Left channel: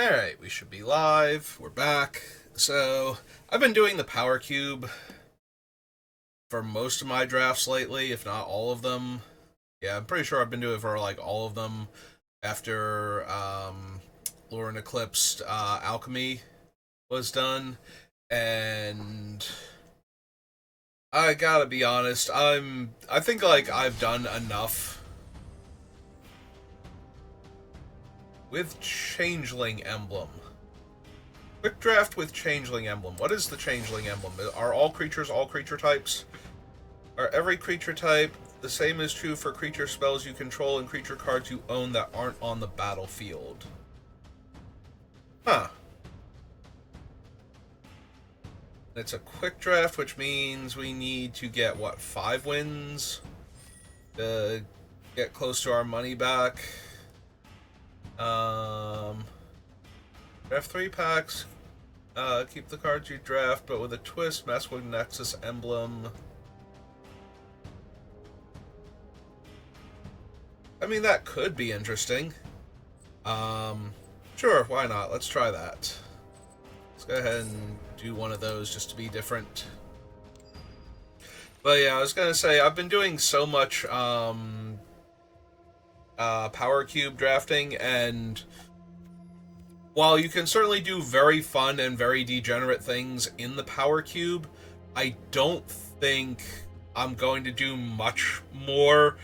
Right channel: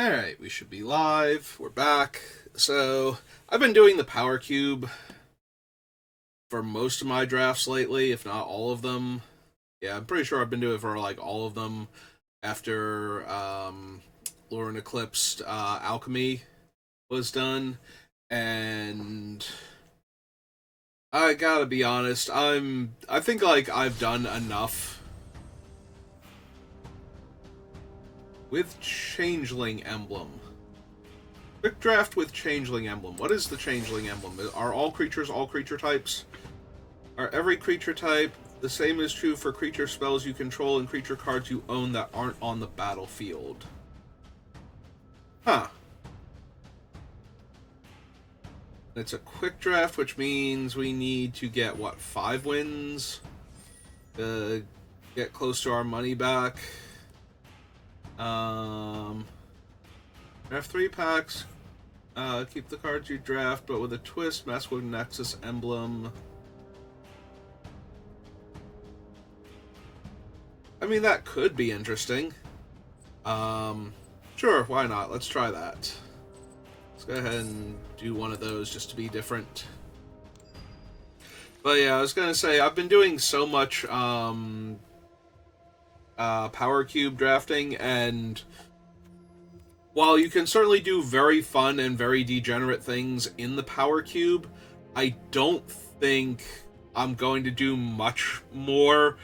Alright, we should be live. We're back. So, I've been doing the Power Cube for most of my drafts lately, if not all of them. Yeah, I'm pretty sure I've been doing it for like all of them after Lorwyn Eclipsed Alchemy was done. And I gotta be honest, I think like I've done enough with Changeling Emblem. Quick draft with Changeling Emblem. What is the Changeling Emblem? Are all creatures all creature types? Are every creature type? The same is true for creature spells you control and creature cards you own that aren't on the battlefield. Huh. It's a quick draft, which means we need to get, what, 5 wins? Get close to our money back. Draft 3 packs. Keep the cards you draft, but with a twist, mess with Nexus Emblem. I mean, that could be interesting. Sure, why not? Let's try that. Let's go ahead and do one of those just to be different. But yeah, I was gonna say, I've been doing so much, Power Cube drafting, and while you can certainly do very fun and very degenerate things in the Power Cube, I don't think I'm going to do much more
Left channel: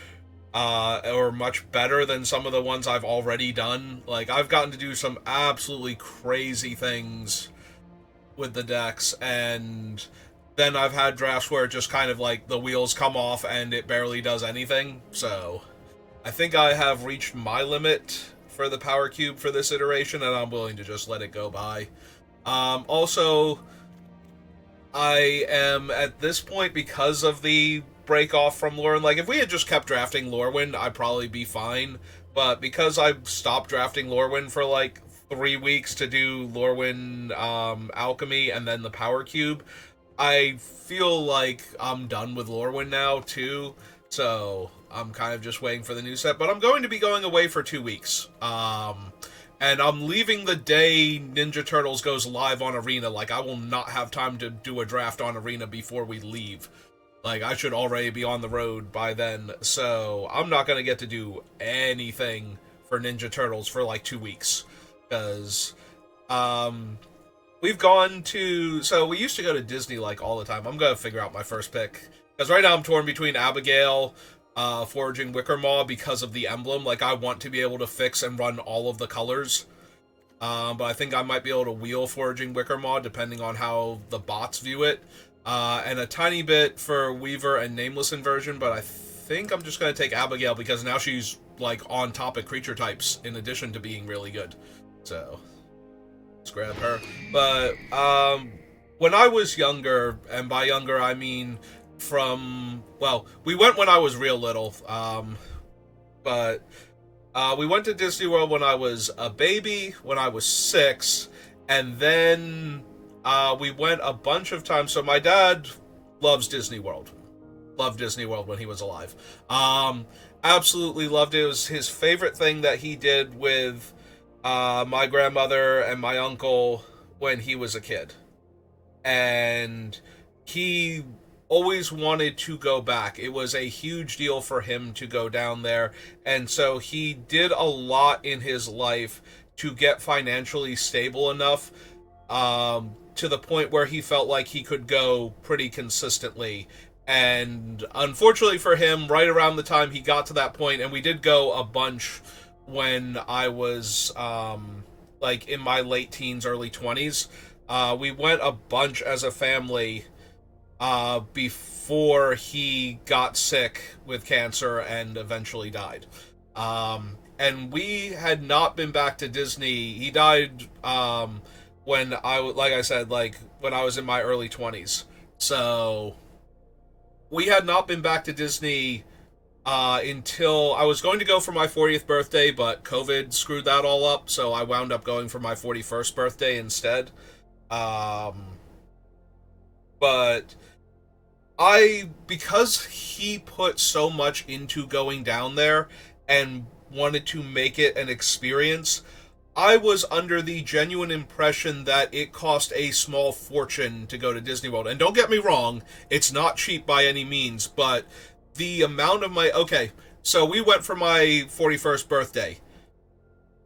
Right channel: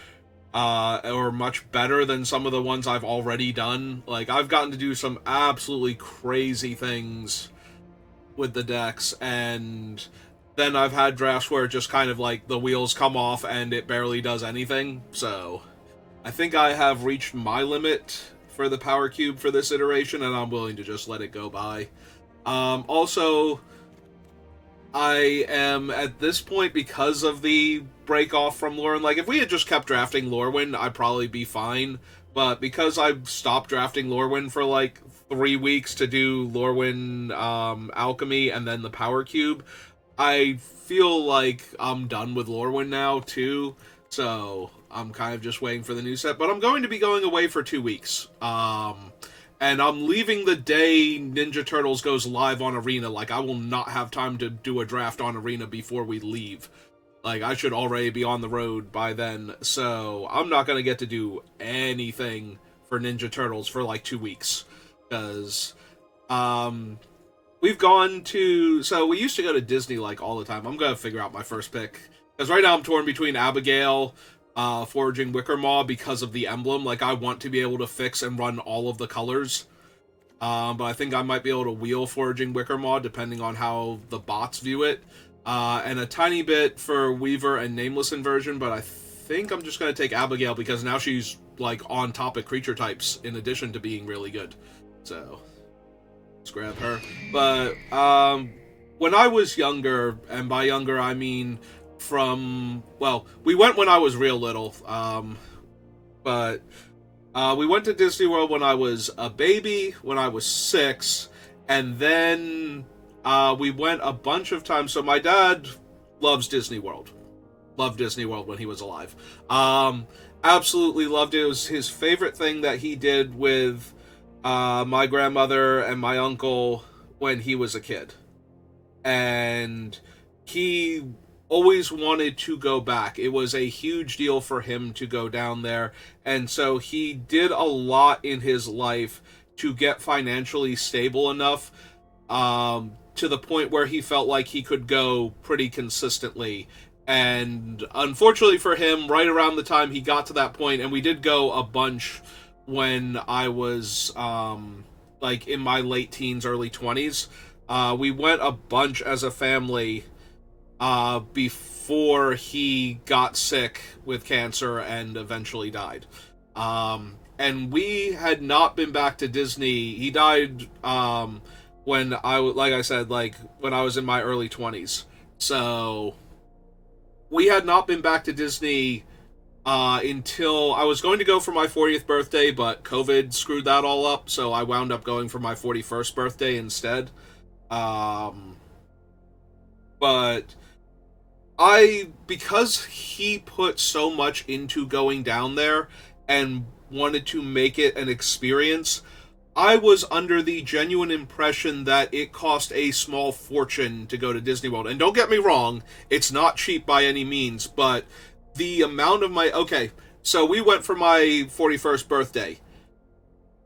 or much better than some of the ones I've already done. Like, I've gotten to do some absolutely crazy things with the decks, and then I've had drafts where it just kind of like the wheels come off and it barely does anything. So I think I have reached my limit for the Power Cube for this iteration, and I'm willing to just let it go by. Also, I am at this point, because of the break off from Lorwyn. Like, if we had just kept drafting Lorwyn, I'd probably be fine. But because I've stopped drafting Lorwyn for like 3 weeks to do Lorwyn Alchemy and then the Power Cube, I feel like I'm done with Lorwyn now too. So I'm kind of just waiting for the new set. But I'm going to be going away for 2 weeks. And I'm leaving the day Ninja Turtles goes live on Arena. Like, I will not have time to do a draft on Arena before we leave. Like, I should already be on the road by then. So I'm not going to get to do anything for Ninja Turtles for like 2 weeks. Because we've gone to... So we used to go to Disney like all the time. I'm going to figure out my first pick. Because right now I'm torn between Abigail, Foraging Wickermaw, because of the emblem. Like, I want to be able to fix and run all of the colors. But I think I might be able to wheel Foraging Wickermaw, depending on how the bots view it. And a tiny bit for Weaver and Nameless Inversion, but I think I'm just going to take Abigail because now she's, like, on top of creature types, in addition to being really good. So, let's grab her. But, when I was younger, and by younger I mean from, well, we went when I was real little, but we went to Disney World when I was a baby, when I was 6, and then we went a bunch of times. So my dad loves Disney World. Loved Disney World when he was alive. Absolutely loved it. It was his favorite thing that he did with my grandmother and my uncle when he was a kid. And he always wanted to go back. It was a huge deal for him to go down there. And so he did a lot in his life to get financially stable enough to the point where he felt like he could go pretty consistently. And unfortunately for him, right around the time he got to that point, and we did go a bunch when I was like in my late teens, early 20s, we went a bunch as a family before he got sick with cancer and eventually died. And we had not been back to Disney. He died when like I said, like when I was in my early 20s. So we had not been back to Disney until I was going to go for my 40th birthday, but COVID screwed that all up, so I wound up going for my 41st birthday instead. But because he put so much into going down there and wanted to make it an experience, I was under the genuine impression that it cost a small fortune to go to Disney World. And don't get me wrong, it's not cheap by any means, but the amount of my... Okay, so we went for my 41st birthday.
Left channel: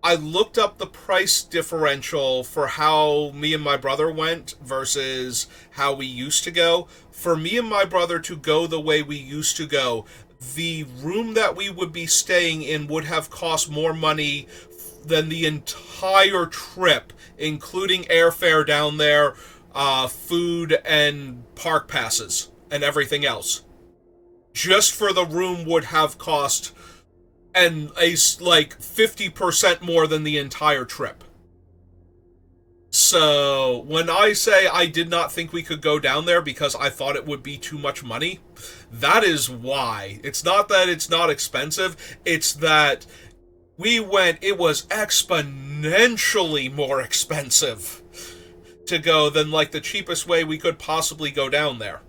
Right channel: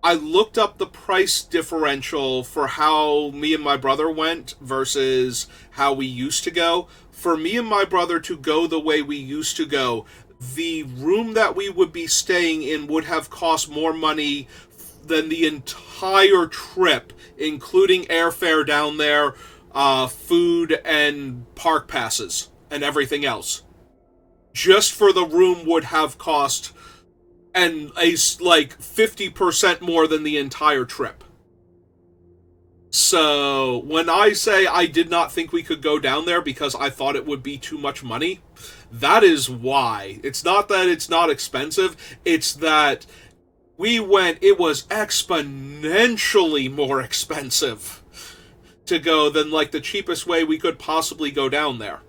I looked up the price differential for how me and my brother went versus how we used to go. For me and my brother to go the way we used to go, the room that we would be staying in would have cost more money than the entire trip, including airfare down there, food, and park passes, and everything else. Just for the room would have cost and like 50% more than the entire trip. So when I say I did not think we could go down there because I thought it would be too much money, that is why. It's not that it's not expensive, it's that we went, it was exponentially more expensive to go than like the cheapest way we could possibly go down there.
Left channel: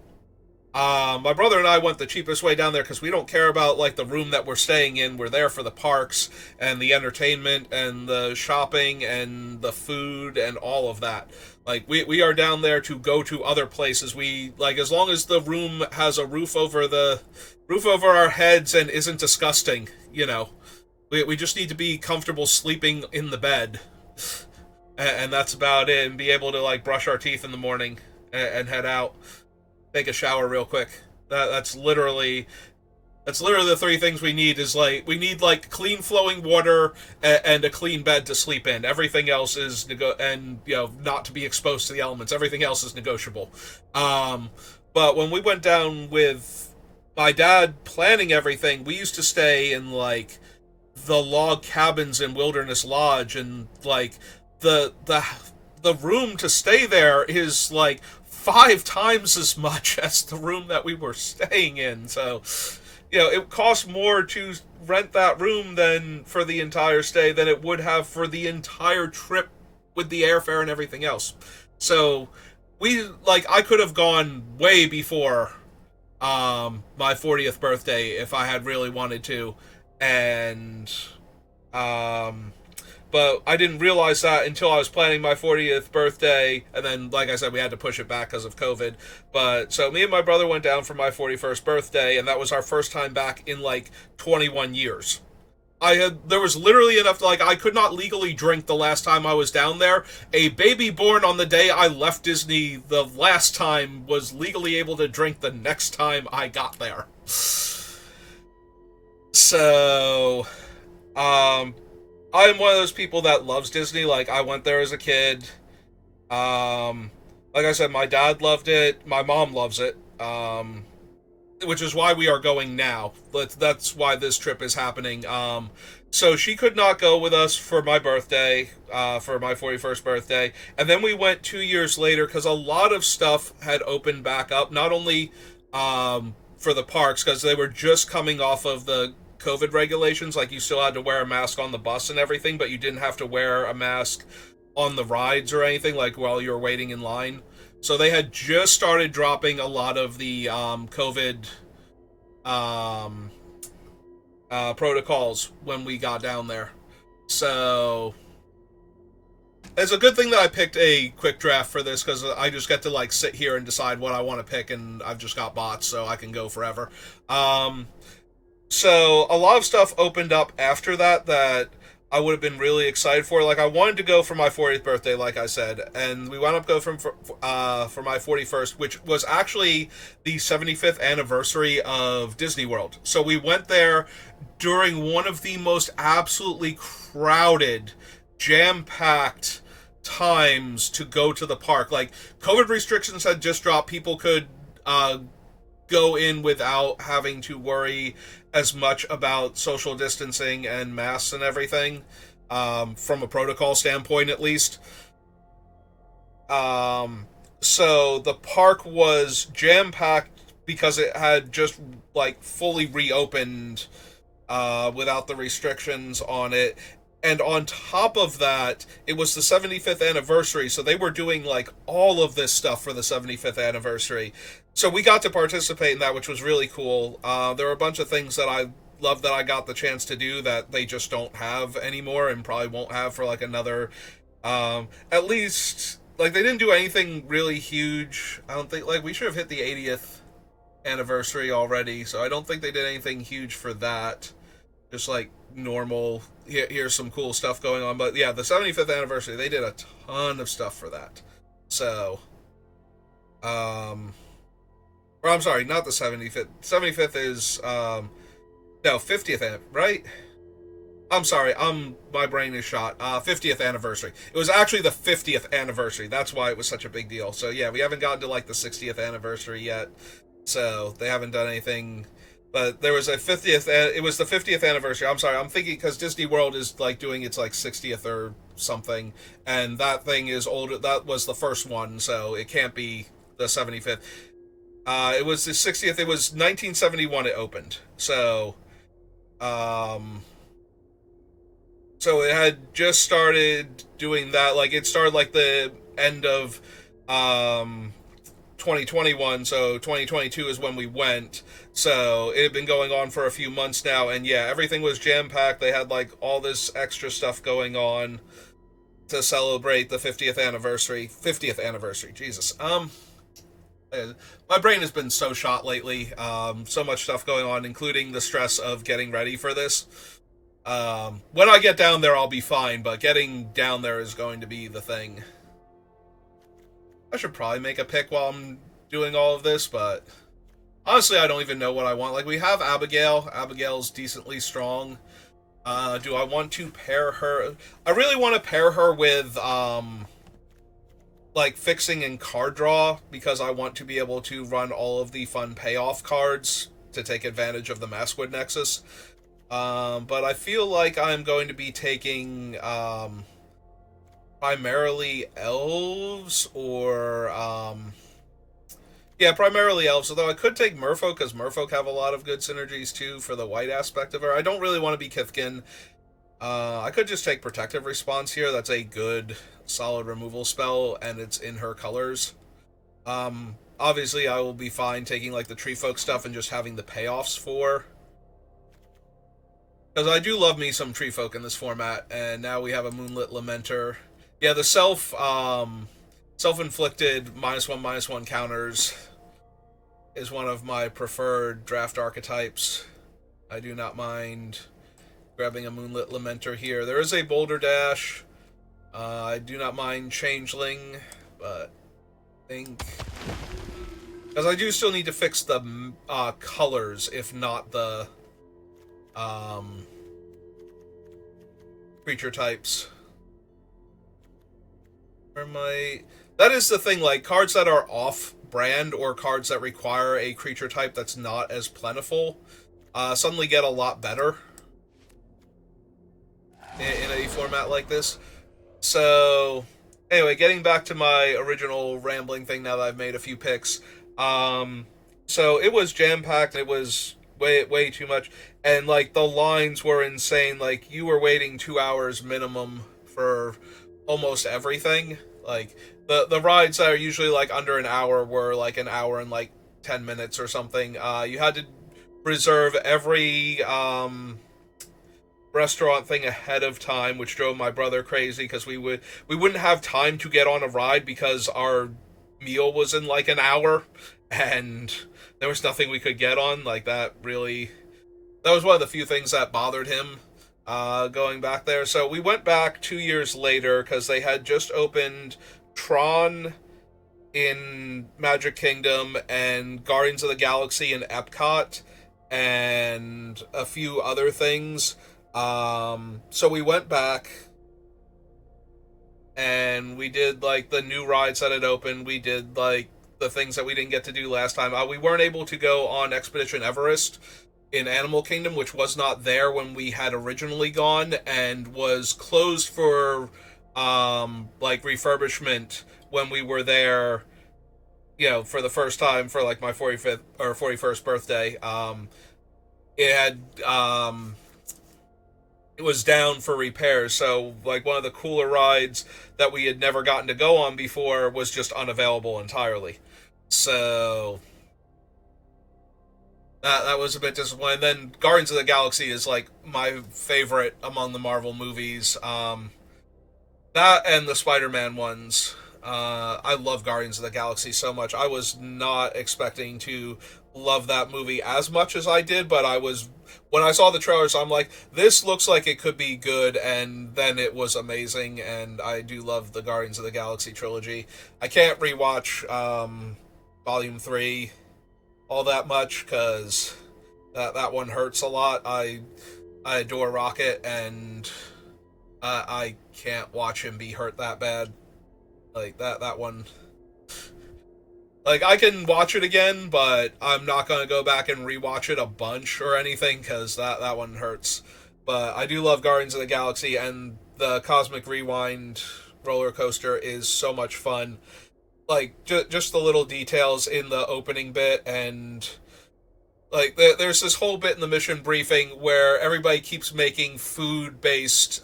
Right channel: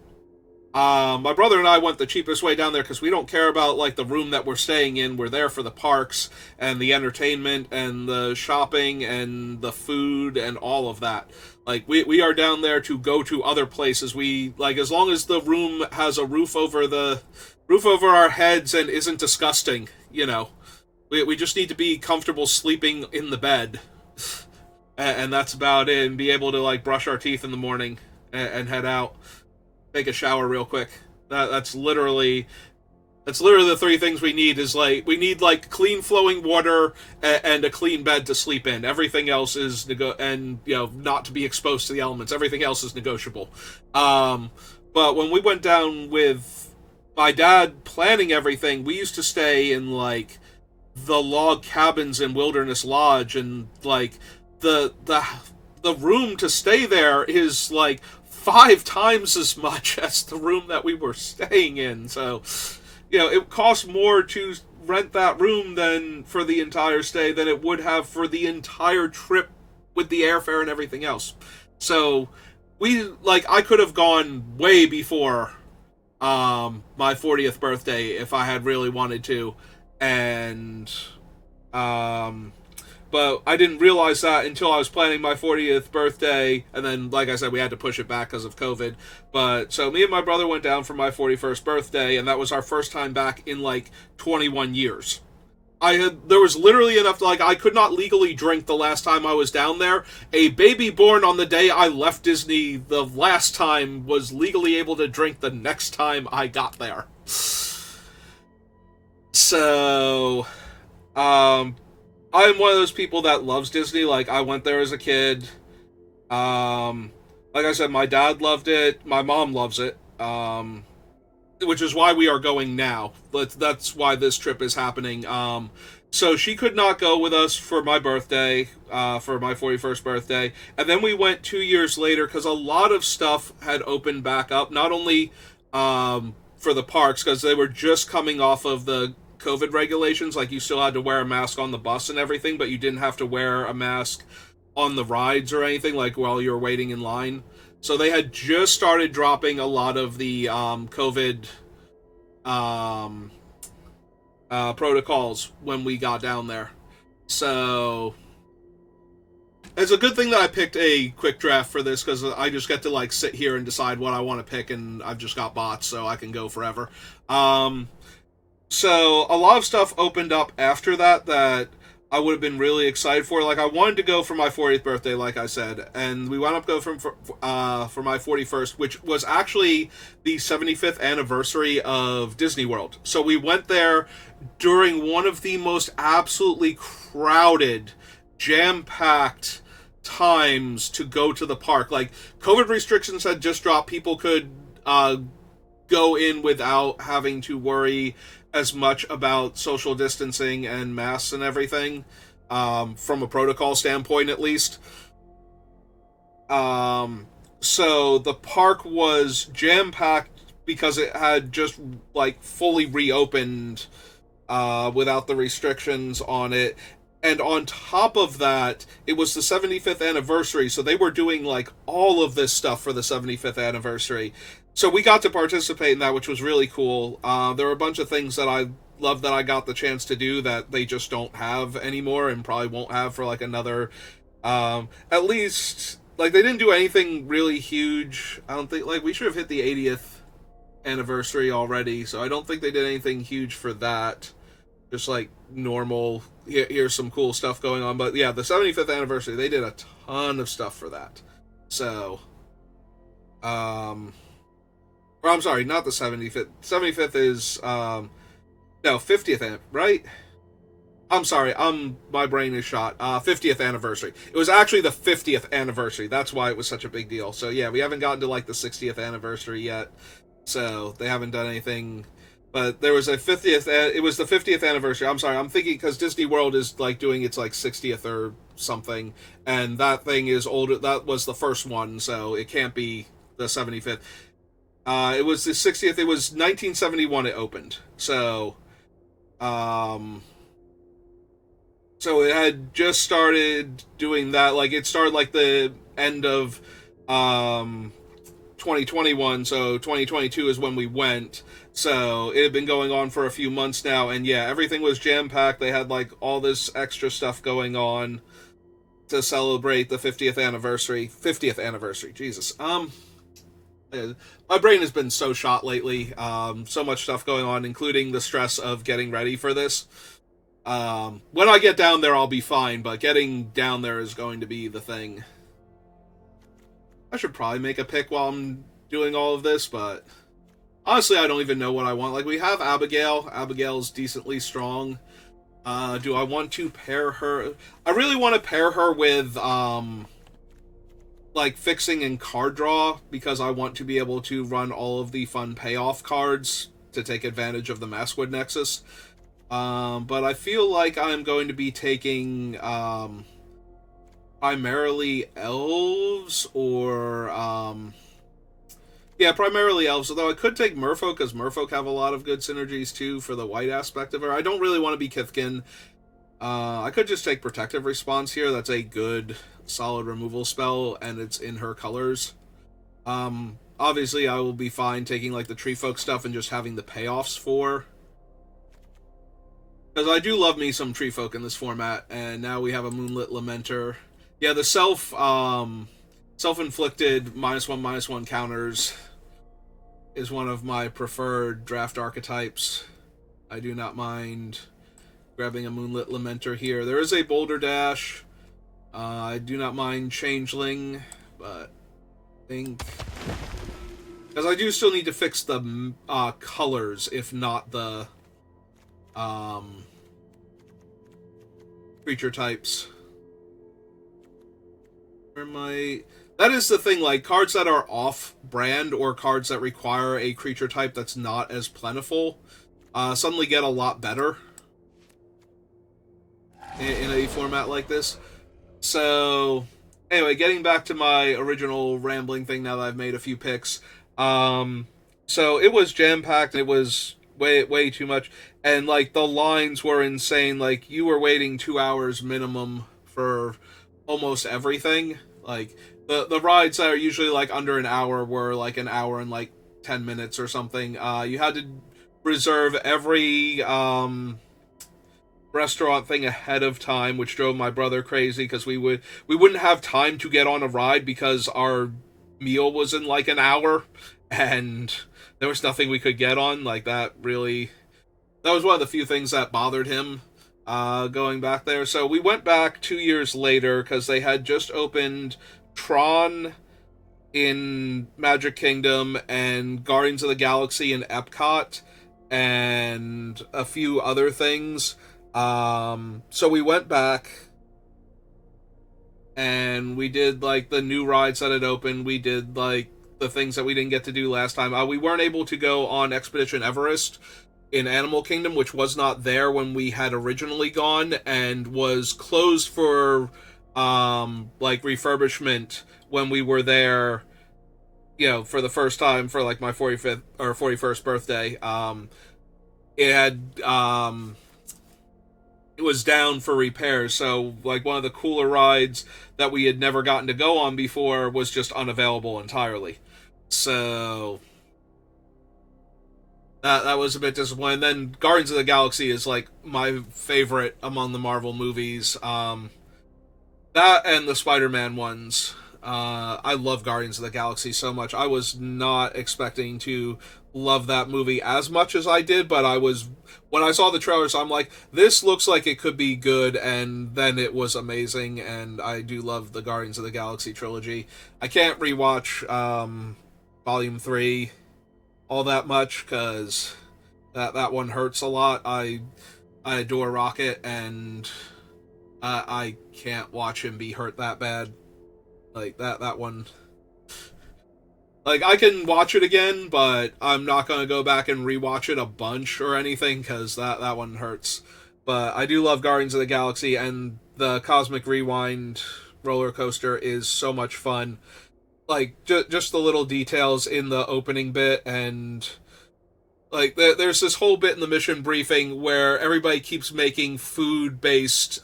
My brother and I went the cheapest way down there because we don't care about like the room that we're staying in. We're there for the parks and the entertainment and the shopping and the food and all of that. Like we are down there to go to other places. We like, as long as the room has a roof over our heads and isn't disgusting, you know. We just need to be comfortable sleeping in the bed. And that's about it, and be able to like brush our teeth in the morning and head out. Take a shower real quick. That's literally the three things we need. Is like, we need like clean flowing water and a clean bed to sleep in. Everything else is and you know, not to be exposed to the elements. Everything else is negotiable. But when we went down with my dad planning everything, we used to stay in like the log cabins in Wilderness Lodge, and like the room to stay there is like 5 times as much as the room that we were staying in. So, you know, it cost more to rent that room than for the entire stay than it would have for the entire trip with the airfare and everything else. So, I could have gone way before my 40th birthday if I had really wanted to. And, but I didn't realize that until I was planning my 40th birthday, and then, like I said, we had to push it back because of COVID. But, so me and my brother went down for my 41st birthday, and that was our first time back in, like, 21 years. There was literally enough, like, I could not legally drink the last time I was down there. A baby born on the day I left Disney the last time was legally able to drink the next time I got there. So, I'm one of those people that loves Disney. Like, I went there as a kid. Like I said, my dad loved it. My mom loves it. Which is why we are going now. That's why this trip is happening. So she could not go with us for my birthday, for my 41st birthday. And then we went 2 years later because a lot of stuff had opened back up. Not only for the parks, because they were just coming off of the COVID regulations. Like, you still had to wear a mask on the bus and everything, but you didn't have to wear a mask on the rides or anything, like while you were waiting in line. So they had just started dropping a lot of the COVID protocols when we got down there. So it's a good thing that I picked a quick draft for this, because I just get to like sit here and decide what I want to pick, and I've just got bots, so I can go forever. So a lot of stuff opened up after that I would have been really excited for. Like, I wanted to go for my 40th birthday, like I said, and we wound up going for my 41st, which was actually the 75th anniversary of Disney World. So we went there during one of the most absolutely crowded, jam-packed times to go to the park. Like, COVID restrictions had just dropped. People could go in without having to worry as much about social distancing and masks and everything, from a protocol standpoint at least. So the park was jam-packed because it had just like fully reopened without the restrictions on it. And on top of that, it was the 75th anniversary, so they were doing like all of this stuff for the 75th anniversary. So we got to participate in that, which was really cool. There were a bunch of things that I love that I got the chance to do that they just don't have anymore and probably won't have for like another at least like they didn't do anything really huge. I don't think like we should have hit the 80th anniversary already, so I don't think they did anything huge for that. Just like normal, here's some cool stuff going on. But yeah, the 75th anniversary, they did a ton of stuff for that. So, or I'm sorry, not the 75th. 75th is, no, 50th, right? I'm sorry, my brain is shot. 50th anniversary. It was actually the 50th anniversary. That's why it was such a big deal. So yeah, we haven't gotten to like the 60th anniversary yet. So they haven't done anything. But there was a 50th, it was the 50th anniversary. I'm sorry, I'm thinking because Disney World is like doing its like 60th or something. And that thing is older. That was the first one, so it can't be the 75th. It was the 60th. It was 1971 it opened. So, so it had just started doing that. Like it started like the end of 2021, so 2022 is when we went. So it had been going on for a few months now, and yeah, everything was jam-packed. They had like all this extra stuff going on to celebrate the 50th anniversary. 50th anniversary, Jesus. My brain has been so shot lately. So much stuff going on, including the stress of getting ready for this. When I get down there, I'll be fine, but getting down there is going to be the thing. I should probably make a pick while I'm doing all of this, but honestly, I don't even know what I want. Like, we have Abigail. Abigail's decently strong. Do I want to pair her? I really want to pair her with, like, fixing and card draw, because I want to be able to run all of the fun payoff cards to take advantage of the Maskwood Nexus. But I feel like I'm going to be taking, primarily elves, or, yeah, primarily elves, although I could take merfolk, because merfolk have a lot of good synergies, too, for the white aspect of her. I don't really want to be Kithkin. I could just take Protective Response here. That's a good, solid removal spell, and it's in her colors. Obviously, I will be fine taking, like, the Tree Folk stuff and just having the payoffs for... Because I do love me some Tree Folk in this format, and now we have a Moonlit Lamenter. Yeah, the self-inflicted -1/-1 counters is one of my preferred draft archetypes. I do not mind grabbing a Moonlit Lamenter here. There is a Boulder Dash. I do not mind Changeling, but I think... Because I do still need to fix the colors, if not the creature types. That is the thing, like, cards that are off-brand or cards that require a creature type that's not as plentiful suddenly get a lot better in a format like this. So, anyway, getting back to my original rambling thing now that I've made a few picks. So it was jam-packed, it was way too much, and, like, the lines were insane. Like, you were waiting 2 hours minimum for almost everything. Like, the rides that are usually, like, under an hour were, like, an hour and, like, 10 minutes or something. You had to reserve every, restaurant thing ahead of time, which drove my brother crazy, because we wouldn't have time to get on a ride because our meal was in, like, an hour, and there was nothing we could get on. Like, that was one of the few things that bothered him going back there. So we went back 2 years later because they had just opened Tron in Magic Kingdom and Guardians of the Galaxy in Epcot and a few other things. So we went back and we did, like, the new rides that had opened. We did, like, the things that we didn't get to do last time. We weren't able to go on Expedition Everest in Animal Kingdom, which was not there when we had originally gone, and was closed for, like, refurbishment when we were there, you know, for the first time for, like, my 45th or 41st birthday. It had, it was down for repairs, so, like, one of the cooler rides that we had never gotten to go on before was just unavailable entirely. So that was a bit disappointing. Then Guardians of the Galaxy is like my favorite among the Marvel movies. That and the Spider-Man ones. I love Guardians of the Galaxy so much. I was not expecting to love that movie as much as I did, but I was when I saw the trailers, I'm like, this looks like it could be good, and then it was amazing. And I do love the Guardians of the Galaxy trilogy. I can't rewatch Volume 3 all that much because that one hurts a lot. I adore Rocket, and I can't watch him be hurt that bad. Like that one. Like I can watch it again, but I'm not gonna go back and rewatch it a bunch or anything because that one hurts. But I do love Guardians of the Galaxy, and the Cosmic Rewind roller coaster is so much fun. Like just the little details in the opening bit, and like there's this whole bit in the mission briefing where everybody keeps making food based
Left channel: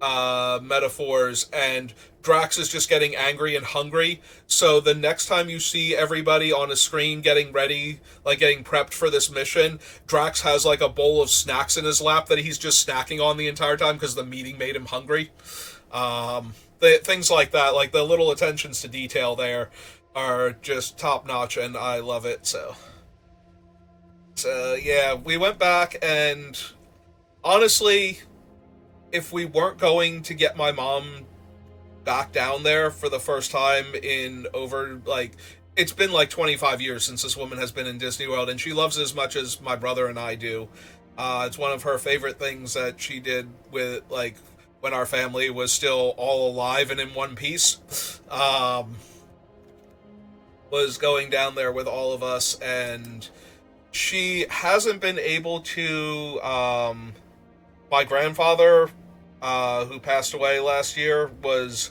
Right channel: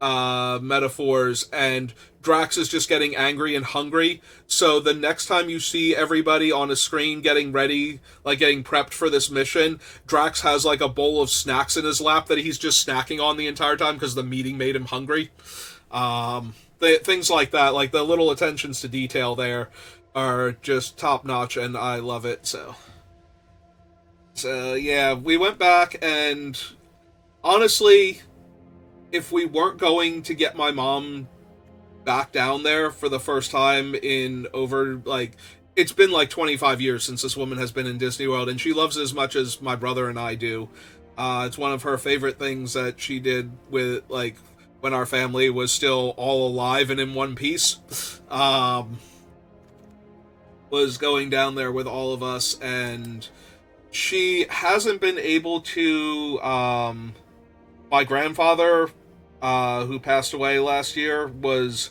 metaphors, and Drax is just getting angry and hungry. So the next time you see everybody on a screen getting ready, like getting prepped for this mission, Drax has like a bowl of snacks in his lap that he's just snacking on the entire time because the meeting made him hungry. Things like that, like the little attentions to detail there, are just top notch, and I love it. So yeah, we went back, and honestly, if we weren't going to get my mom back down there for the first time in over like it's been like 25 years since this woman has been in Disney World, and she loves it as much as my brother and I do. It's one of her favorite things that she did with like when our family was still all alive and in one piece. Was going down there with all of us, and she hasn't been able to. My grandfather, who passed away last year, was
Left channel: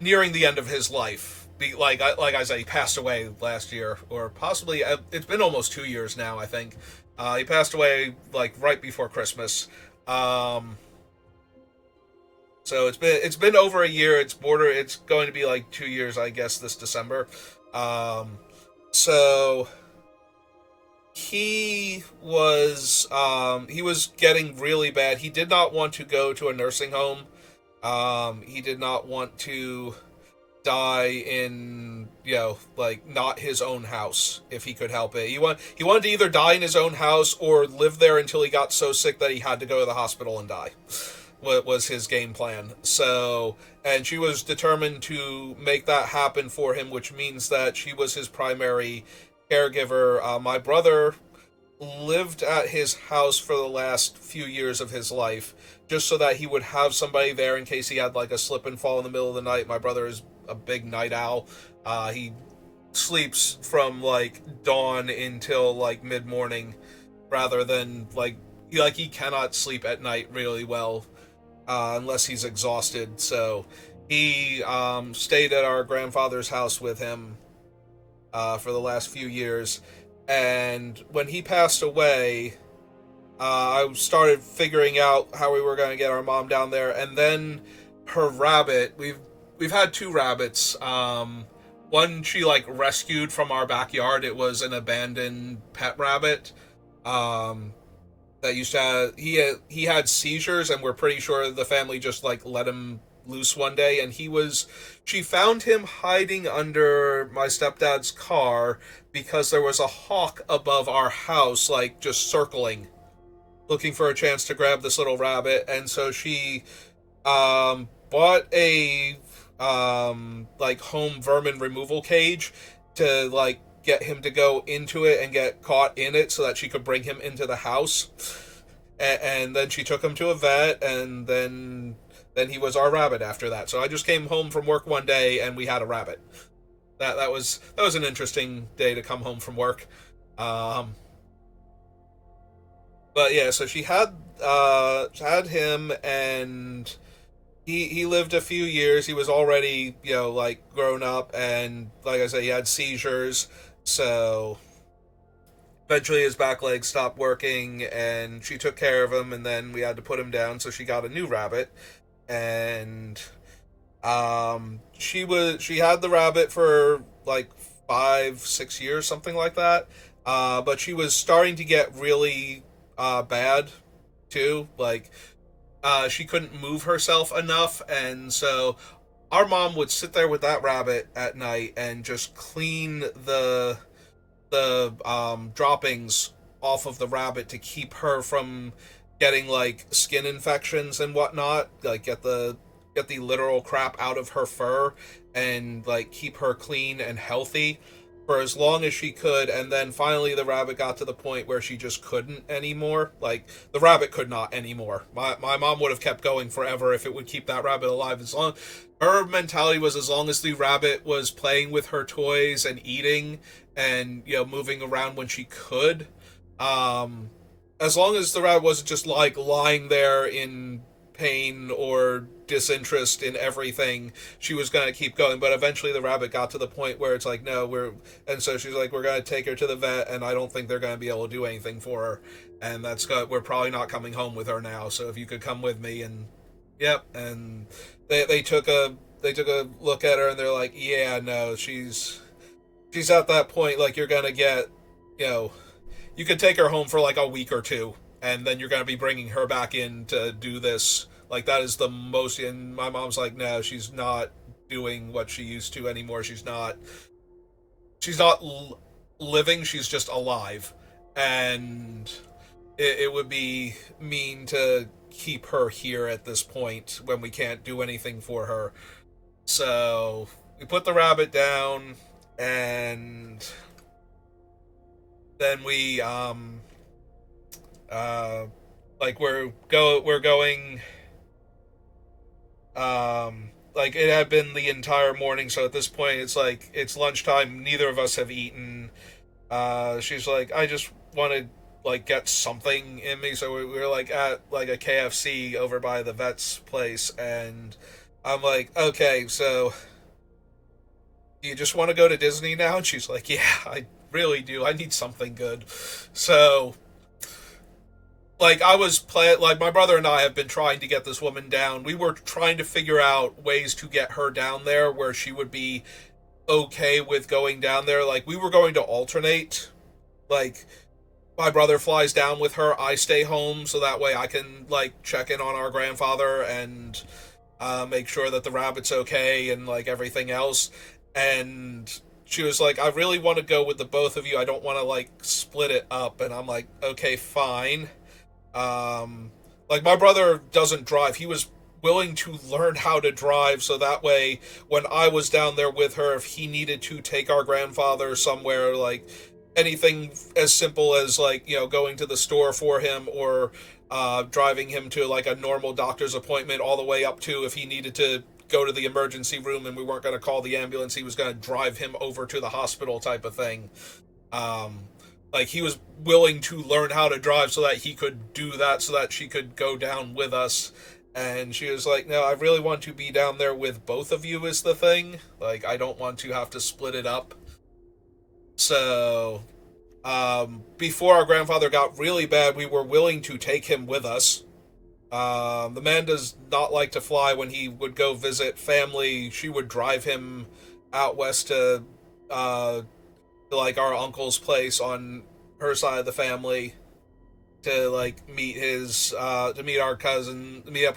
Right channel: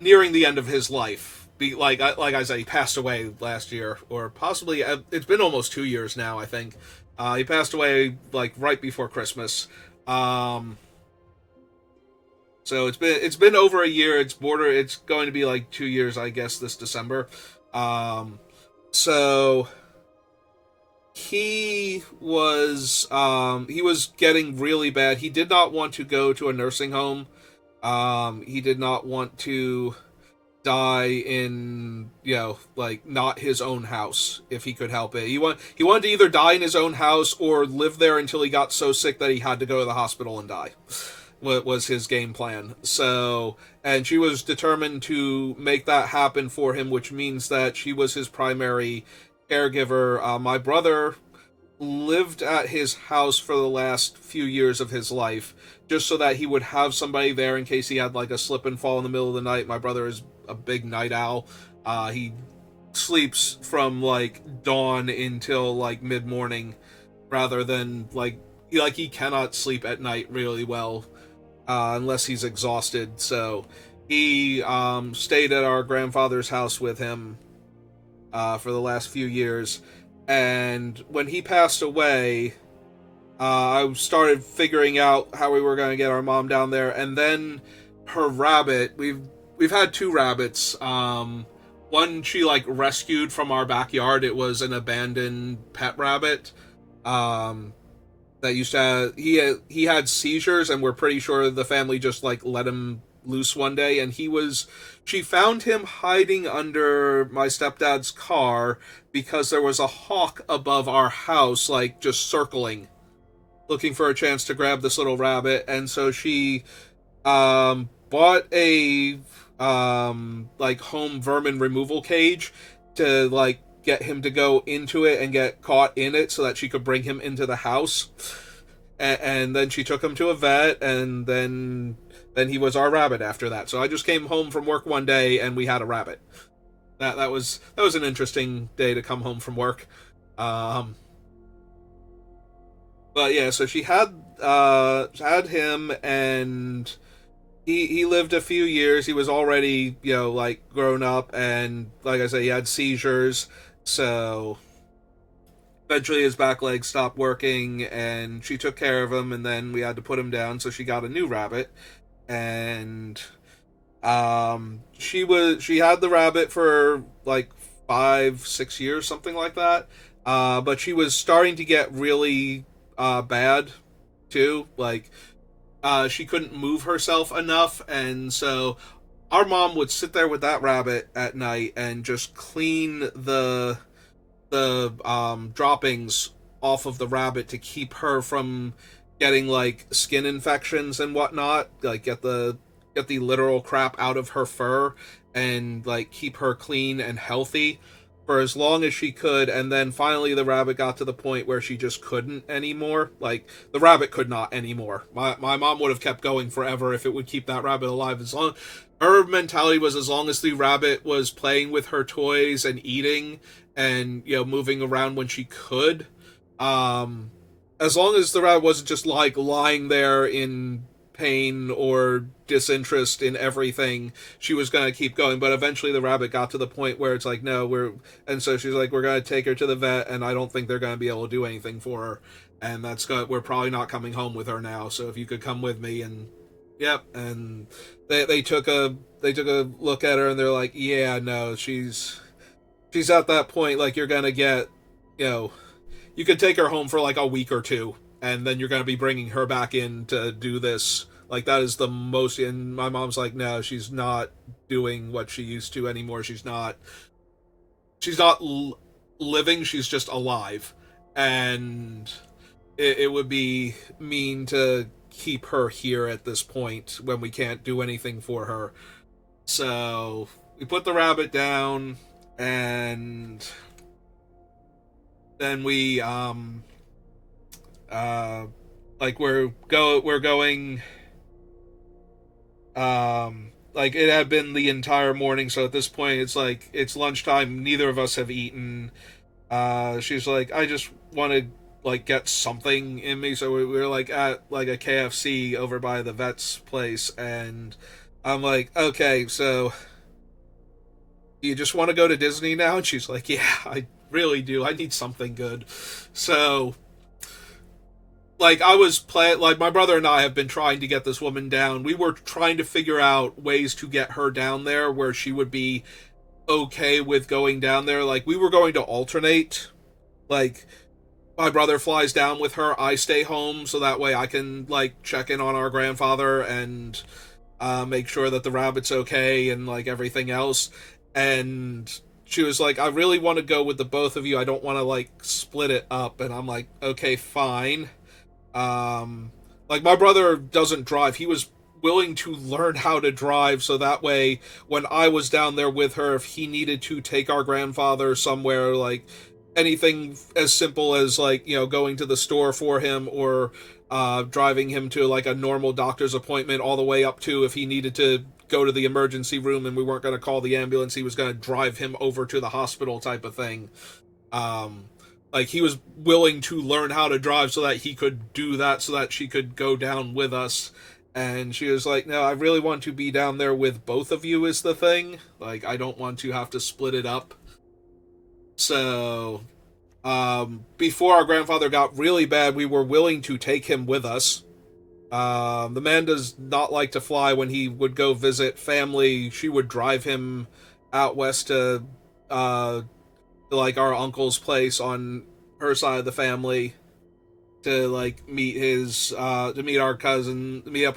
nearing the end of his life. Like I said, he passed away last year, or possibly it's been almost 2 years now. I think he passed away like right before Christmas. So it's been over a year. It's going to be like 2 years, I guess, this December. So he was getting really bad. He did not want to go to a nursing home. He did not want to die in, like not his own house if he could help it. He wanted to either die in his own house or live there until he got so sick that he had to go to the hospital and die. What was his game plan. So, and she was determined to make that happen for him, which means that she was his primary caregiver. My brother lived at his house for the last few years of his life, just so that he would have somebody there in case he had like a slip and fall in the middle of the night. My brother is a big night owl. He sleeps from like dawn until like mid morning, rather than he cannot sleep at night really well unless he's exhausted. So he stayed at our grandfather's house with him for the last few years. And when he passed away, I started figuring out how we were going to get our mom down there. And then her rabbit, we've had two rabbits. One she like rescued from our backyard. It was an abandoned pet rabbit. That used to have, he had seizures, and we're pretty sure the family just like let him loose one day, and she found him hiding under my stepdad's car because there was a hawk above our house, like just circling, looking for a chance to grab this little rabbit. And so she bought a like home vermin removal cage to like get him to go into it and get caught in it so that she could bring him into the house. And then she took him to a vet, and then he was our rabbit after that. So I just came home from work one day and we had a rabbit. That was an interesting day to come home from work. But yeah, so she had him, and he lived a few years. He was already like grown up, and like I said, he had seizures. So eventually his back leg stopped working, and she took care of him, and then we had to put him down. So she got a new rabbit, and she had the rabbit for like 5, 6 years, something like that. But she was starting to get really bad too. Like she couldn't move herself enough, and so our mom would sit there with that rabbit at night and just clean the droppings off of the rabbit to keep her from getting like skin infections and whatnot. Like get the literal crap out of her fur and like keep her clean and healthy for as long as she could. And then finally the rabbit got to the point where she just couldn't anymore. Like the rabbit could not anymore. My mom would have kept going forever if it would keep that rabbit alive. As long her mentality was, as long as the rabbit was playing with her toys and eating and moving around when she could, as long as the rabbit wasn't just like lying there in pain or disinterest in everything, she was going to keep going. But eventually the rabbit got to the point where it's like, no, and so she's like, we're going to take her to the vet, and I don't think they're going to be able to do anything for her, and we're probably not coming home with her now, so if you could come with me. And yep. And they took a look at her, and they're like, yeah, no, she's at that point, like, you're going to get, you could take her home for like a week or two, and then you're going to be bringing her back in to do this. Like, that is the most. And my mom's like, no, she's not doing what she used to anymore. She's not living, she's just alive. And it would be mean to keep her here at this point when we can't do anything for her. So we put the rabbit down, and then we like we're going, like, it had been the entire morning, so at this point it's like it's lunchtime, neither of us have eaten. She's like, I just want to like get something in me, so we were like at like a KFC over by the vet's place, and I'm like, okay, so you just want to go to Disney now? And she's like, yeah, I really do. I need something good. So like, like, my brother and I have been trying to get this woman down. We were trying to figure out ways to get her down there where she would be okay with going down there. Like, we were going to alternate. Like, my brother flies down with her, I stay home, so that way I can like check in on our grandfather and make sure that the rabbit's okay and like everything else. And she was like, I really want to go with the both of you. I don't want to like split it up. And I'm like, okay, fine. Like, my brother doesn't drive. He was willing to learn how to drive, so that way when I was down there with her, if he needed to take our grandfather somewhere, like anything as simple as like going to the store for him, or driving him to like a normal doctor's appointment, all the way up to if he needed to go to the emergency room and we weren't going to call the ambulance, he was going to drive him over to the hospital, type of thing. Like, he was willing to learn how to drive so that he could do that, so that she could go down with us. And she was like, no, I really want to be down there with both of you is the thing. Like, I don't want to have to split it up. So, before our grandfather got really bad, we were willing to take him with us. The man does not like to fly. When he would go visit family, she would drive him out west to like our uncle's place on her side of the family, to like meet meet up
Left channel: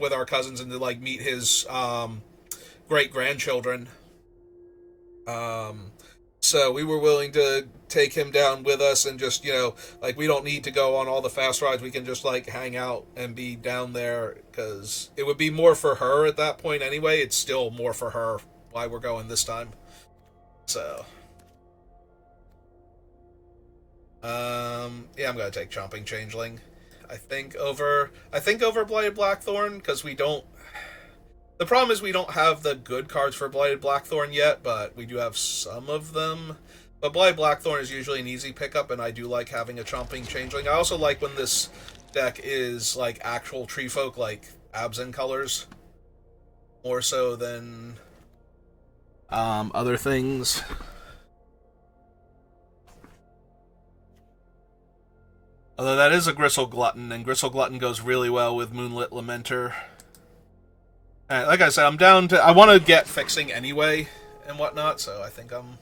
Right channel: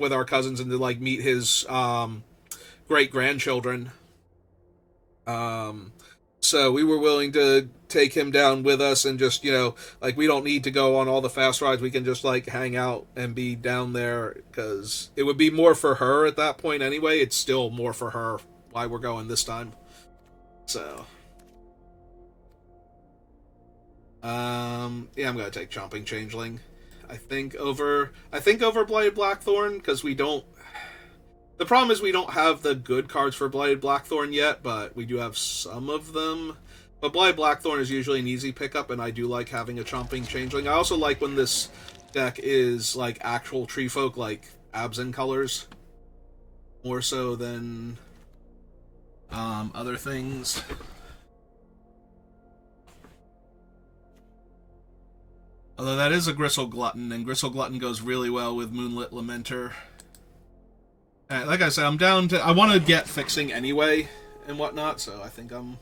with our cousins, and to like meet his great grandchildren. So we were willing to take him down with us, and just like, we don't need to go on all the fast rides. We can just like hang out and be down there, because it would be more for her at that point anyway. It's still more for her why we're going this time. So yeah, I'm gonna take Chomping Changeling. I think over Blighted Blackthorn, because we don't. The problem is we don't have the good cards for Blighted Blackthorn yet, but we do have some of them. But Blighted Blackthorn is usually an easy pickup, and I do like having a Chomping Changeling. I also like when this deck is like actual tree folk, like Absent colors, more so than other things. Although that is a Gristle Glutton, and Gristle Glutton goes really well with Moonlit Lamenter. Like I said, I'm down to. I want to get fixing anyway and whatnot, so I think I'm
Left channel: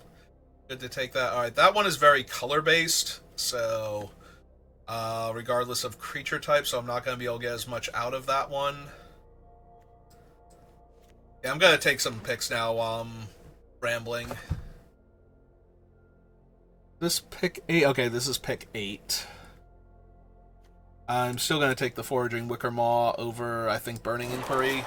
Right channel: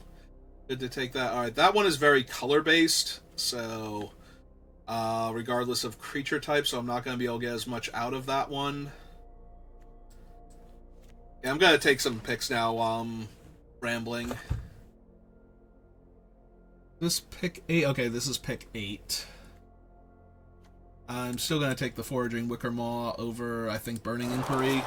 Good to take that. All right, that one is very color based, so regardless of creature type, so I'm not going to be able to get as much out of that one. Yeah, I'm going to take some picks now while I'm rambling. This pick 8. Okay, this is pick 8. I'm still going to take the Foraging Wicker Maw over, I think, Burning Inquiry.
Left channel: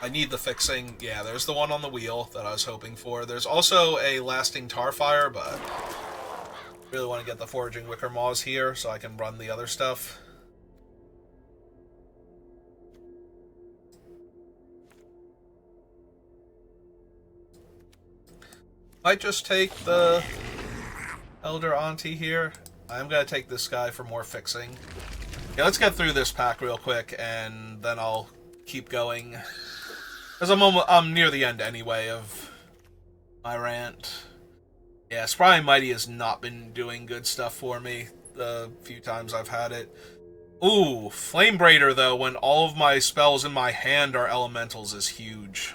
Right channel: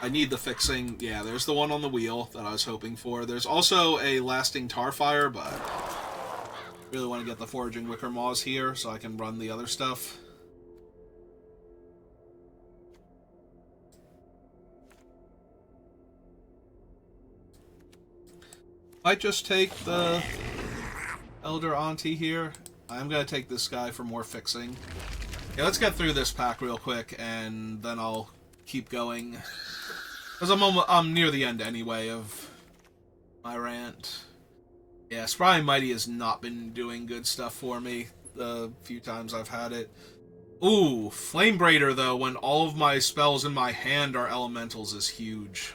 I need the fixing. Yeah, there's the one on the wheel that I was hoping for. There's also a Lasting Tarfire, but really want to get the Foraging Wicker Maws here so I can run the other stuff. Might just take the Elder Auntie here. I'm going to take this guy for more fixing. Yeah, let's get through this pack real quick, and then I'll keep going. Because I'm near the end anyway of my rant. Yeah, Spry and Mighty has not been doing good stuff for me the few times I've had it. Ooh, Flame Braider, though, when all of my spells in my hand are elementals, is huge.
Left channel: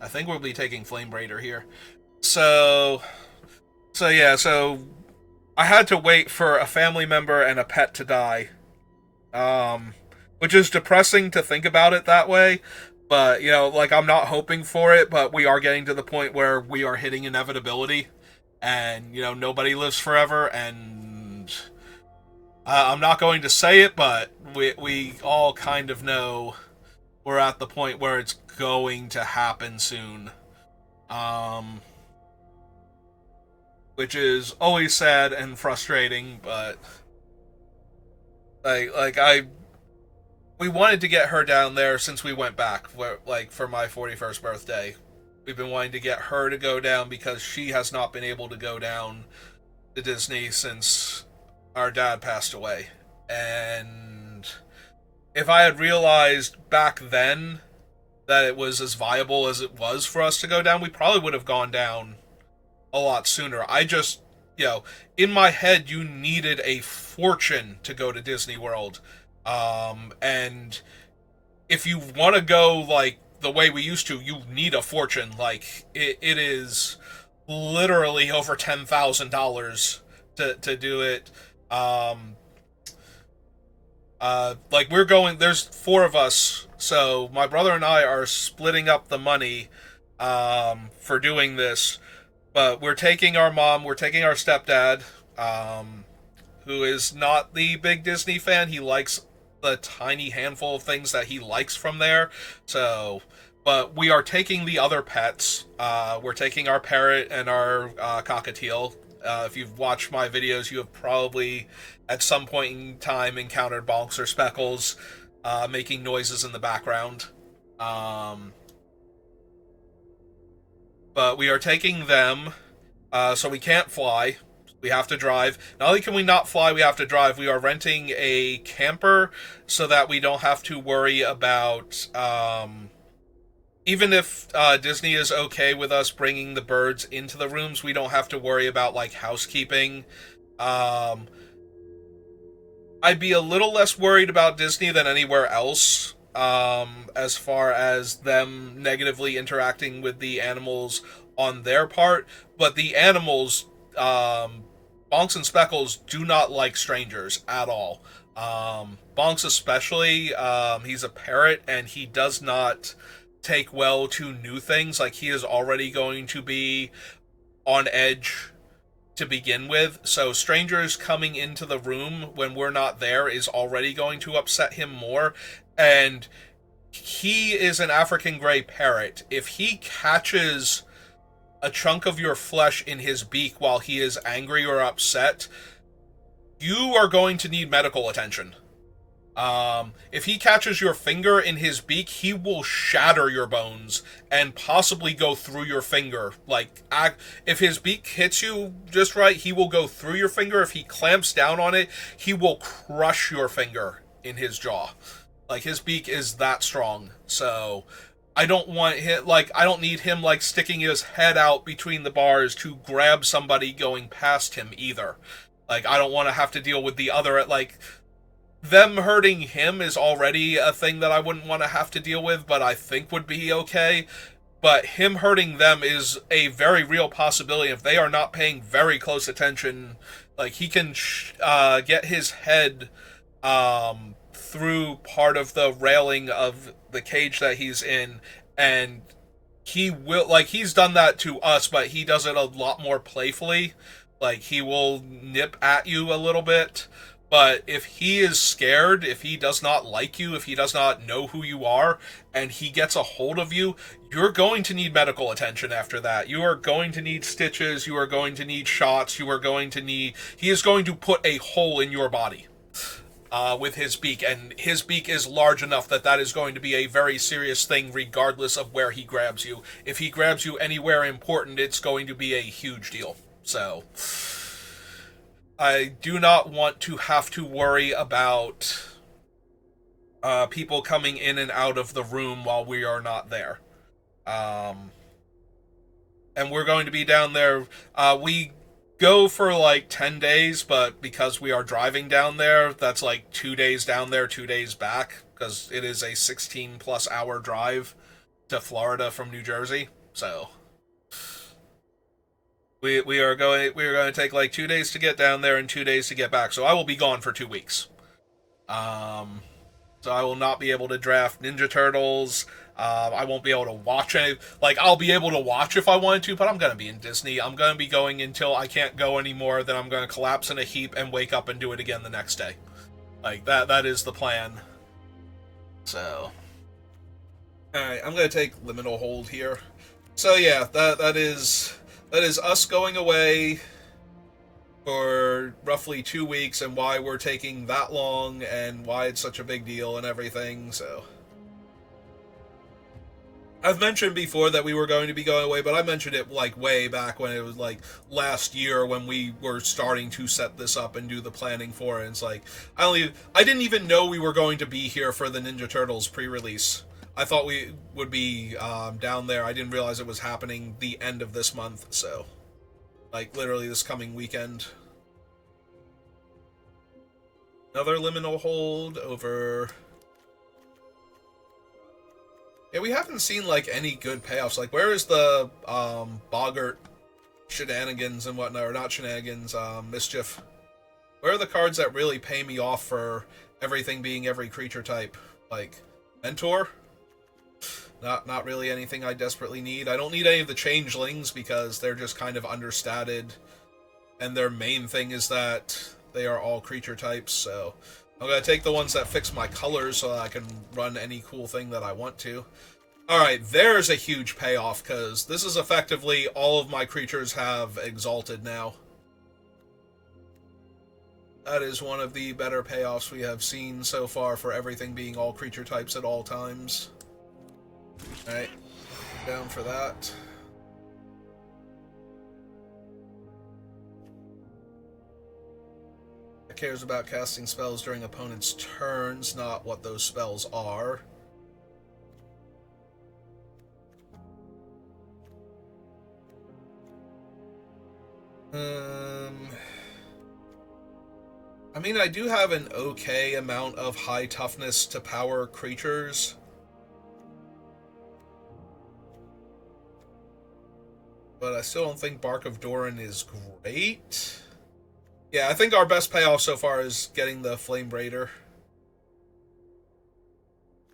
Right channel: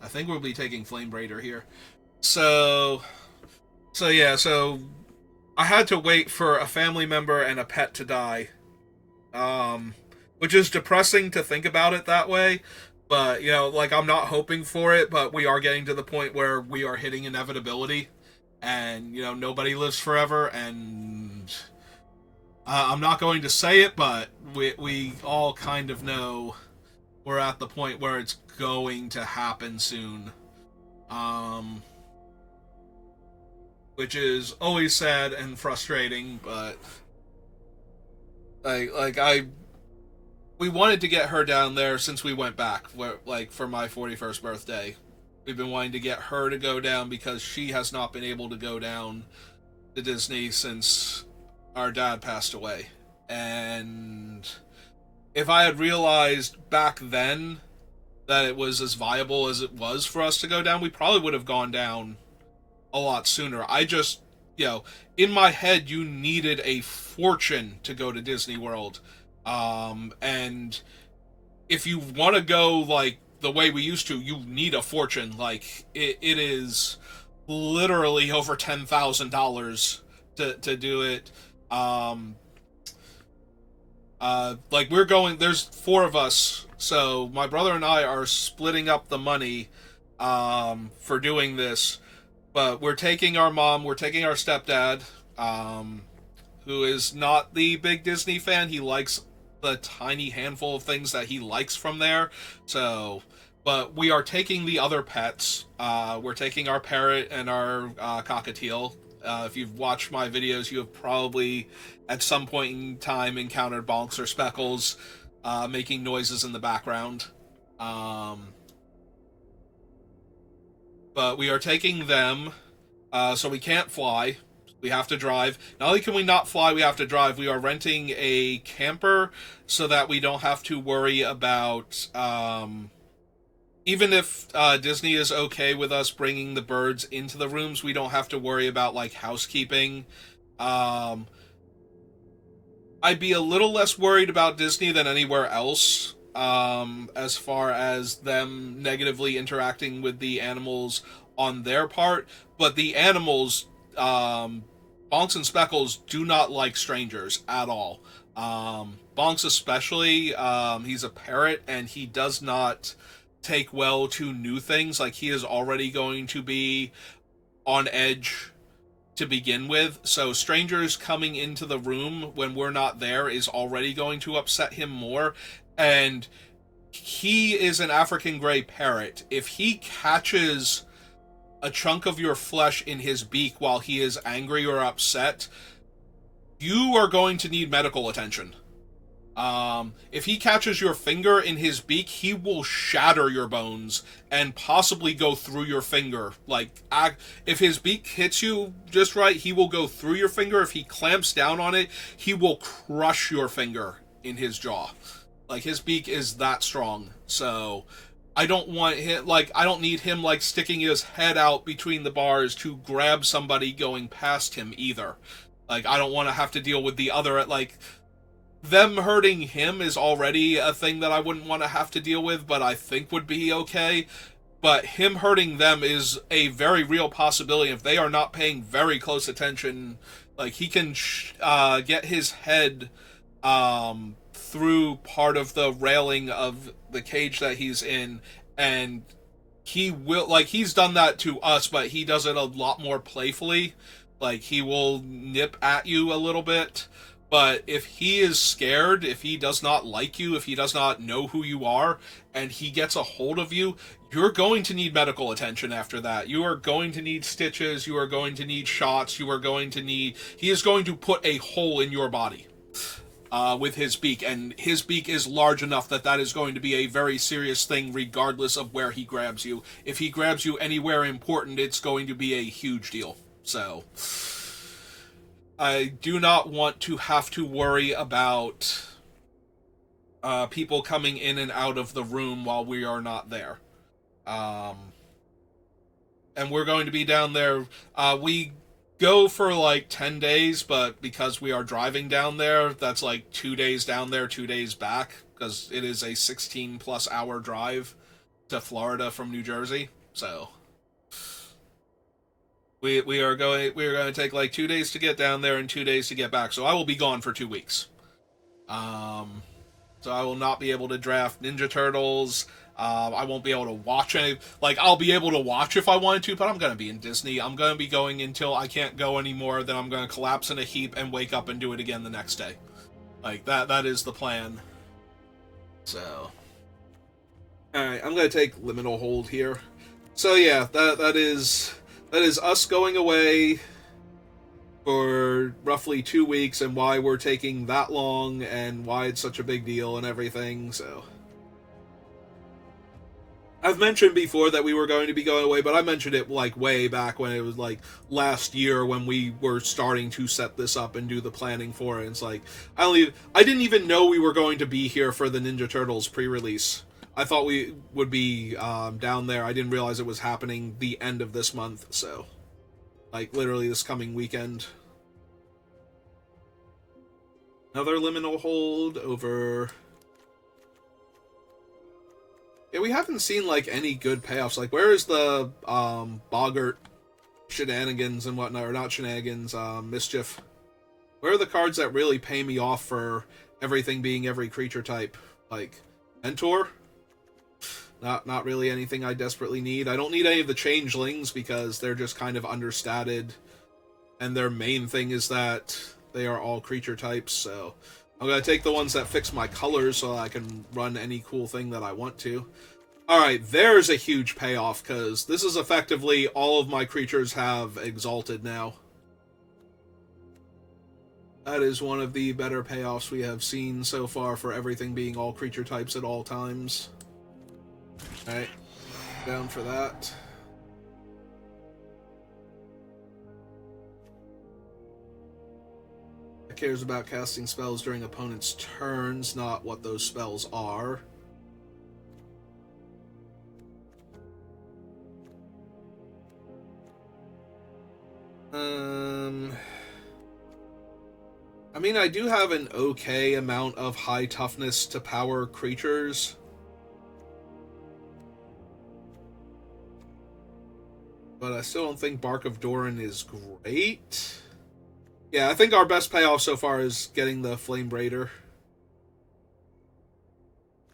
I think we'll be taking Flame Braider here. So I had to wait for a family member and a pet to die. Which is depressing to think about it that way. But, you know, like, I'm not hoping for it, but we are getting to the point where we are hitting inevitability. And, you know, nobody lives forever, and I'm not going to say it, but we all kind of know we're at the point where it's going to happen soon. Which is always sad and frustrating, but we wanted to get her down there since we went back, for my 41st birthday. We've been wanting to get her to go down because she has not been able to go down to Disney since our dad passed away. And if I had realized back then that it was as viable as it was for us to go down, we probably would have gone down a lot sooner. I just, in my head, you needed a fortune to go to Disney World. And if you want to go, like, the way we used to, you need a fortune. Like, it is literally over $10,000 to do it. Like, we're going, there's 4 of us, so my brother and I are splitting up the money, for doing this, but we're taking our mom, we're taking our stepdad, who is not the big Disney fan. He likes the tiny handful of things that he likes from there, so, but we are taking the other pets. We're taking our parrot and our, cockatiel. If you've watched my videos, you have probably, at some point in time, encountered Bonks or Speckles making noises in the background. But we are taking them, so we can't fly. We have to drive. Not only can we not fly, we have to drive. We are renting a camper so that we don't have to worry about... even if Disney is okay with us bringing the birds into the rooms, we don't have to worry about, like, housekeeping. I'd be a little less worried about Disney than anywhere else, as far as them negatively interacting with the animals on their part. But the animals, Bonks and Speckles, do not like strangers at all. Bonks especially, he's a parrot, and he does not take well to new things. Like, he is already going to be on edge to begin with, so strangers coming into the room when we're not there is already going to upset him more. And he is an African gray parrot. If he catches a chunk of your flesh in his beak while he is angry or upset, you are going to need medical attention. If he catches your finger in his beak, he will shatter your bones and possibly go through your finger. Like, if his beak hits you just right, he will go through your finger. If he clamps down on it, he will crush your finger in his jaw. Like, his beak is that strong. So, I don't want him, like, I don't need him, like, sticking his head out between the bars to grab somebody going past him either. Like, I don't want to have to deal with the other, like... Them hurting him is already a thing that I wouldn't want to have to deal with, but I think would be okay. but him hurting them is a very real possibility. If they are not paying very close attention, like he can get his head through part of the railing of the cage that he's in, and he will, like, he's done that to us, but he does it a lot more playfully. Like, he will nip at you a little bit, but if he is scared, if he does not like you, if he does not know who you are, and he gets a hold of you, you're going to need medical attention after that. You are going to need stitches, you are going to need shots, you are going to need, he is going to put a hole in your body with his beak, and his beak is large enough that that is going to be a very serious thing regardless of where he grabs you. If he grabs you anywhere important, it's going to be a huge deal. So, I do not want to have to worry about people coming in and out of the room while we are not there. Um, and we're going to be down there. We go for like 10 days, but because we are driving down there, that's like 2 days down there, 2 days back, because it is a 16 plus hour drive to Florida from New Jersey. So we are going to take like 2 days to get down there and 2 days to get back. So I will be gone for 2 weeks. Um, so I will not be able to draft Ninja Turtles. I won't be able to watch any. Like, I'll be able to watch if I wanted to, but I'm going to be in Disney. I'm going to be going until I can't go anymore. Then I'm going to collapse in a heap and wake up and do it again the next day. Like, that is the plan. So, alright, I'm going to take Liminal Hold here. So yeah, that is us going away for roughly 2 weeks, and why we're taking that long and why it's such a big deal and everything. So I've mentioned before that we were going to be going away, but I mentioned it like way back when it was like last year when we were starting to set this up and do the planning for it. And it's like I didn't even know we were going to be here for the Ninja Turtles pre-release. I thought we would be down there. I didn't realize it was happening the end of this month. So, like, literally this coming weekend. Another Liminal Hold over. Yeah, we haven't seen, like, any good payoffs. Like, where is the Boggart shenanigans and whatnot? Or not shenanigans, mischief. Where are the cards that really pay me off for everything being every creature type? Like, Mentor? Not really anything I desperately need. I don't need any of the Changelings because they're just kind of understated. And their main thing is that they are all creature types, so I'm going to take the ones that fix my colors so that I can run any cool thing that I want to. Alright, there's a huge payoff, because this is effectively all of my creatures have Exalted now. That is one of the better payoffs we have seen so far for everything being all creature types at all times. Alright, down for that. It cares about casting spells during opponent's turns, not what those spells are. I mean, I do have an okay amount of high toughness to power creatures. But I still don't think Bark of Doran is great. Yeah, I think our best payoff so far is getting the Flame Raider.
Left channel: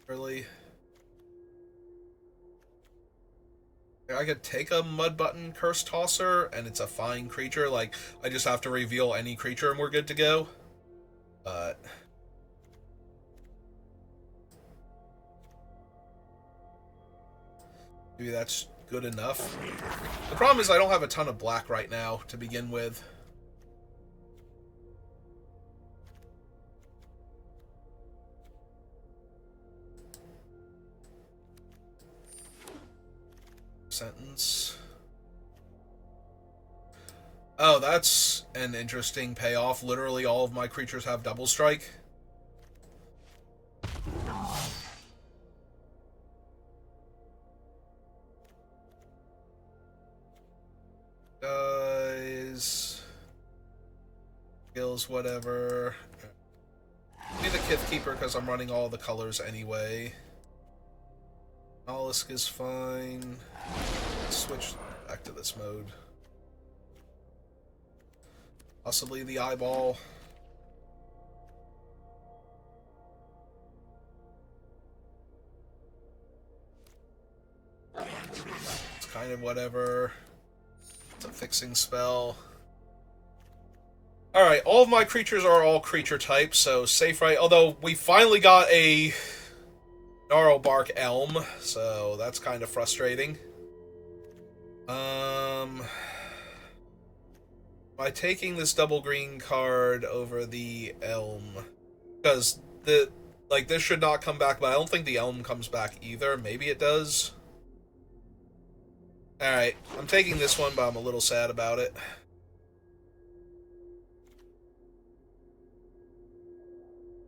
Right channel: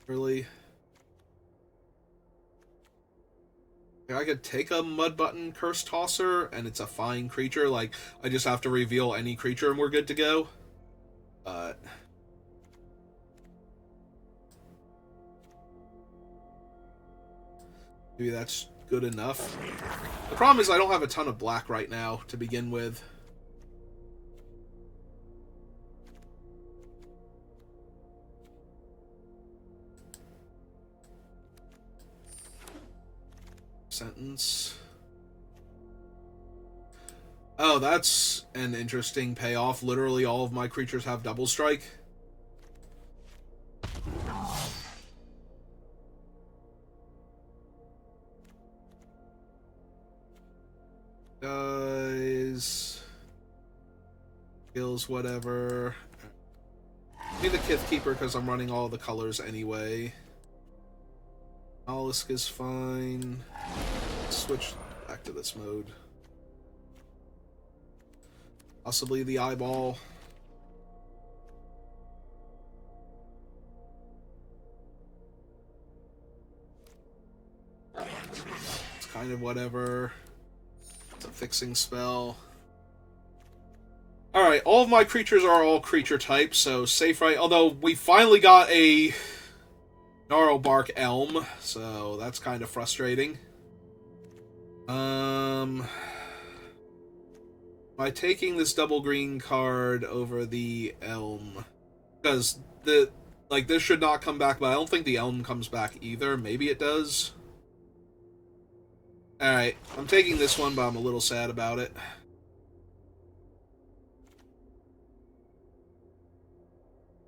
Really. I could take a Mud Button Curse Tosser, and it's a fine creature. Like, I just have to reveal any creature and we're good to go. But maybe that's good enough. The problem is I don't have a ton of black right now to begin with. Sentence. Oh, that's an interesting payoff. Literally all of my creatures have double strike. Skills, whatever. Be the Kith Keeper because I'm running all the colors anyway. Mollusk is fine. Switch back to this mode. Possibly the eyeball. It's kind of whatever. It's a fixing spell. Alright, all of my creatures are all creature types, so safe right. Although we finally got a Gnarlbark Elm, so that's kind of frustrating. By taking this double green card over the Elm, because this should not come back, but I don't think the Elm comes back either. Maybe it does. Alright, I'm taking this one, but I'm a little sad about it.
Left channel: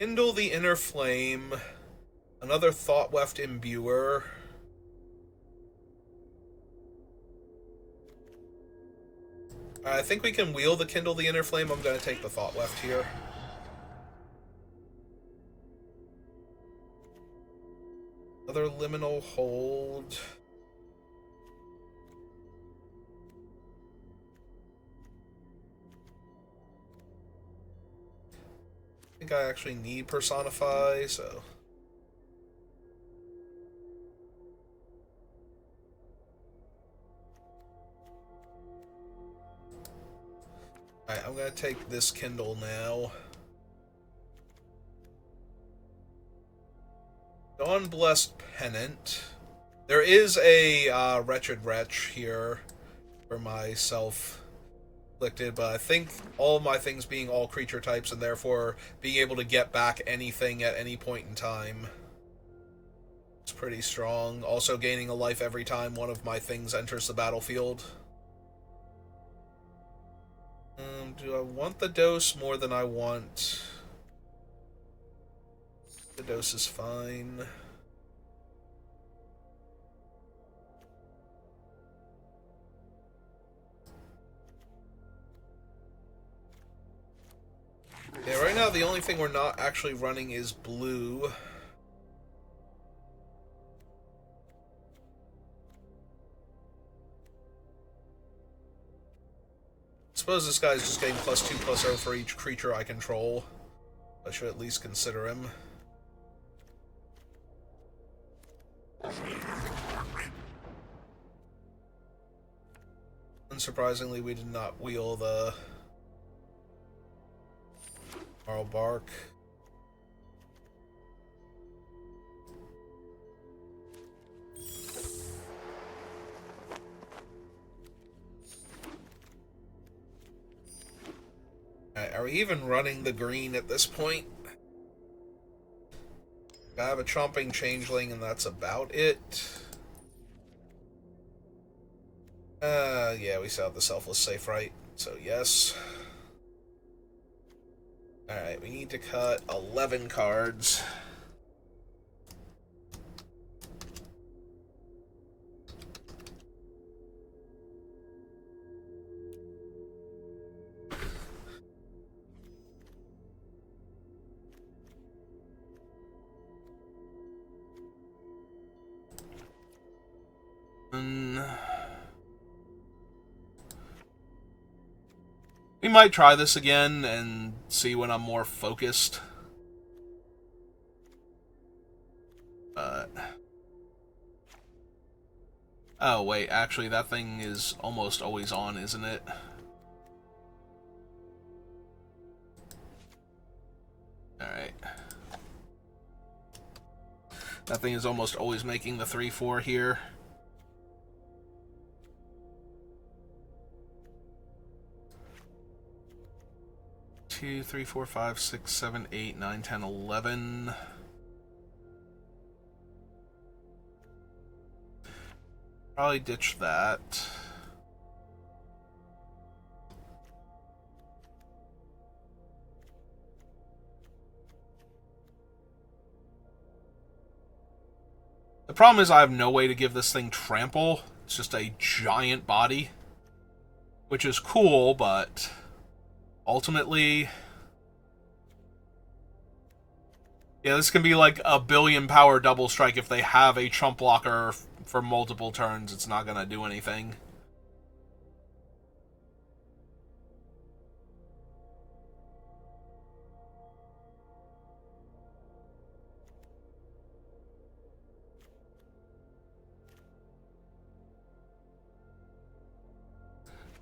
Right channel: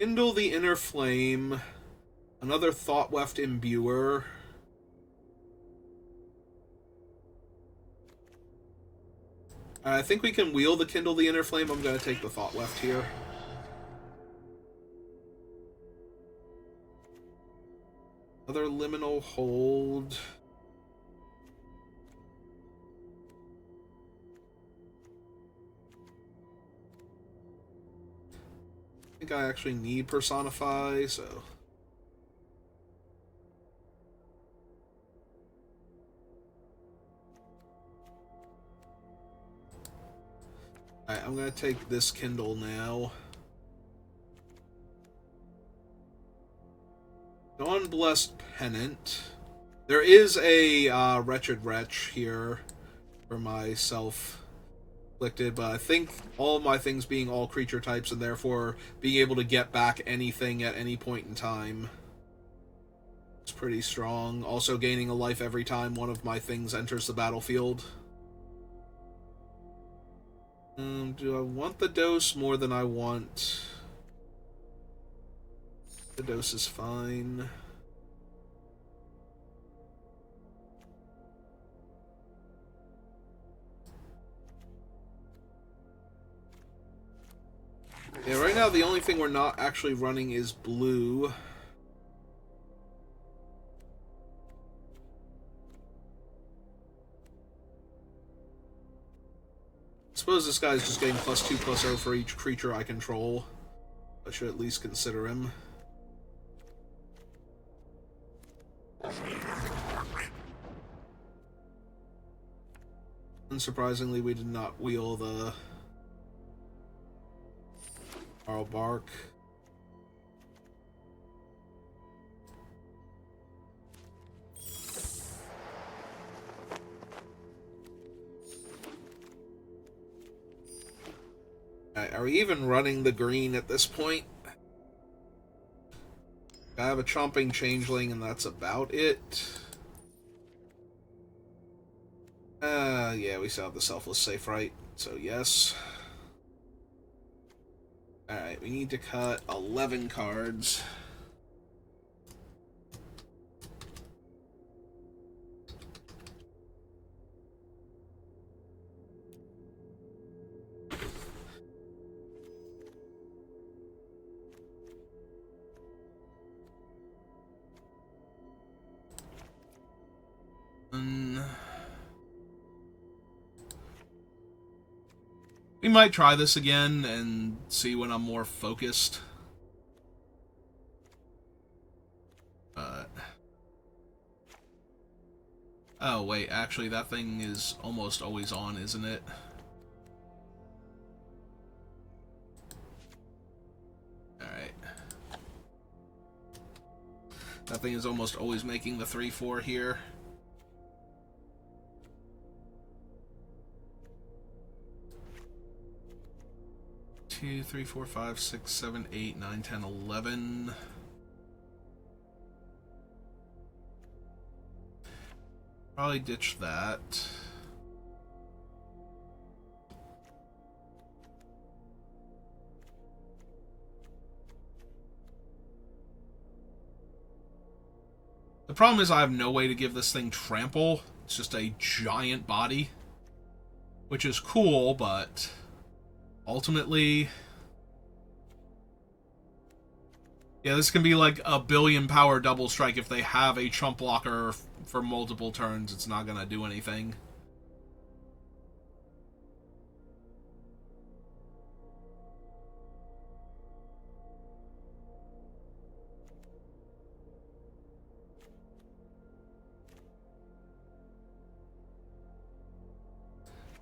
Kindle the Inner Flame. Another Thought-Weft Imbuer. I think we can wheel the Kindle the Inner Flame. I'm going to take the Thought-Weft here. Another Liminal Hold. I think I actually need Personify, so... Alright, I'm gonna take this Kindle now. Dawnblessed Pennant. There is a Wretched Wretch here for myself. But I think all of my things being all creature types and therefore being able to get back anything at any point in time is pretty strong. Also gaining a life every time one of my things enters the battlefield. Do I want the dose more than I want? The dose is fine. Yeah, right now the only thing we're not actually running is blue. I suppose this guy's just getting +2/+0 for each creature I control. I should at least consider him. Unsurprisingly, we did not wheel the Gnarlbark. Alright, are we even running the green at this point? I have a Chomping Changeling, and that's about it. Yeah, we still have the Selfless Safe Right, so yes. Alright, we need to cut 11 cards. We might try this again and see when I'm more focused. But... oh, wait, actually, that thing is almost always on, isn't it? Alright. That thing is almost always making the 3/4 here. 2, 3, 4, 5, 6, 7, 8, 9, 10, 11. Probably ditch that. The problem is I have no way to give this thing trample. It's just a giant body. Which is cool, but... ultimately... Yeah, this can be like a billion power double strike if they have a chump blocker for multiple turns. It's not gonna do anything.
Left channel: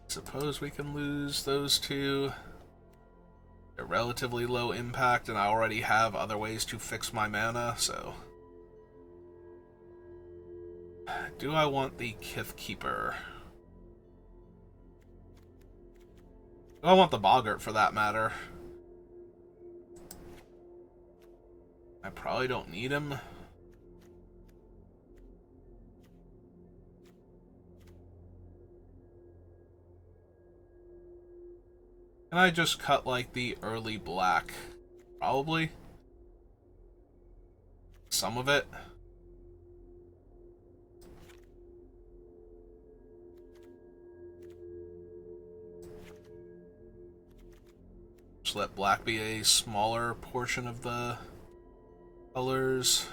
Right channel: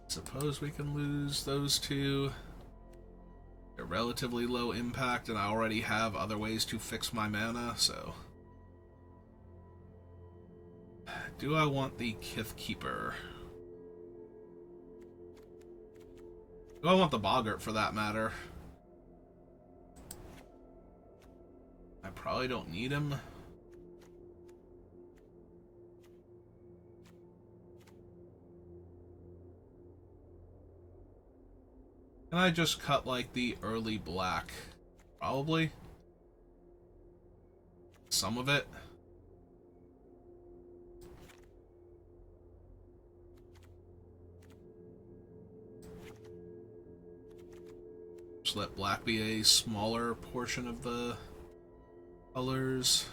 Suppose we can lose those two. They're relatively low impact, and I already have other ways to fix my mana, so... Do I want the Kith Keeper? Do I want the Boggart, for that matter? I probably don't need him. Can I just cut, like, the early black? Probably. Some of it. Just let black be a smaller portion of the colors.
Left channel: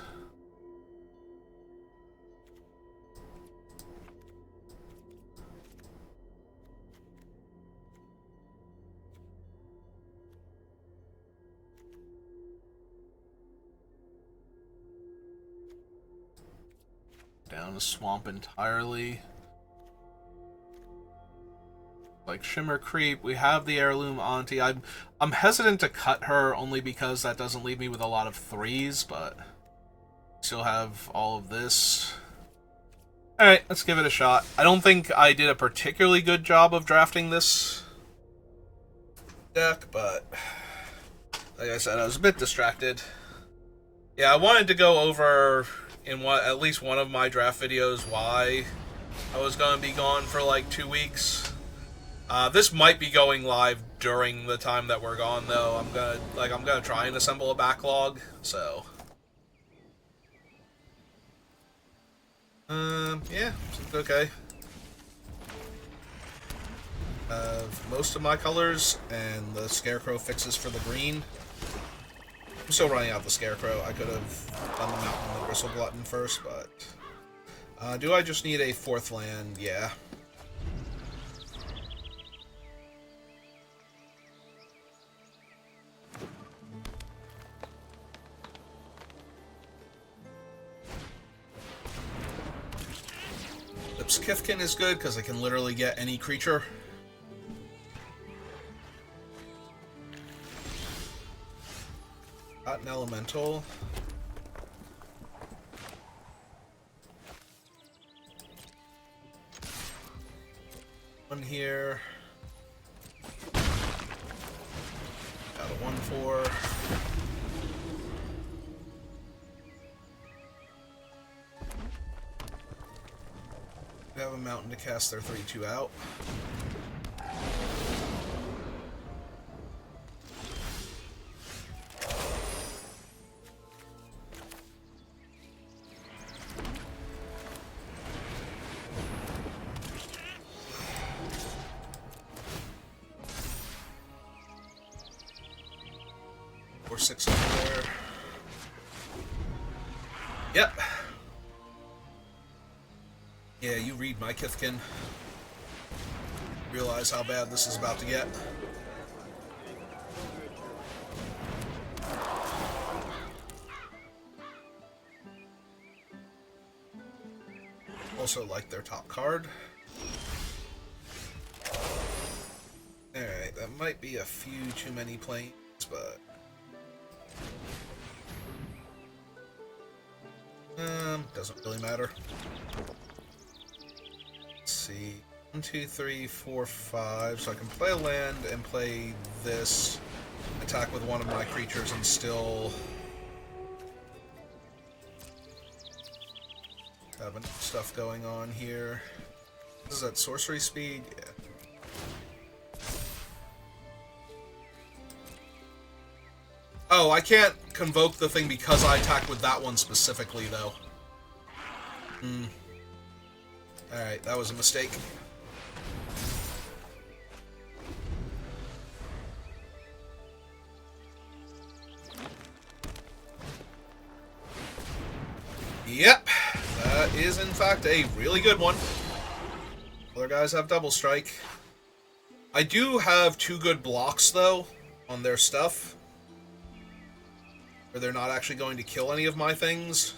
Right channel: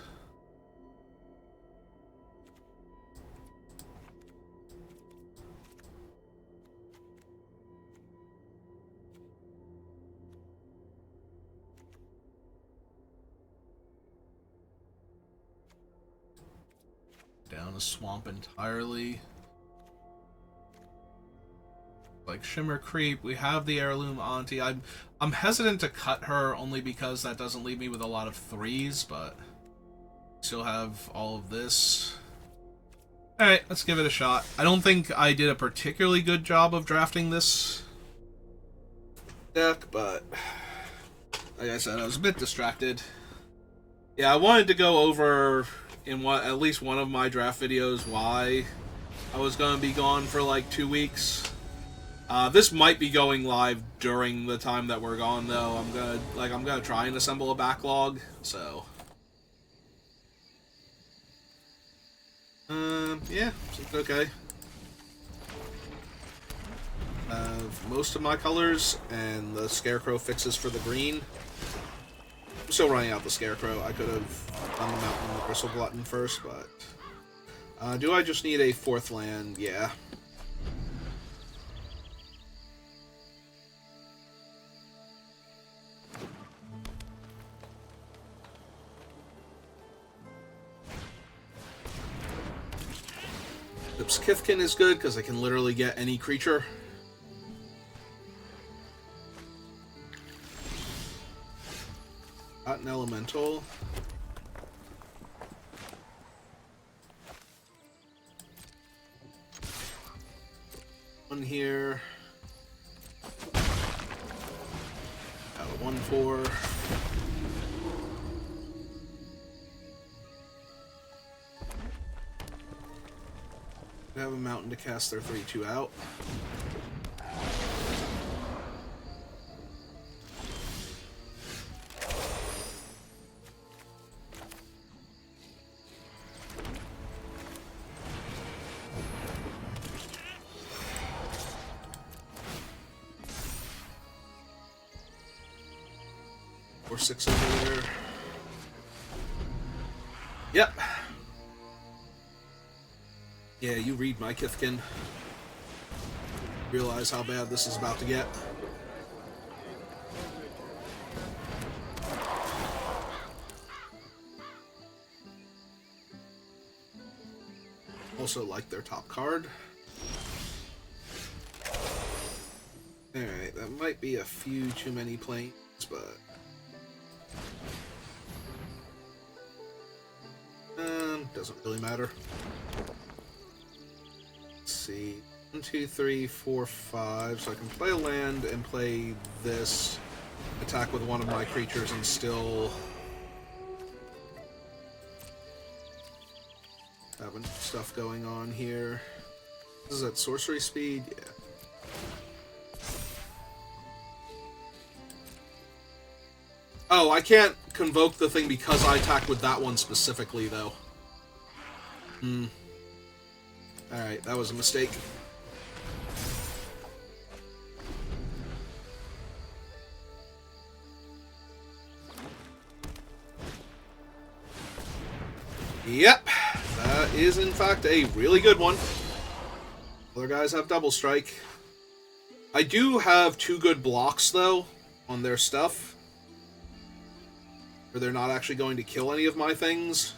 Down a swamp entirely. Like Shimmer Creep, we have the Heirloom Auntie. I'm hesitant to cut her only because that doesn't leave me with a lot of threes, but still have all of this. Alright, let's give it a shot. I don't think I did a particularly good job of drafting this deck, but like I said, I was a bit distracted. Yeah, I wanted to go over in at least one of my draft videos why I was going to be gone for like 2 weeks. This might be going live during the time that we're gone, though. I'm gonna try and assemble a backlog. So, yeah, okay. Most of my colors and the Scarecrow fixes for the green. I'm still running out the Scarecrow. I could have done the Mountain and the Bristle Glutton first, but do I just need a 4th land? Yeah. Kithkin is good because I can literally get any creature. Got an elemental. One here. Got a 1/4. Have a mountain to cast their 3/2 out. Or 6 over there. Yep. Yeah, you read my Kithkin. Realize how bad this is about to get. Also like their top card. Alright, that might be a few too many planes, but... doesn't really matter. See, 1, 2, 3, 4, 5. So I can play a land and play this, attack with one of my creatures, and still have enough stuff going on here. Is that sorcery speed? Yeah. Oh, I can't convoke the thing because I attack with that one specifically, though. Alright, that was a mistake. in fact a really good one. Other guys have double strike. I do have 2 good blocks, though, on their stuff. Where they're not actually going to kill any of my things.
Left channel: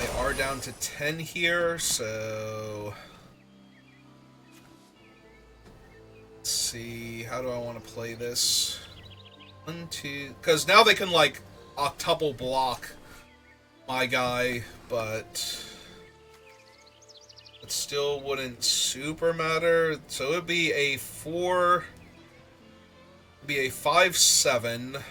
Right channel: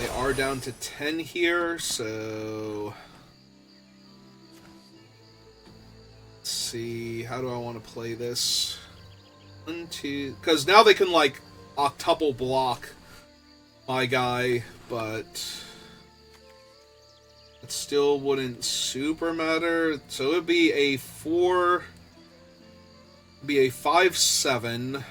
They are down to 10 here, so... Let's see, how do I want to play this? 1, 2... Because now they can, like, octuple block my guy, but... It still wouldn't super matter. So it would be a 4... It'd be a 5/7.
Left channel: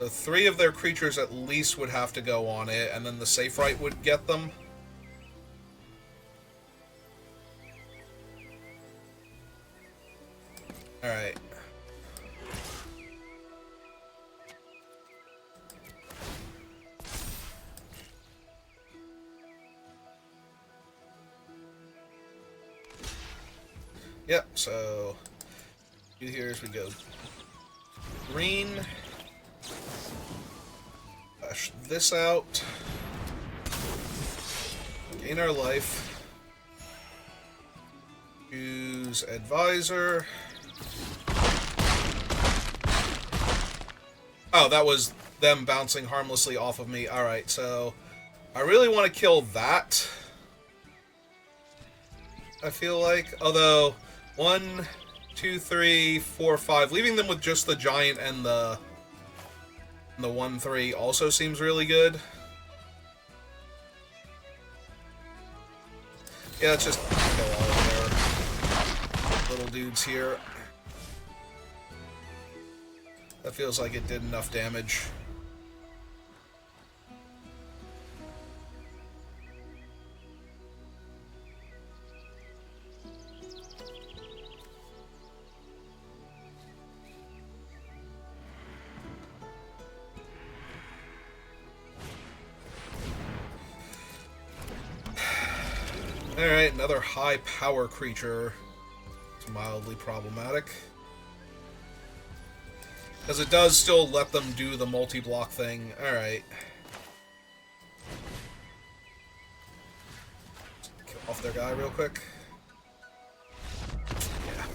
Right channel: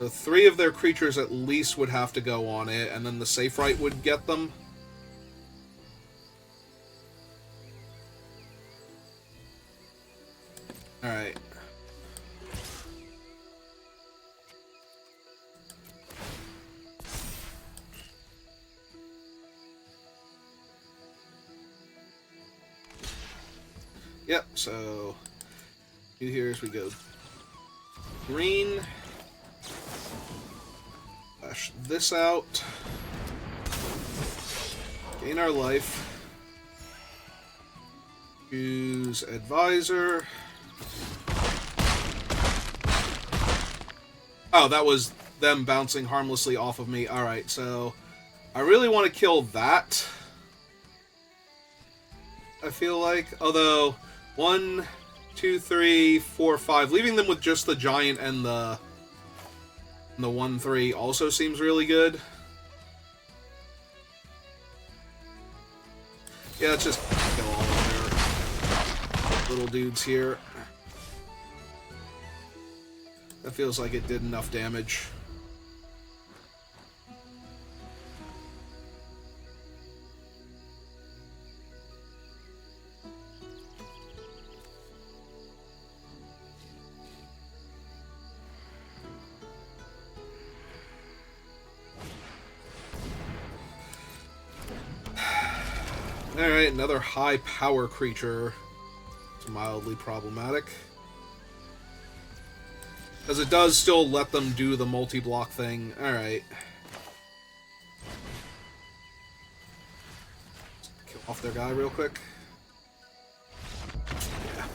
So 3 of their creatures at least would have to go on it, and then the safe right would get them. Alright. Yep, so here as we go. Green. Flash this out. Gain our life. Use Advisor. Oh, that was them bouncing harmlessly off of me. Alright, so I really want to kill that. I feel like. Although, 1, 2, 3, 4, 5. Leaving them with just the giant and the 1/3 also seems really good. Yeah, let's just kill all of their little dudes here. That feels like it did enough damage. Alright, another high power creature. It's mildly problematic. Because it does still let them do the multi-block thing. Alright. Kill off their guy real quick. Yeah.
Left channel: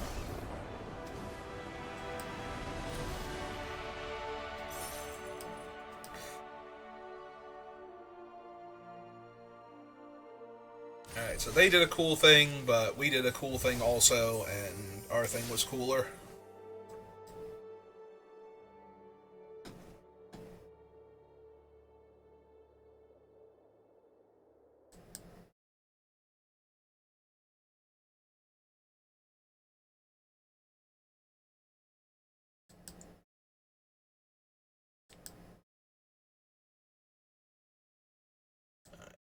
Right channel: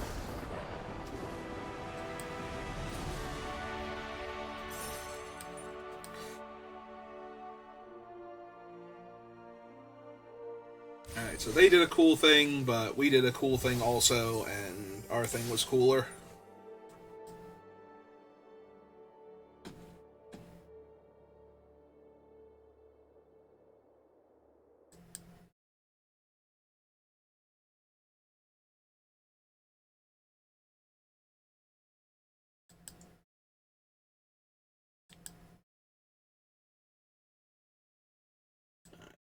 Alright, so they did a cool thing, but we did a cool thing also, and our thing was cooler.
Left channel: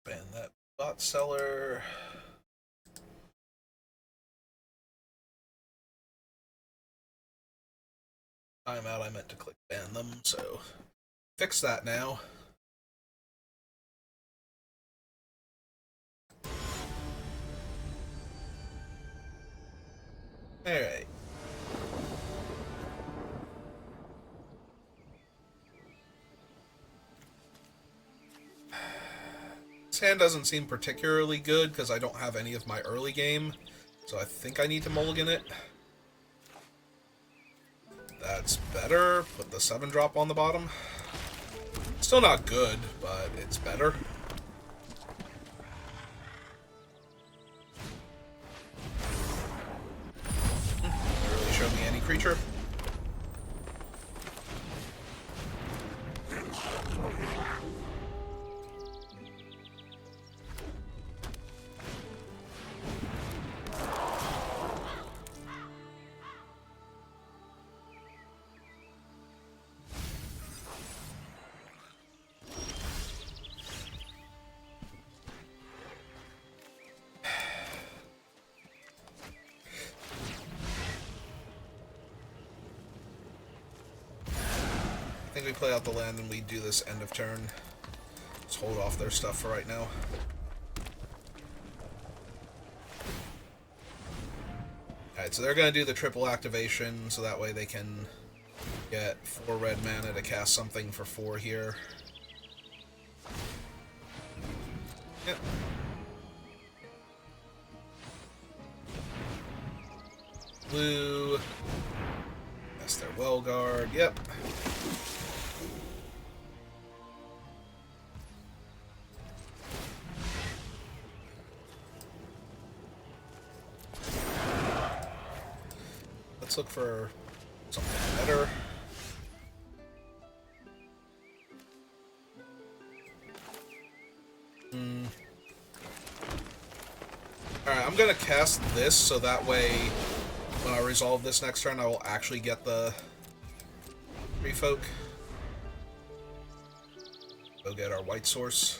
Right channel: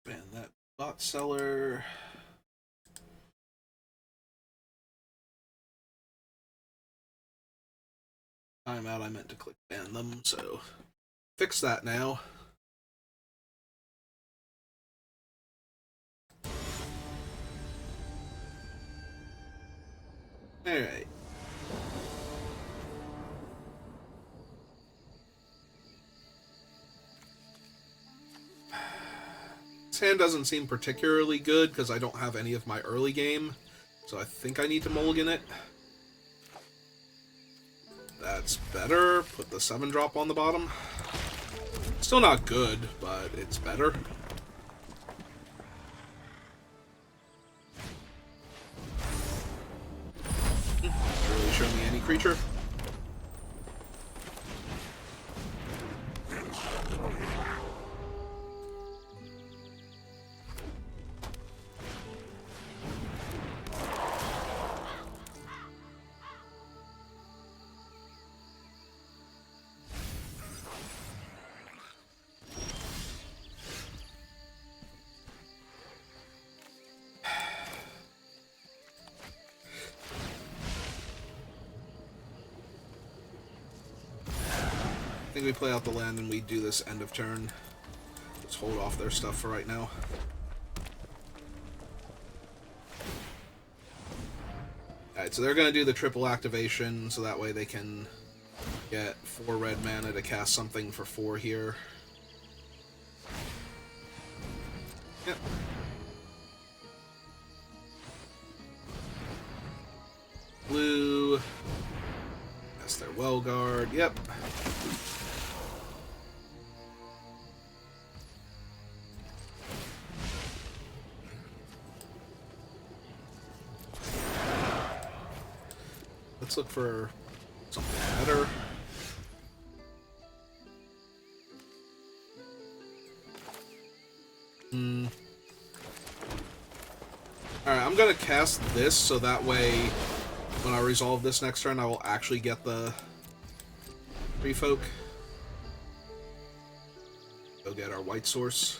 Ban that bot seller. Timeout, I meant to click ban them, so fix that now. Alright. This hand doesn't seem particularly good because I don't have any of my early game, so I think I need to mulligan it. That's better. Put the 7-drop on the bottom. Still not good, but it's better. Really show me any creature. I think we play out the land and we do this end of turn. Let's hold off their stuff for right now. Alright, so they're going to do the triple activation, so that way they can get 4 red mana to cast something for 4 here. Yep. Blue. That's their well guard. Yep. Let's look for something better. Alright, I'm gonna cast this so that way when I resolve this next turn I will actually get the free folk. Go get our white source.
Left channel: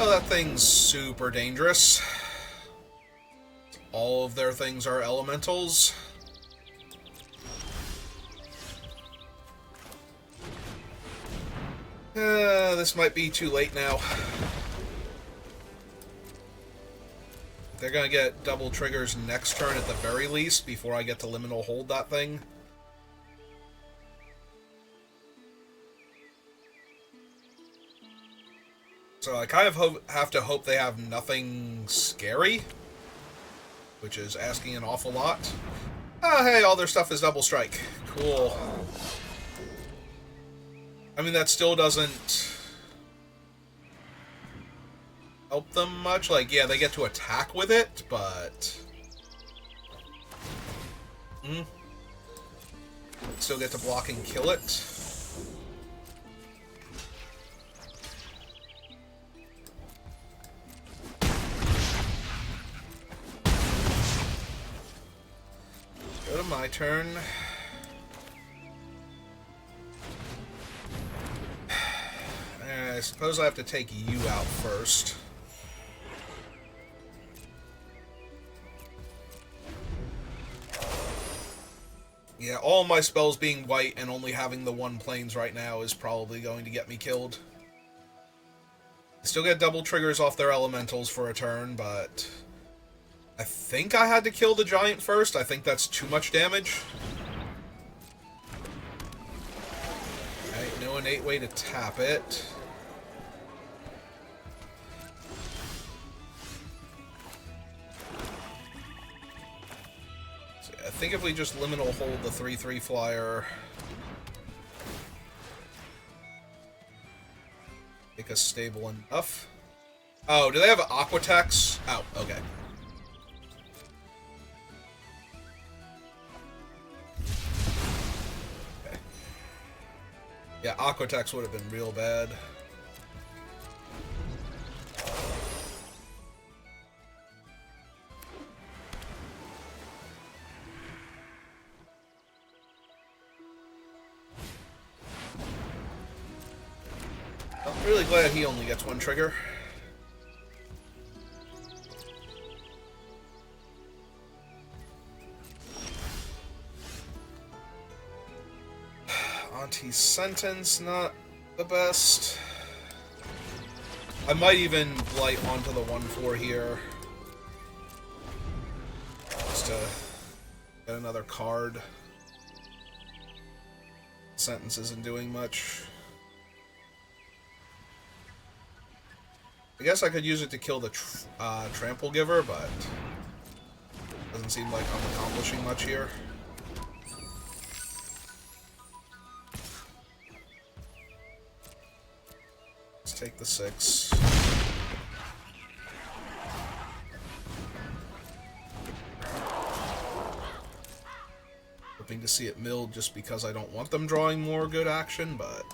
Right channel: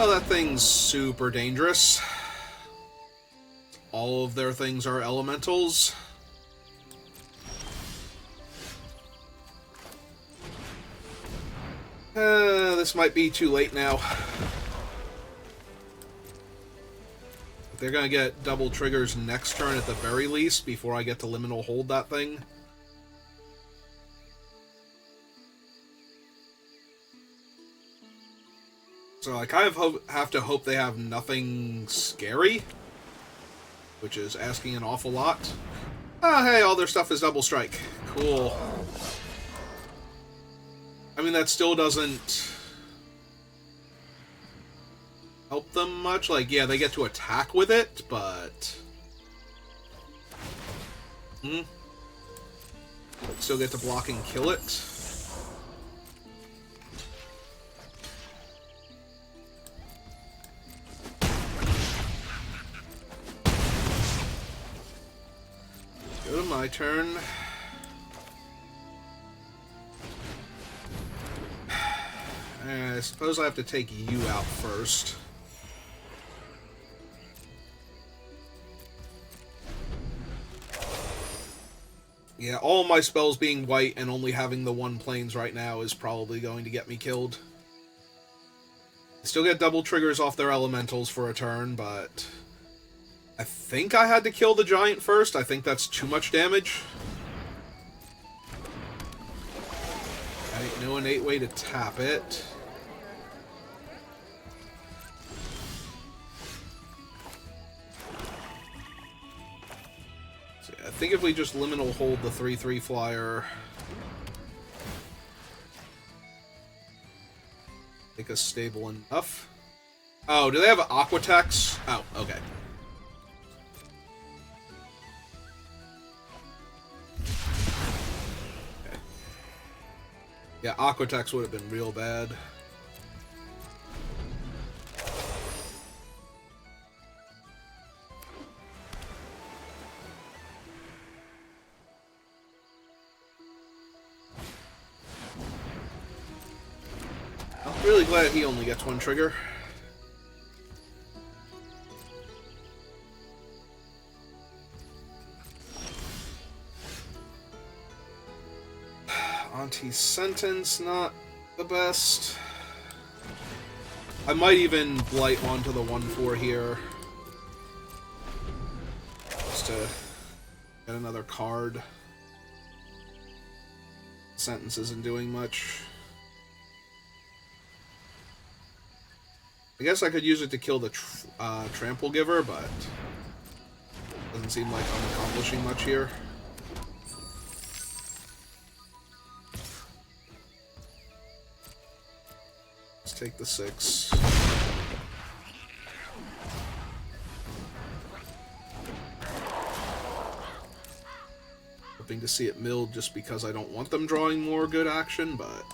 Oh, that thing's super dangerous. All of their things are elementals. This might be too late now. They're gonna get double triggers next turn at the very least before I get to liminal hold that thing. So I kind of have to hope they have nothing scary, which is asking an awful lot. Oh, hey, all their stuff is double strike. Cool. I mean, that still doesn't help them much. Like, yeah, they get to attack with it, but... Still get to block and kill it. Go to my turn. I suppose I have to take you out first. Yeah, all my spells being white and only having the one planes right now is probably going to get me killed. Still get double triggers off their elementals for a turn, but I think I had to kill the giant first. I think that's too much damage. Okay, no innate way to tap it. I think if we just liminal hold the 3/3 flyer, make us stable enough. Oh, do they have Aquatex? Oh, okay. Okay. Yeah, Aquatex would have been real bad. I'm really glad he only gets one trigger. Anti-sentence, not the best. I might even blight onto the 1/4 here. Just to get another card. Sentence isn't doing much. I guess I could use it to kill the Trample Giver, but doesn't seem like I'm accomplishing much here. Let's take the 6. Hoping to see it milled just because I don't want them drawing more good action, but...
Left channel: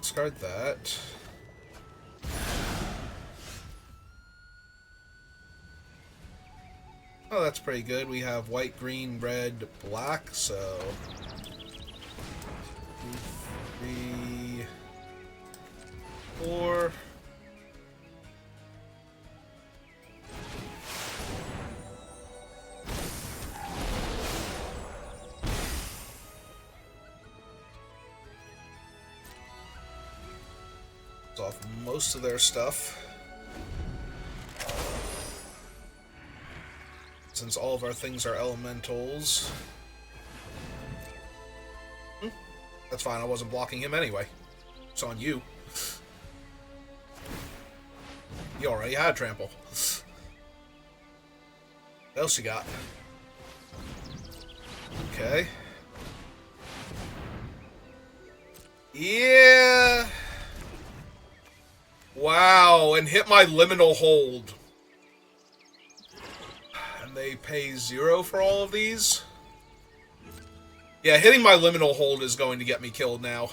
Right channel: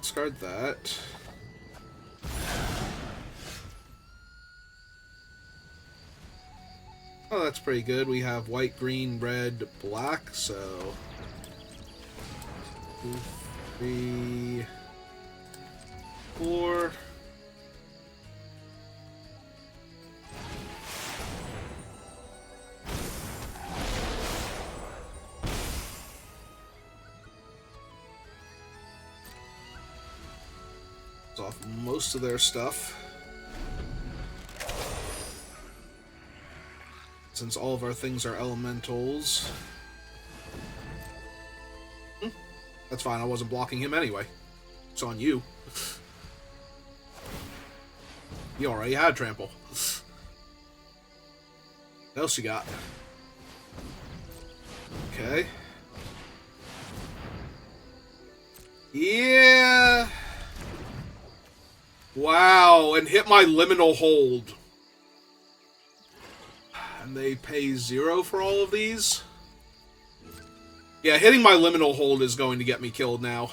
discard that. Oh, that's pretty good. We have white, green, red, black, so... 2, 3, 4... off most of their stuff. Since all of our things are elementals. That's fine, I wasn't blocking him anyway. It's on you. You already had trample. What else you got? Okay. Yeah. Wow, and hit my liminal hold. And they pay 0 for all of these? Yeah, hitting my liminal hold is going to get me killed now.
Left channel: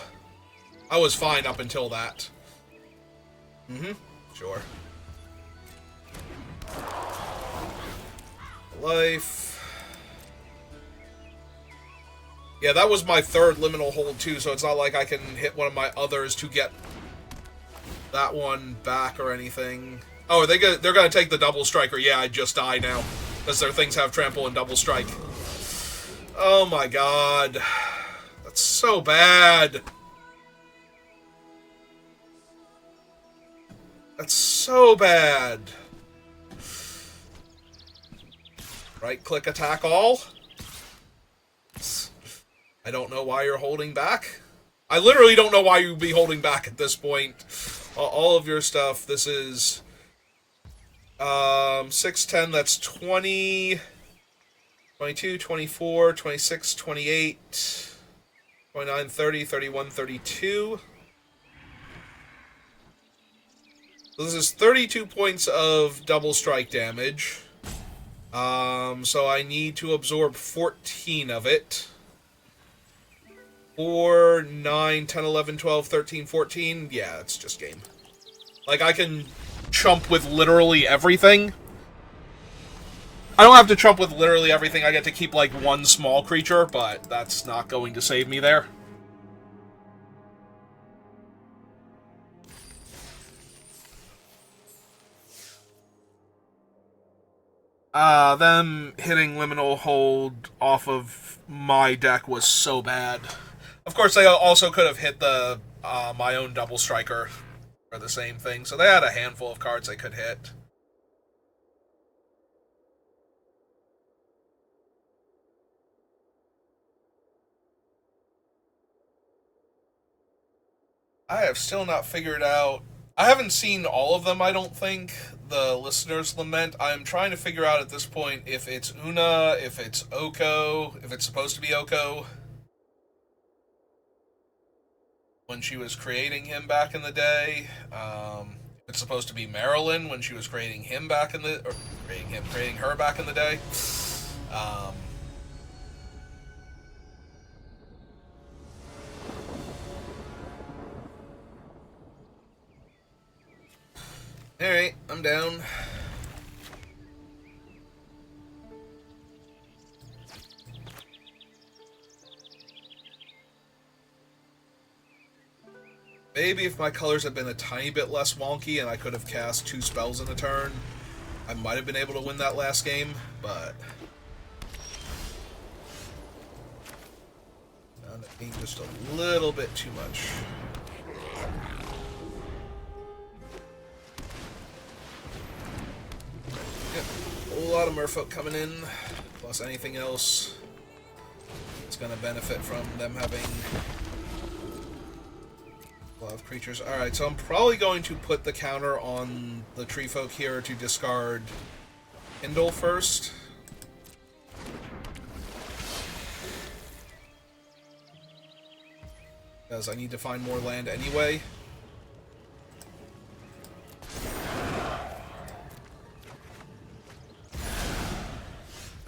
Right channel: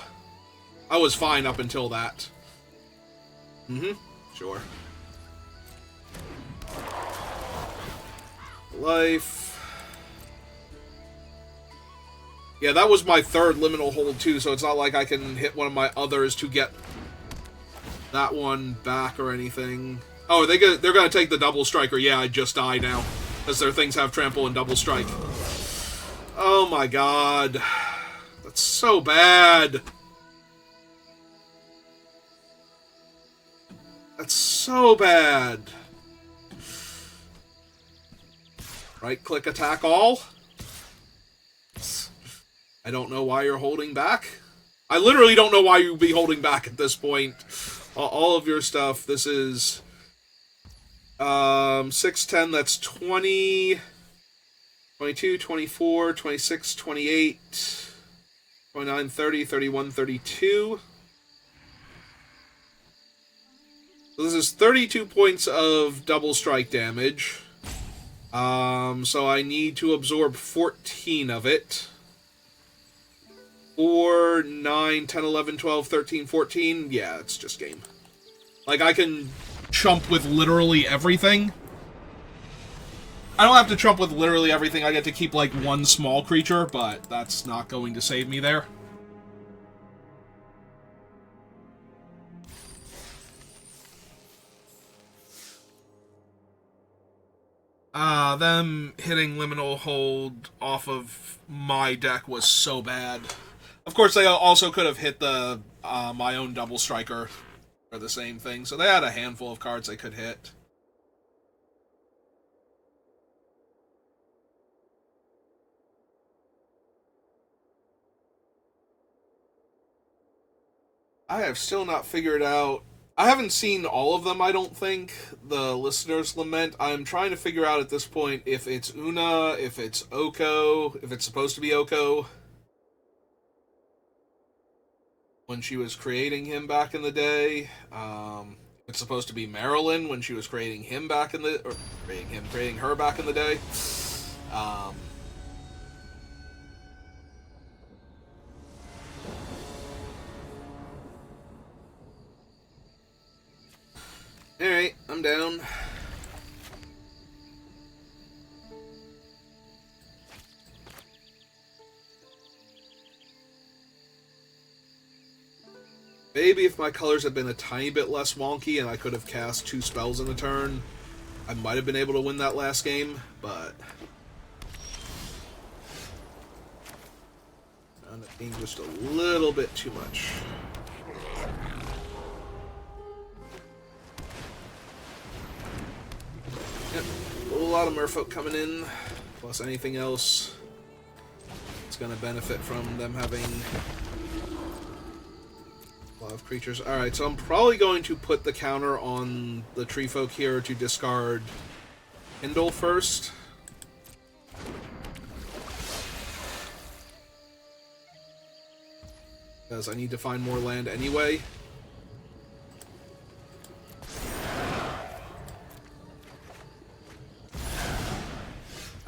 I was fine up until that. Sure. Life. Yeah, that was my third liminal hold too, so it's not like I can hit one of my others to get that one back or anything. Oh, they're gonna take the double striker. Yeah, I just die now, as their things have trample and double strike. Oh my god. That's so bad. That's so bad. Right-click attack all. I don't know why you're holding back. I literally don't know why you'd be holding back at this point. All of your stuff. This is 6, 10, that's 20, 22, 24, 26, 28, 29, 30, 31, 32. So this is 32 points of double strike damage. So I need to absorb 14 of it. 4, 9, 10, 11, 12, 13, 14. Yeah, it's just game. Like, I can chump with literally everything. I don't have to chump with literally everything. I get to keep, like, one small creature, but that's not going to save me there. Them hitting liminal hold off of my deck was so bad. Of course, they also could have hit the my own double striker for the same thing, so they had a handful of cards they could hit. I have still not figured out... I haven't seen all of them, I don't think, the Listener's Lament. I'm trying to figure out at this point if it's Una, if it's Oko, if it's supposed to be Oko. When she was creating him back in the day. It's supposed to be Marilyn when she was creating him back in the... Or creating her back in the day. Alright, I'm down. Maybe if my colors had been a tiny bit less wonky and I could have cast 2 spells in a turn, I might have been able to win that last game, but... Found it being just a little bit too much. A lot of merfolk coming in, plus anything else that's going to benefit from them having a lot of creatures. Alright, so I'm probably going to put the counter on the tree folk here to discard Kindle first. Because I need to find more land anyway.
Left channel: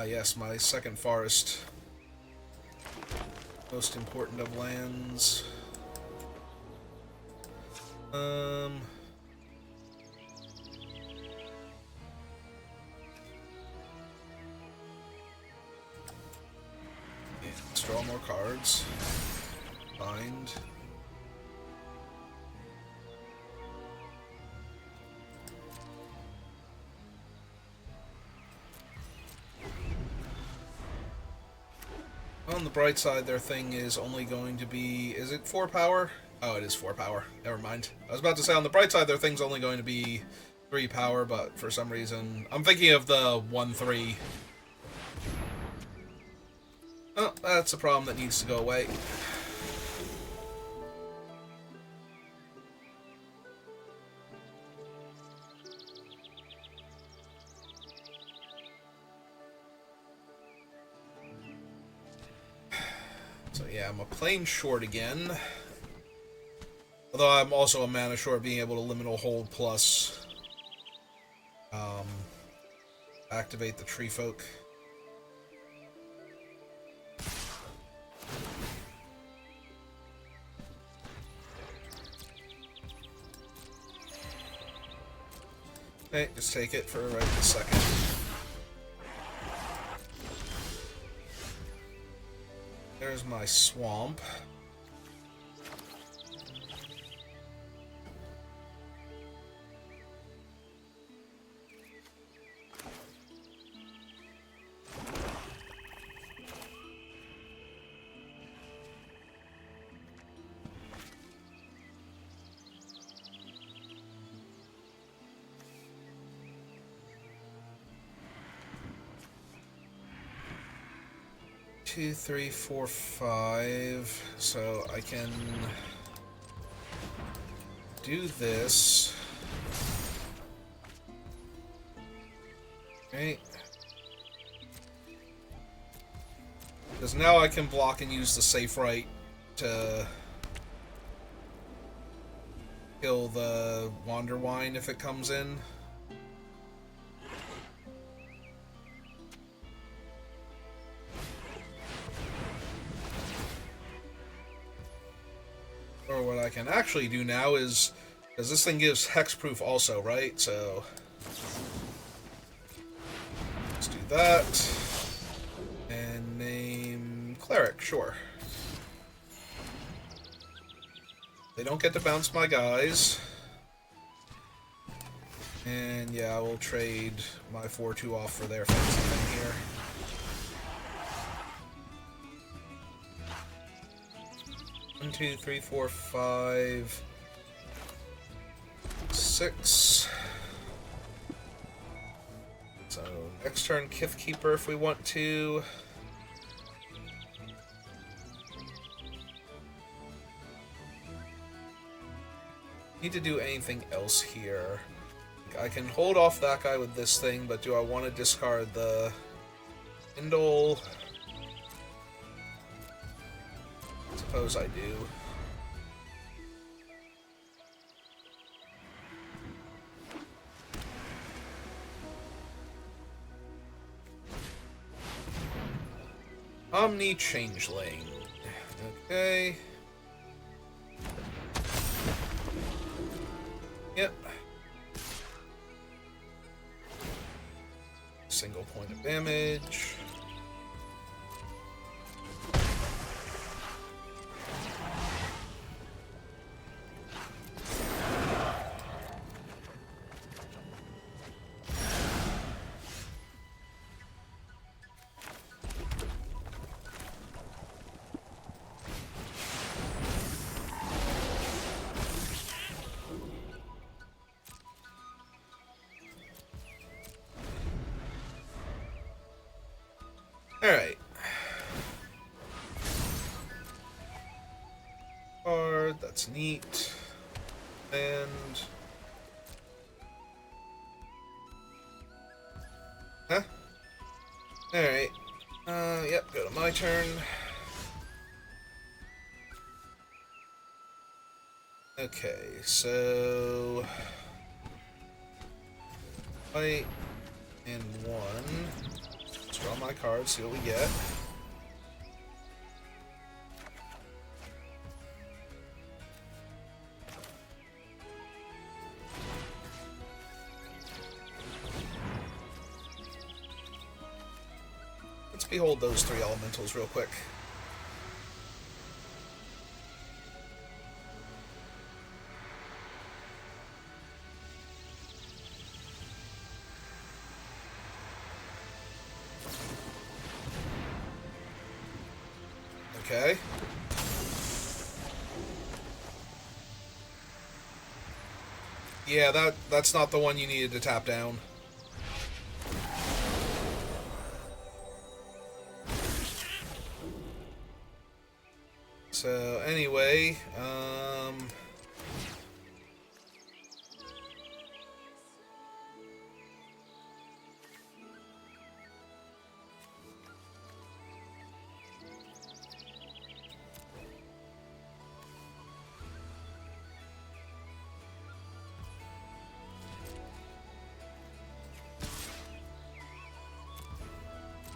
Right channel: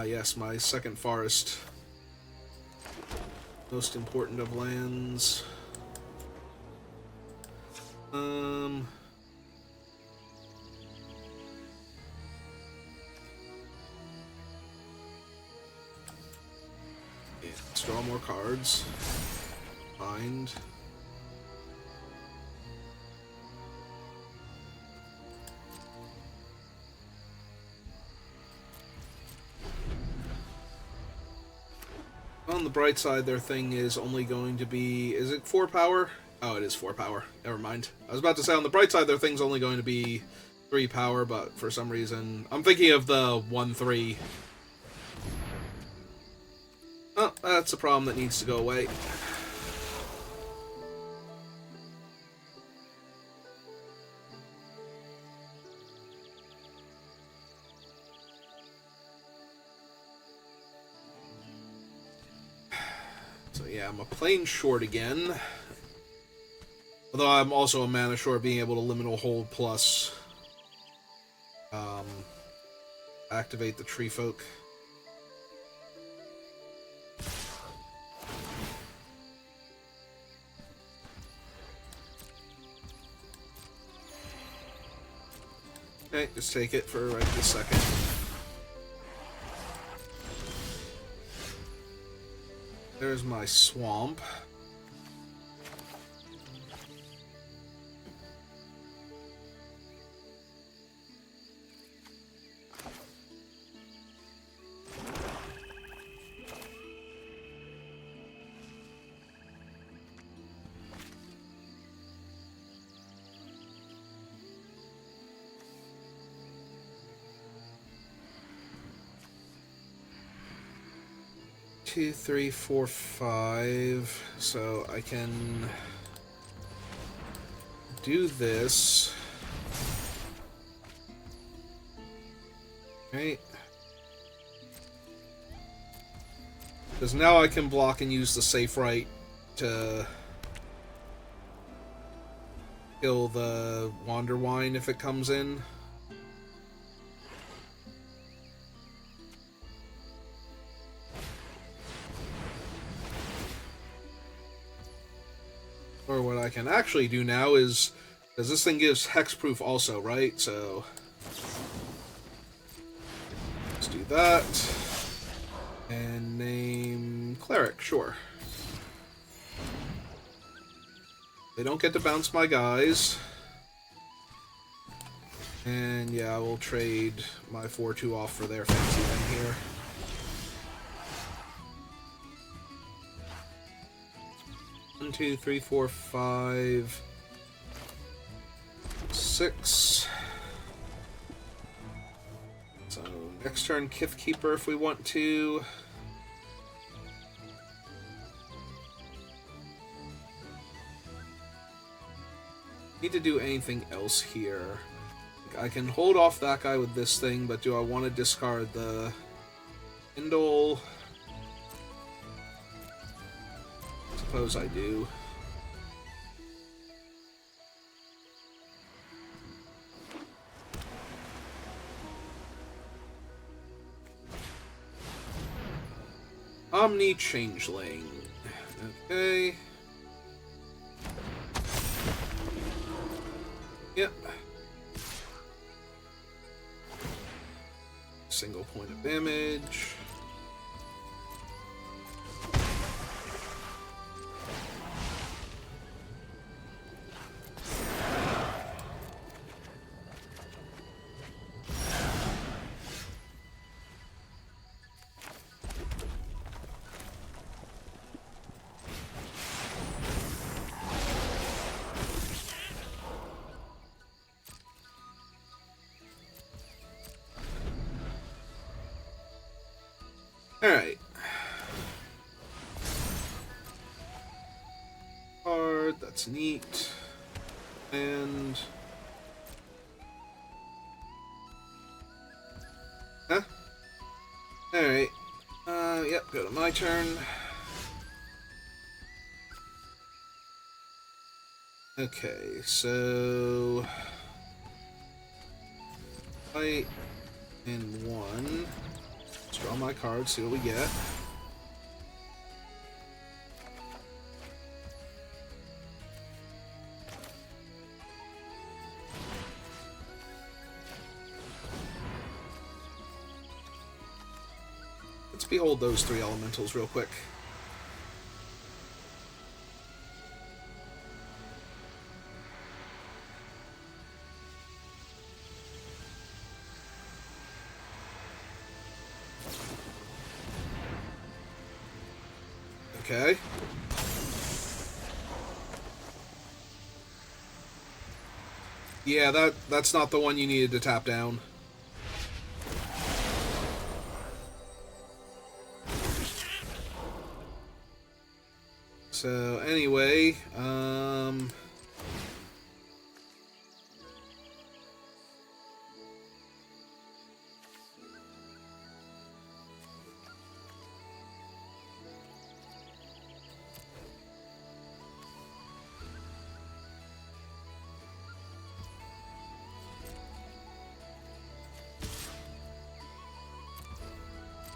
Yes, my second forest. Most important of lands. Let's draw more cards. Bind. On the bright side, their thing is only going to be... Is it 4 power? Oh, it is 4 power. Never mind. I was about to say, on the bright side, their thing's only going to be 3 power, but for some reason... I'm thinking of the 1-3. Oh, that's a problem that needs to go away. So yeah, I'm a plane short again. Although I'm also a mana short, being able to liminal hold plus activate the tree folk. Okay, just take it for right this second. There's my swamp. Two, three, four, five. So I can do this. Okay. Because now I can block and use the safe right to kill the Wanderwine if it comes in. Or what I can actually do now is, because this thing gives hexproof also, right? So let's do that. And name Cleric, sure. They don't get to bounce my guys. And yeah, I will trade my 4-2 off for their fancy thing here. One, two, three, four, 5, 6. So next turn, Kith Keeper if we want to. Need to do anything else here. I can hold off that guy with this thing, but do I want to discard the Kindle? Suppose I do. Omni Changeling. Okay. Yep. Single point of damage. Alright. Card, that's neat. And... Huh? Alright. Yep, go to my turn. Okay, so... Fight in 1. Draw my cards, see what we get. Let's behold those 3 elementals real quick. Okay. Yeah, that's not the one you needed to tap down. So anyway,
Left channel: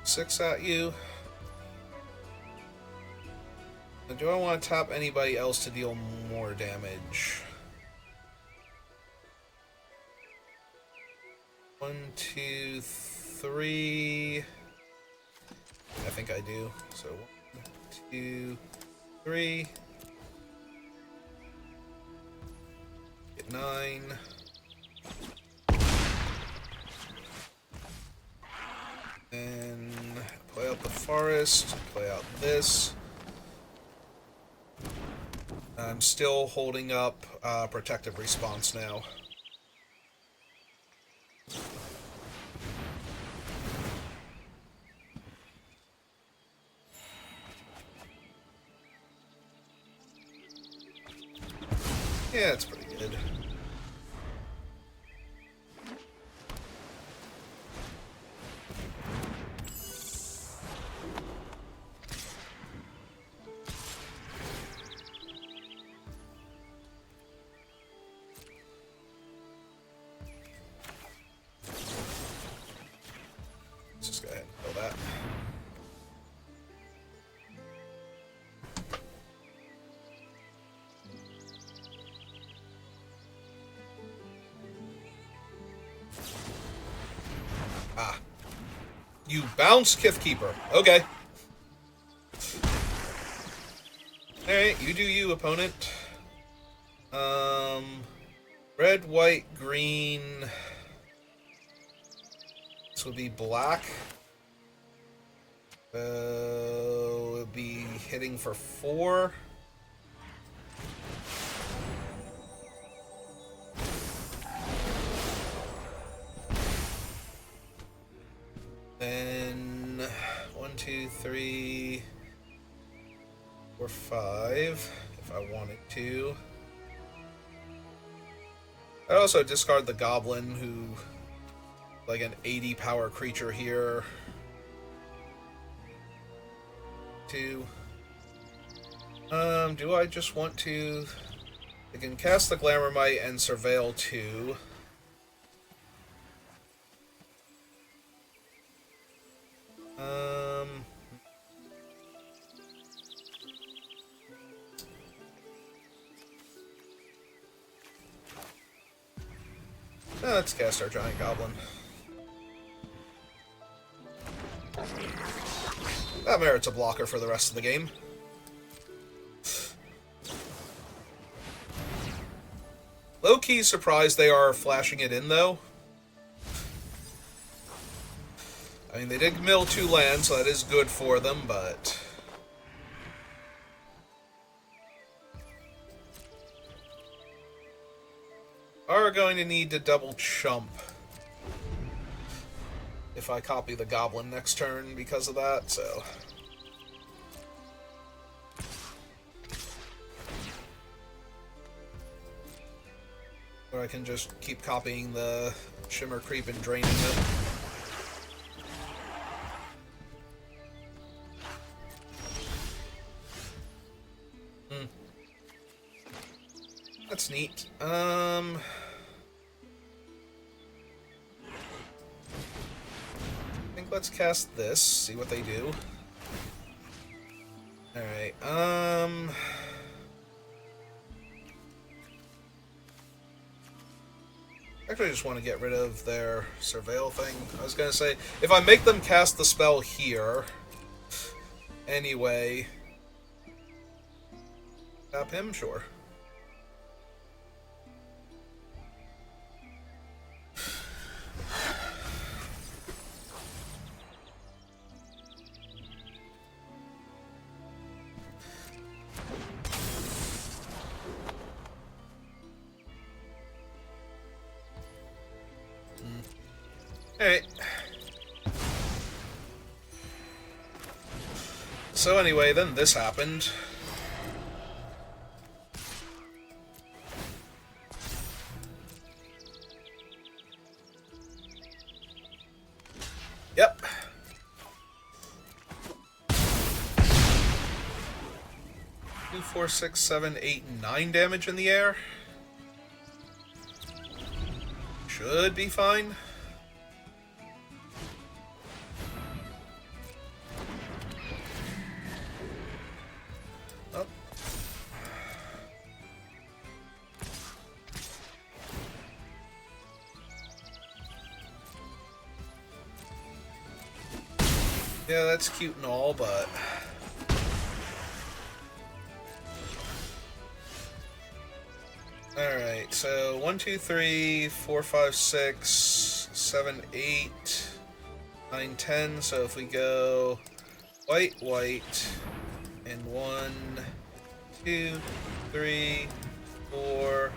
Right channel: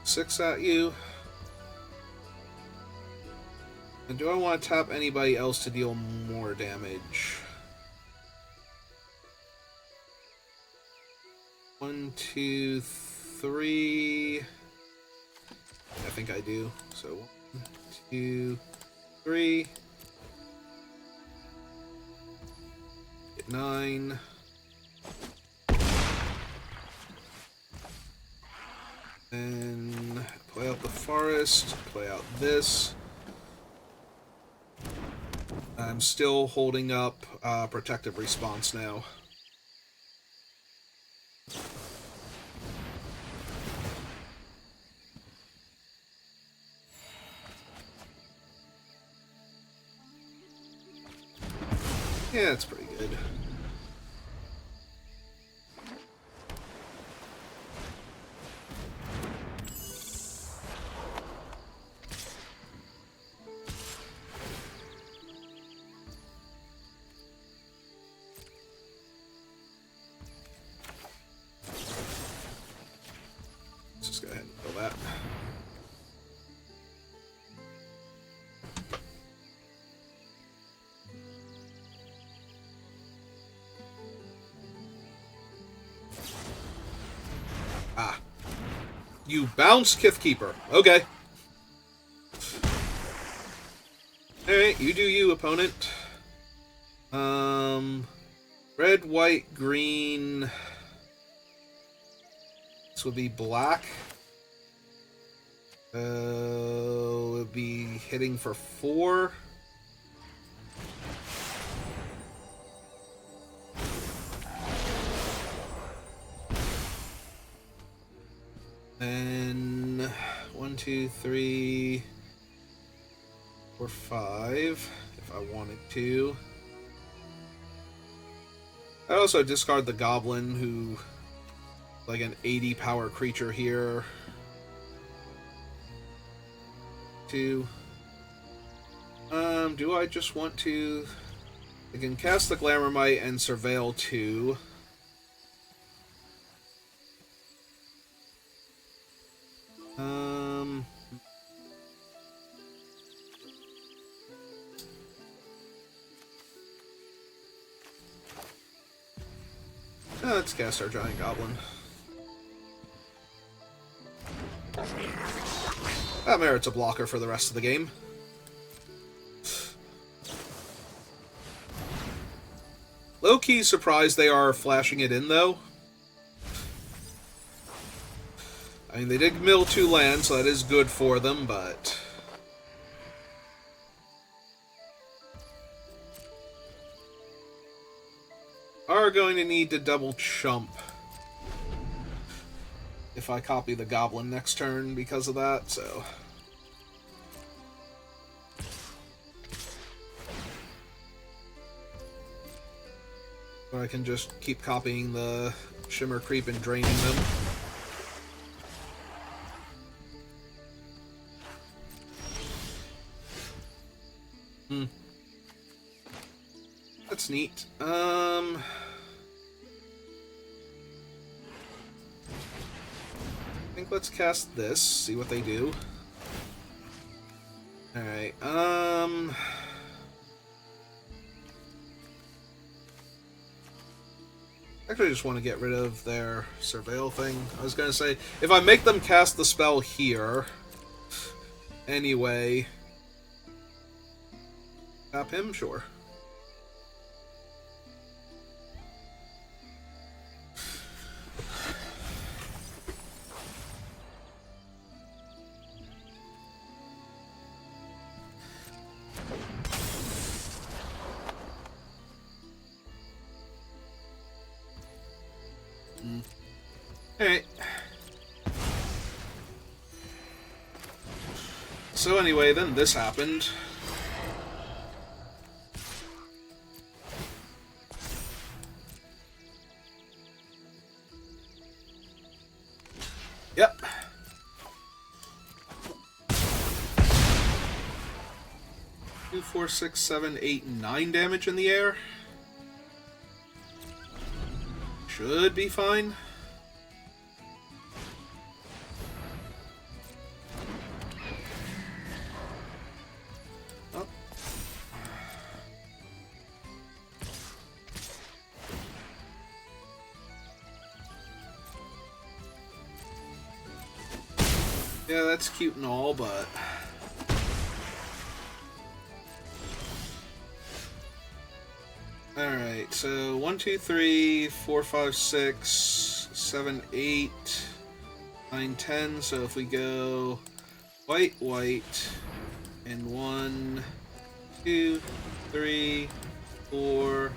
6 at you. And do I want to tap anybody else to deal more damage? 1, 2, 3. I think I do. So 1, 2, 3. Get 9. And play out the forest. Play out this. I'm still holding up protective response now. Yeah, it's pretty good. Let's just go ahead and kill that. Ah. You bounced Kithkeeper. Okay. Alright, you do you, opponent. Red, white, green. This would be black. Would be hitting for 4. Then 1, 2, 3, 4, 5. If I wanted to. I'd also discard the goblin, who like an 80 power creature here. 2. Do I just want to? I can cast the Glamourmite and Surveil 2. Let's cast our Giant Goblin. That merits a blocker for the rest of the game. Low-key surprised they are flashing it in, though. I mean, they did mill 2 lands, so that is good for them, but... are going to need to double chump if I copy the Goblin next turn because of that, so... Or I can just keep copying the Shimmer Creep and draining them. That's neat. I think let's cast this, see what they do. Alright, actually, I just want to get rid of their Surveil thing. I was going to say, if I make them cast the spell here, anyway, tap him? Sure. Alright. So anyway, then this happened. Yep. Two, 4, 6, 7, 8, 9 damage in the air. Should be fine. Oh. Yeah, that's cute and all, but... Alright, so 1, 2, 3, 4, 5, 6, 7, 8, 9, 10. So if we go white, white, and 1, 2, 3, 4,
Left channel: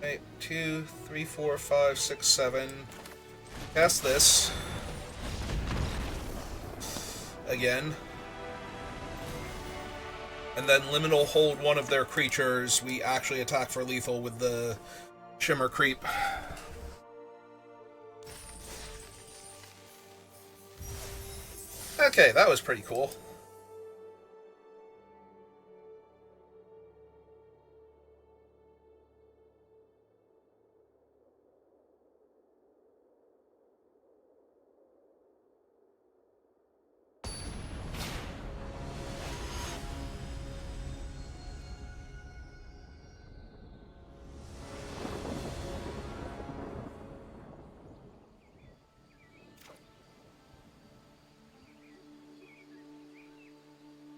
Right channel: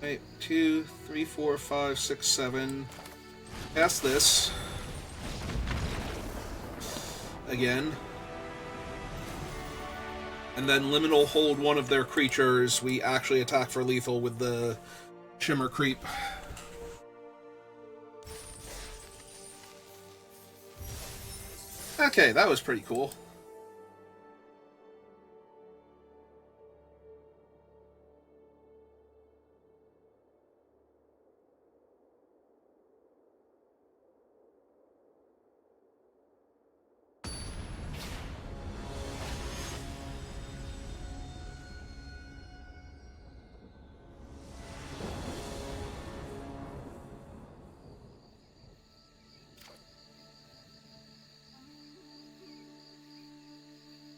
right, 2, 3, 4, 5, 6, 7. Cast this. Again. And then Liminal hold one of their creatures. We actually attack for lethal with the Shimmer Creep. Okay, that was pretty cool.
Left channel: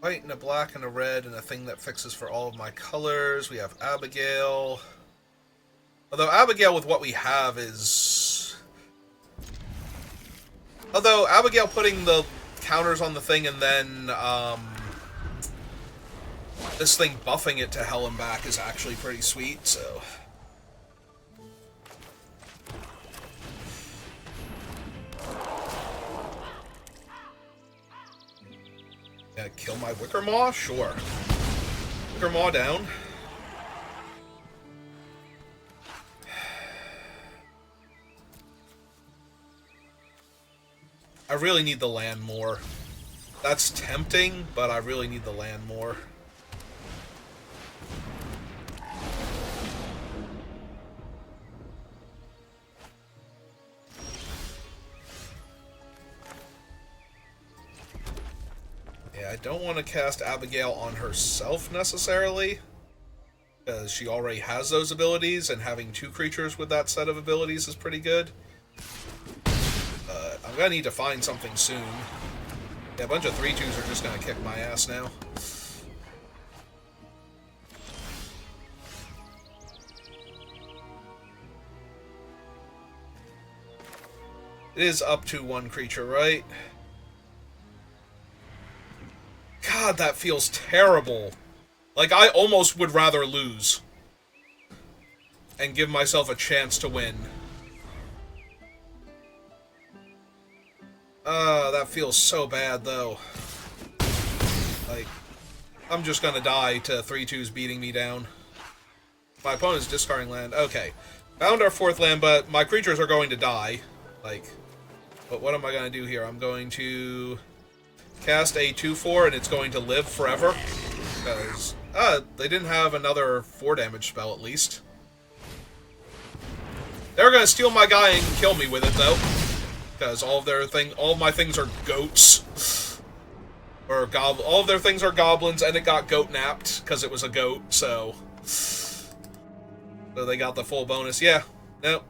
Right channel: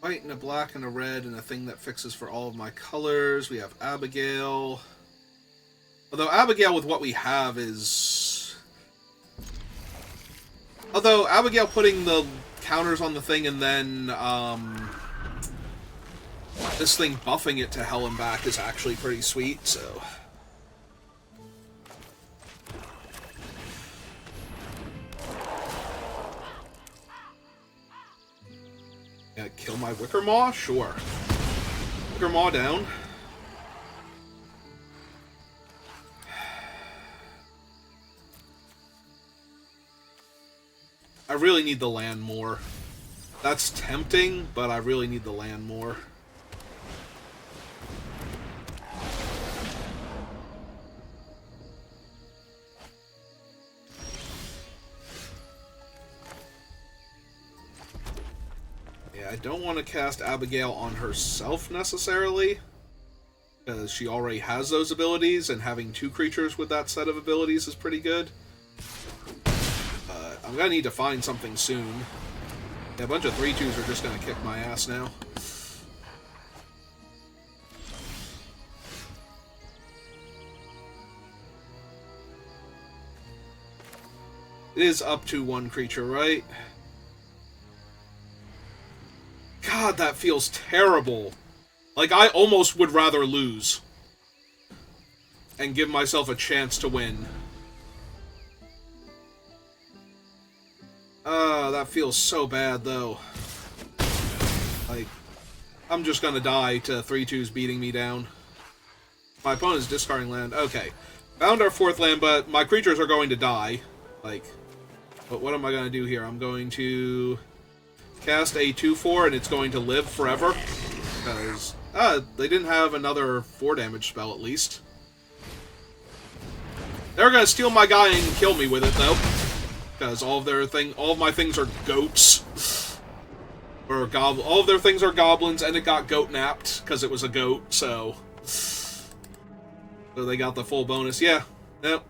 White and a black and a red and a thing that fixes for all of my colors. We have Abigail. Although Abigail with what we have is... Although Abigail putting the counters on the thing and then this thing buffing it to hell and back is actually pretty sweet, so... Kill my Wicker Maw? Sure. Wicker Maw down. I really need the land more. That's tempting, but I really need the land more. I don't want to cast Abigail on herself necessarily, because she already has those abilities, and having 2 creatures with that set of abilities is pretty good. But I'm going to need to find something soon. Yeah, a bunch of 3/2s are just going to kick my ass now. It is up to 1 creature, right? God, that feels terrible. Like, I almost would rather lose. And give myself a chance to win. That feels so bad, though. Like, I'm just gonna die to 3/2s beating me down. My opponent's discarding land. Okay. Found our 4th land, but my creatures are going to die. Like, but what am I gonna do here? I'm going to... cast a 2/4 and it's going to live forever. Because, they didn't have another 4 damage spell at least. They're gonna steal my guy and kill me with it though. Because all of my things are goats. Or all of their things are goblins, and it got goat napped because it was a goat, so they got the full bonus. Yeah. Nope.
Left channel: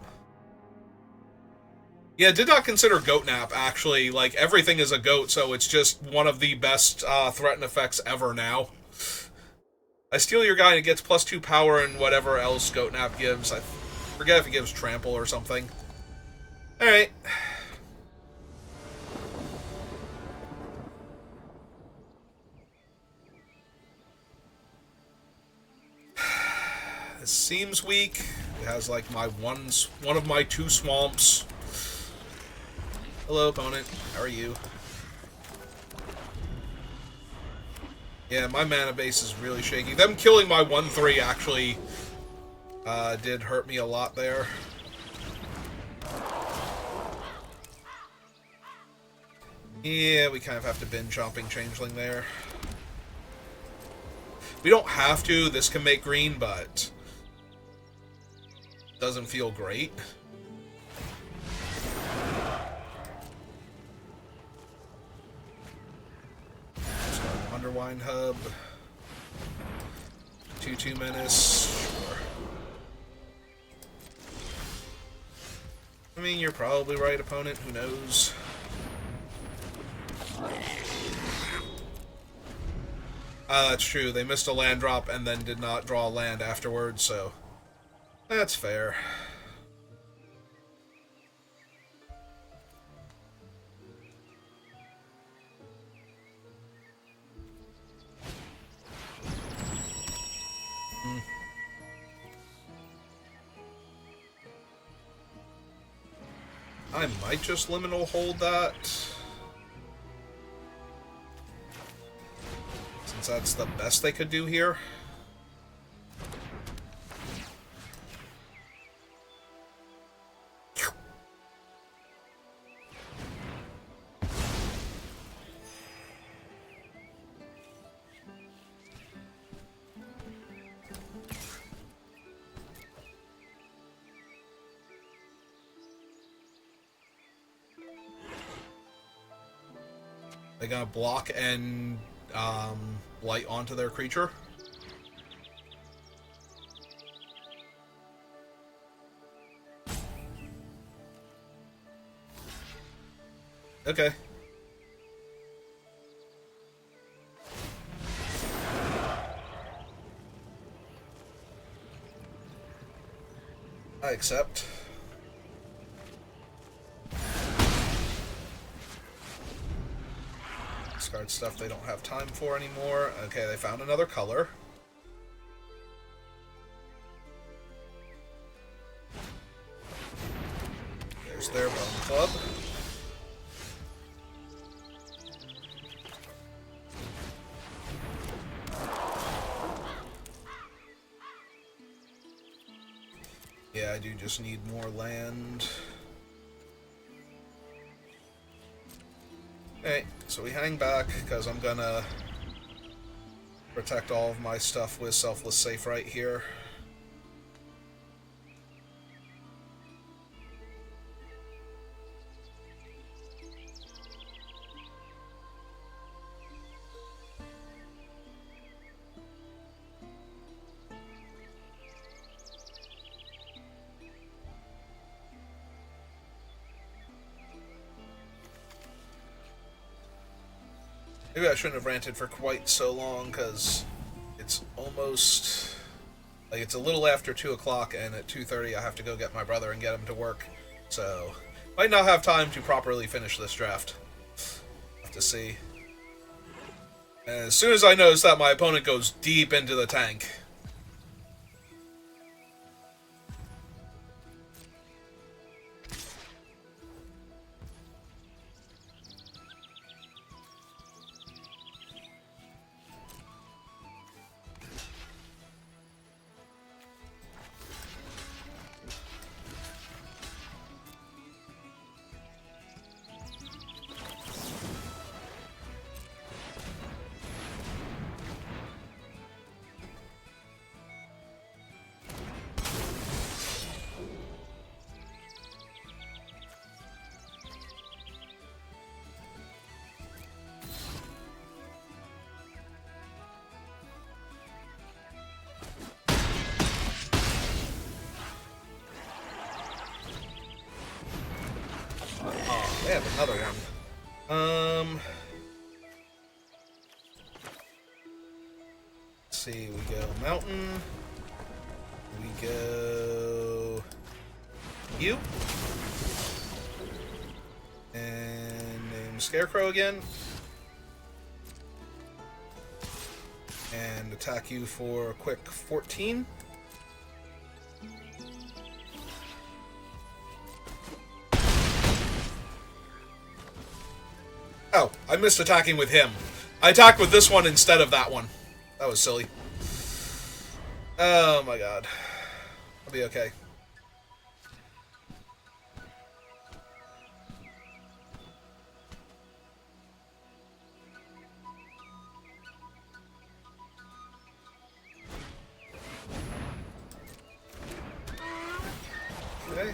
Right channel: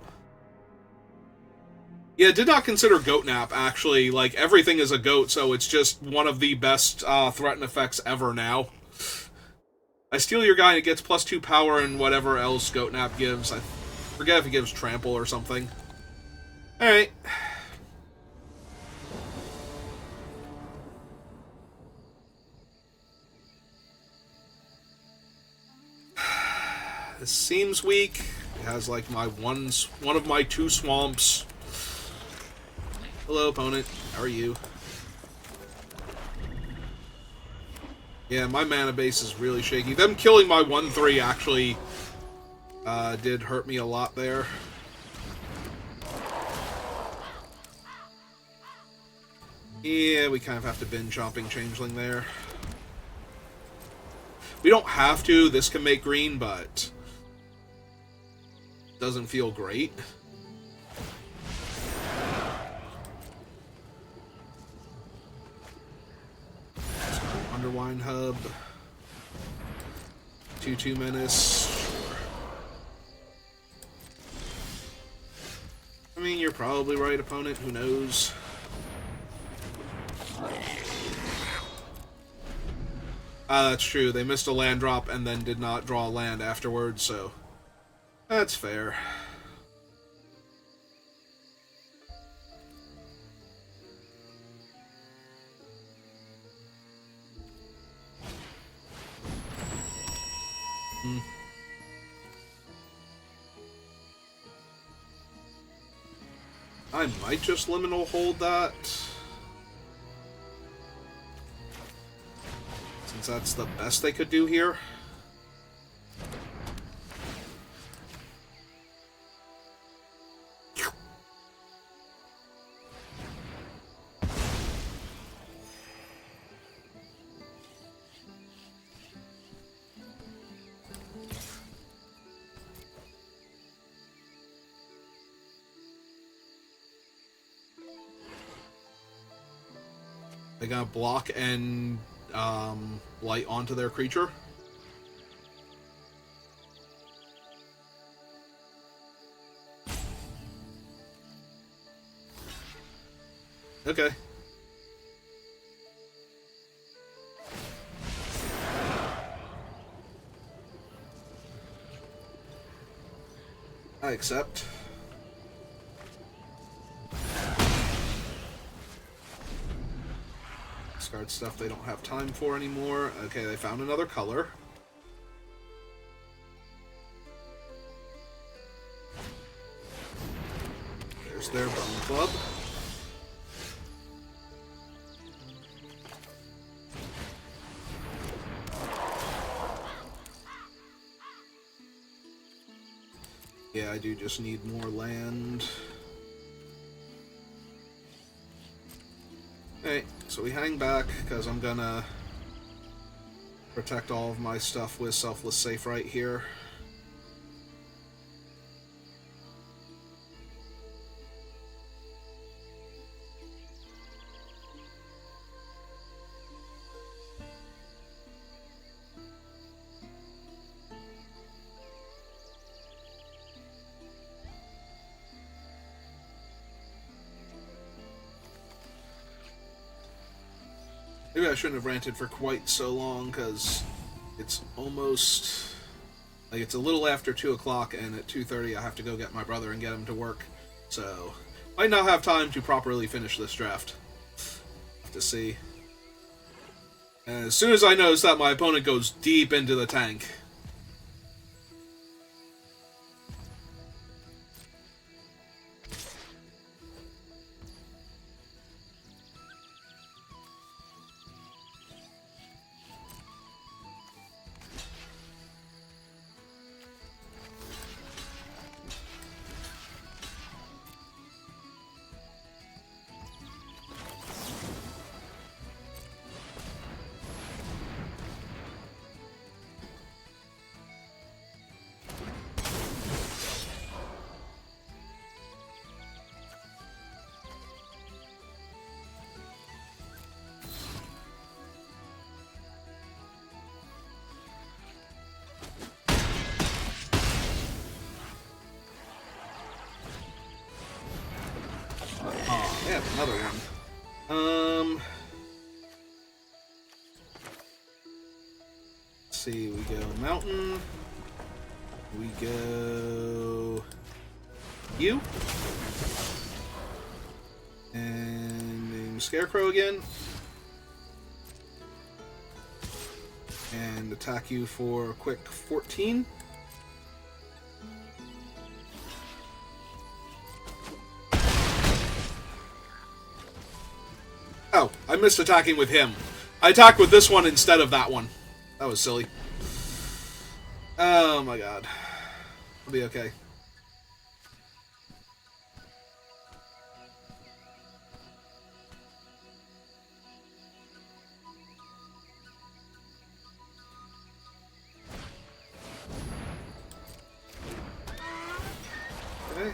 Yeah, did not consider Goat Nap, actually. Like, everything is a goat, so it's just one of the best threaten effects ever now. I steal your guy and it gets +2 power and whatever else Goat Nap gives. I forget if it gives Trample or something. Alright. This seems weak. We has like one of my 2 swamps. Hello, opponent. How are you? Yeah, my mana base is really shaky. Them killing my 1/3 actually did hurt me a lot there. Yeah, we kind of have to bin chomping Changeling there. We don't have to. This can make green, but doesn't feel great. Underwine Hub. 2/2 Menace. I mean, you're probably right, opponent. Who knows? That's true. They missed a land drop and then did not draw a land afterwards, so that's fair. I might just liminal hold that. Since that's the best they could do here. They got block and light onto their creature. Okay. I accept. Discard stuff they don't have time for anymore. Okay, they found another color. There's their Bone Club. Yeah, I do just need more land. Okay, so we hang back, because I'm gonna protect all of my stuff with Selfless Safe right here. Maybe I shouldn't have ranted for quite so long, because it's almost... like, it's a little after 2 o'clock, and at 2:30 I have to go get my brother and get him to work. So, might not have time to properly finish this draft. Have to see. And as soon as I notice that my opponent goes deep into the tank... Oh, they have another one. Let's see, we go Mountain. We go... you. And name Scarecrow again. And... and attack you for a quick 14. missed attacking with him. I attacked with this one instead of that one. That was silly. Oh my god. I'll be okay. Okay.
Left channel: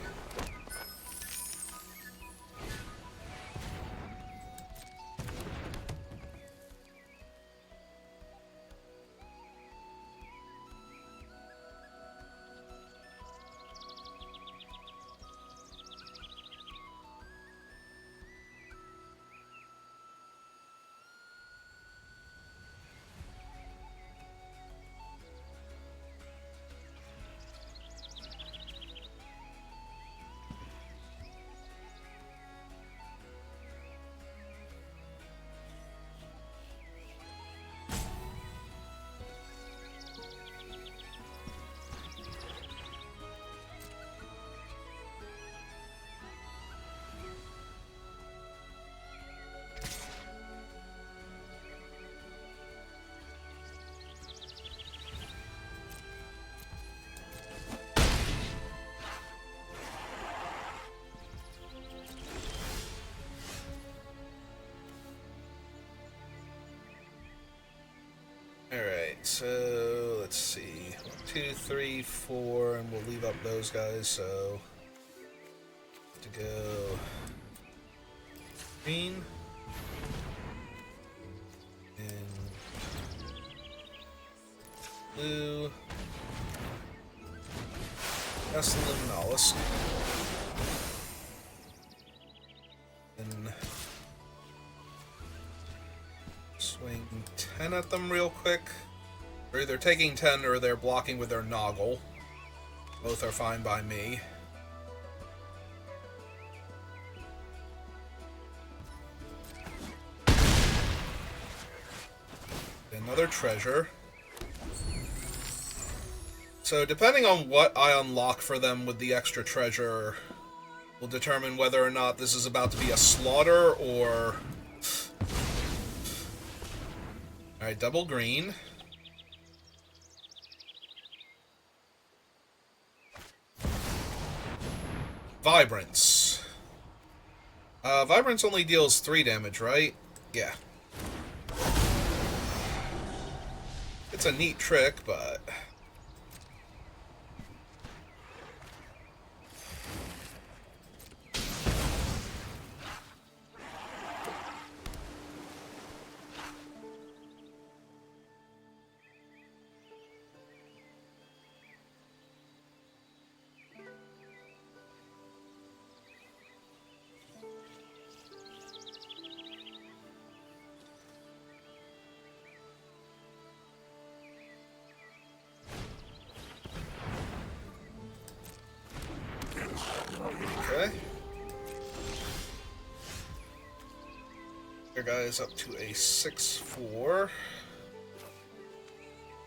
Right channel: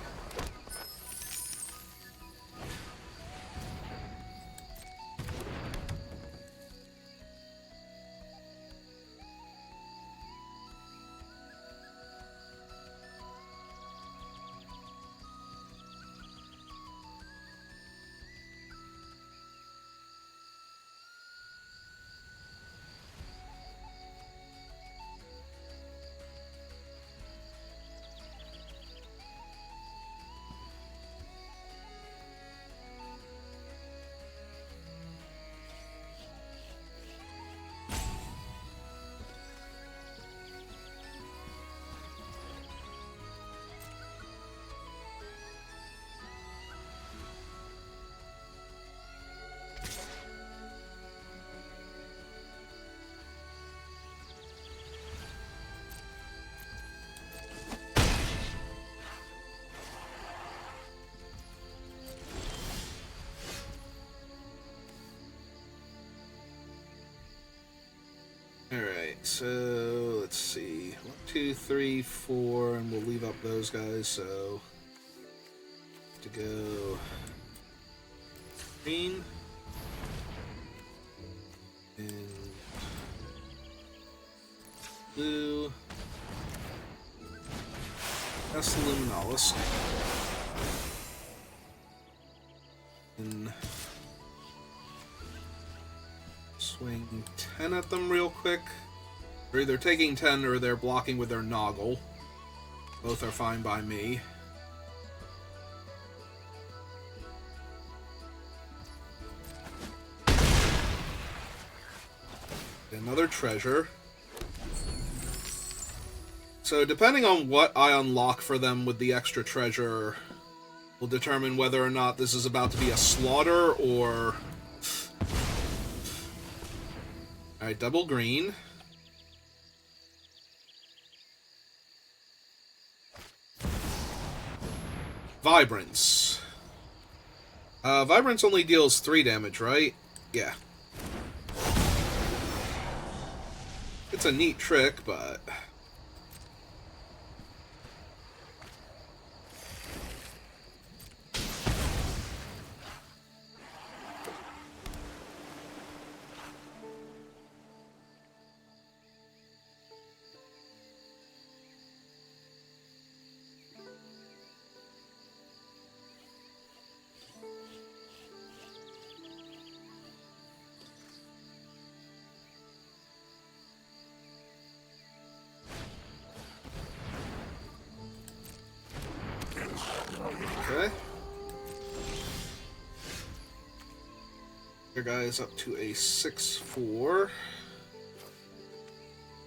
Alright, so let's see. 1, 2, 3, 4, and we'll leave up those guys, so to go green and blue. That's the Luminalis. And swing 10 at them real quick. They're either taking 10 or they're blocking with their Noggle. Both are fine by me. Another treasure. So depending on what I unlock for them with the extra treasure will determine whether or not this is about to be a slaughter or... Alright, double green. Vibrance. Vibrance only deals 3 damage, right? Yeah. It's a neat trick, but... Okay. Your guy's up to a 6-4.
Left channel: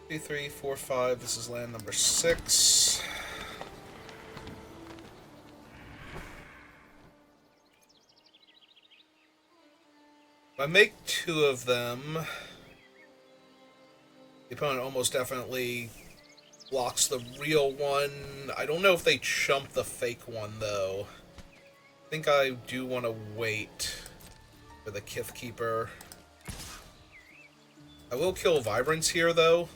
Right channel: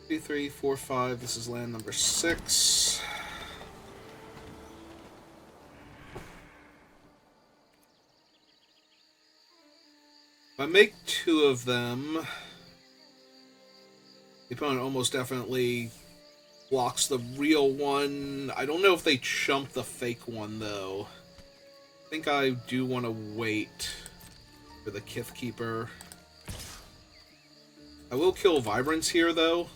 2, 3, 4, 5. This is land number 6. If I make 2 of them, the opponent almost definitely blocks the real one. I don't know if they chump the fake one, though. I think I do want to wait for the Kith Keeper. I will kill Vibrance here, though.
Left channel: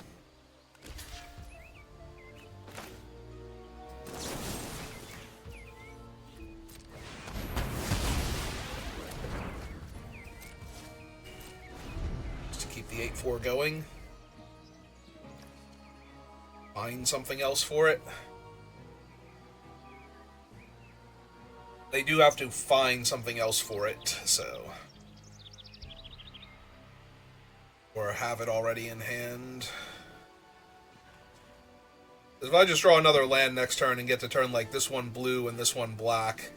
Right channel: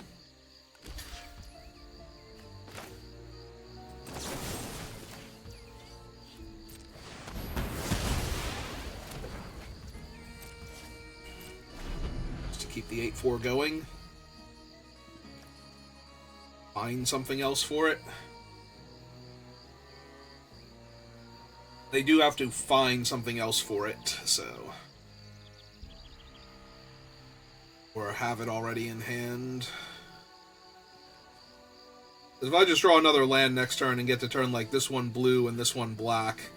Just to keep the 8-4 going. Find something else for it. They do have to find something else for it, so... Or have it already in hand. If I just draw another land next turn and get to turn like this one blue and this one black,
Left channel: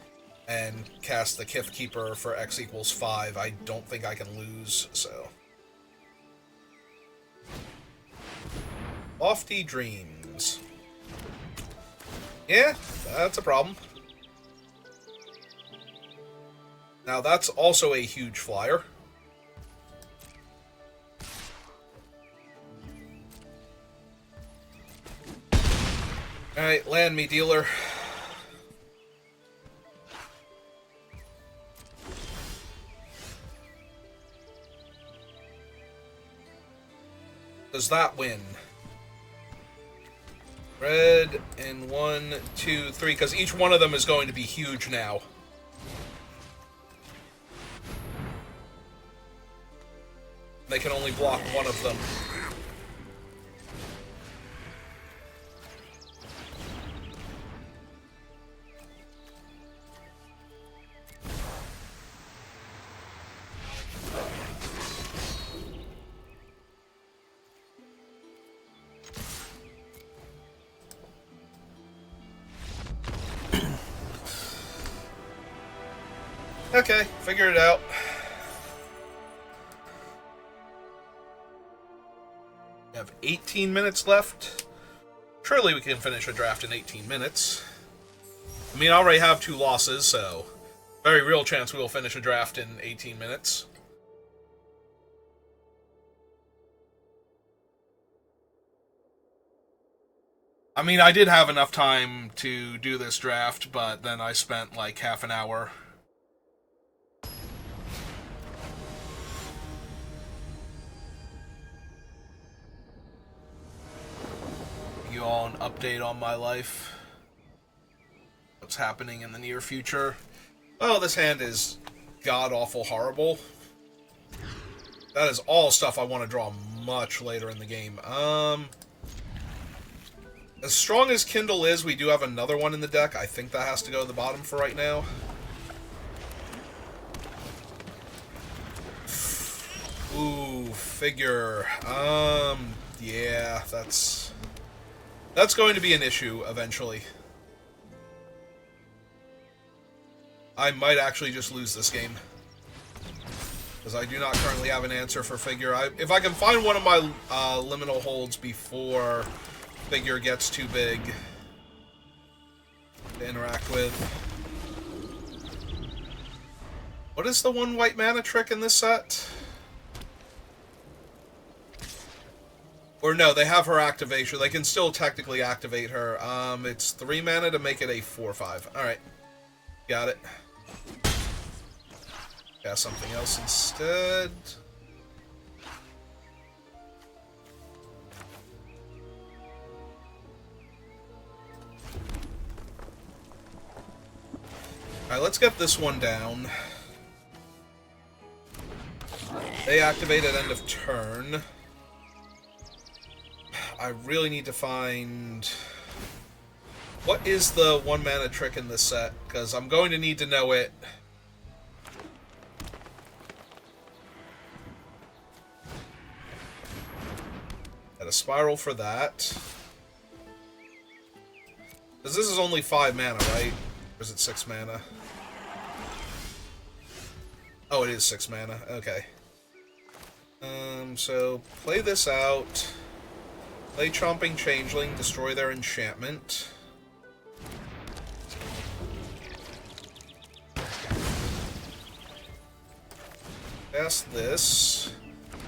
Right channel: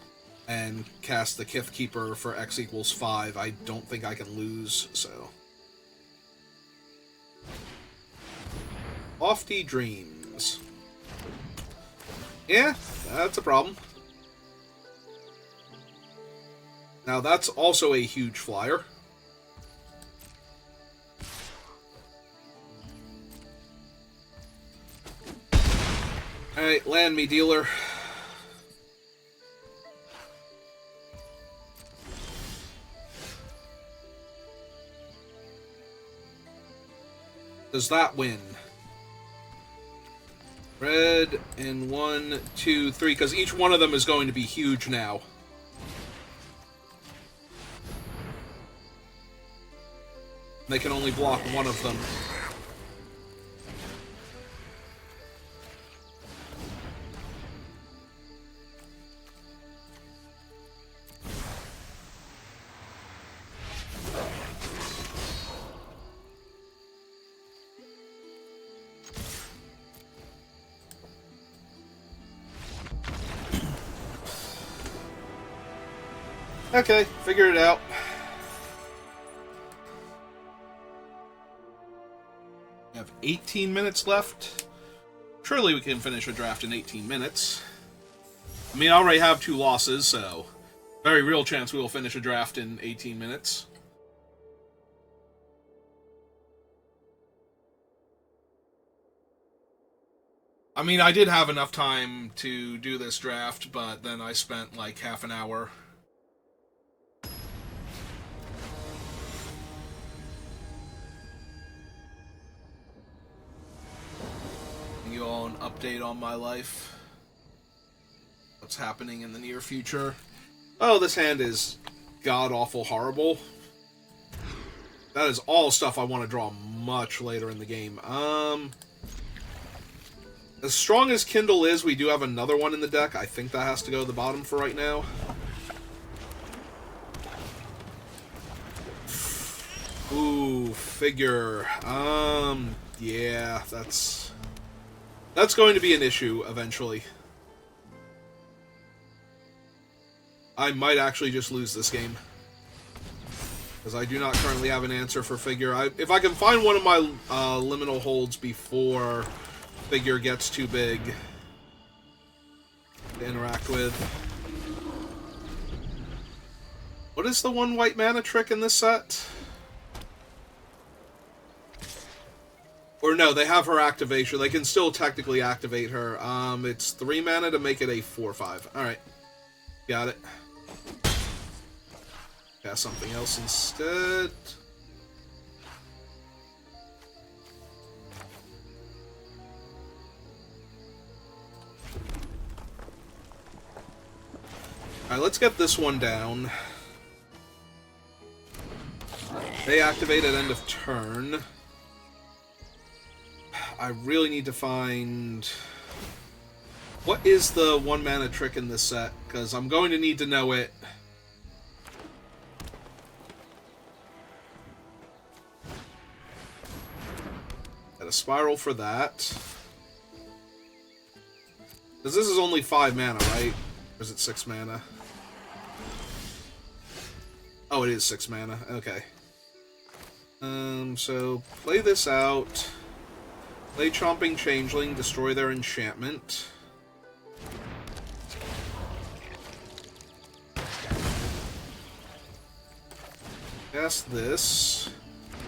and cast the Kith Keeper for X equals 5, I don't think I can lose, so... Lofty Dreams. Yeah, that's a problem. Now that's also a huge flyer. Alright, land me, dealer. Does that win? Red in 1, 2, 3, because each one of them is going to be huge now. They can only block one of them. Okay, figure it out. We have 18 minutes left. Surely we can finish a draft in 18 minutes. I mean, I already have 2 losses, so very real chance we will finish a draft in 18 minutes. I mean, I did have enough time to do this draft, but then I spent like half an hour. You all an update on my life. What's happening in the near future. Oh, this hand is god-awful horrible. That is all stuff I want to draw much later in the game. As strong as Kindle is, we do have another one in the deck. I think that has to go to the bottom for right now. Ooh, figure. Yeah, that's going to be an issue eventually. I might actually just lose this game, because I do not currently have an answer for figure. If I can find one of my liminal holds before figure gets too big to interact with. What is the 1 white mana trick in this set? Or no, they have her activation. They can still technically activate her. It's 3 mana to make it a 4/5. Alright. Got it. Cast something else instead. Alright, let's get this one down. They activate at end of turn. I really need to find... What is the 1 mana trick in this set? Because I'm going to need to know it. Got a spiral for that. Because this is only 5 mana, right? Or is it 6 mana? Oh, it is 6 mana. Okay. So play this out. Play Chomping Changeling, destroy their enchantment. Cast this.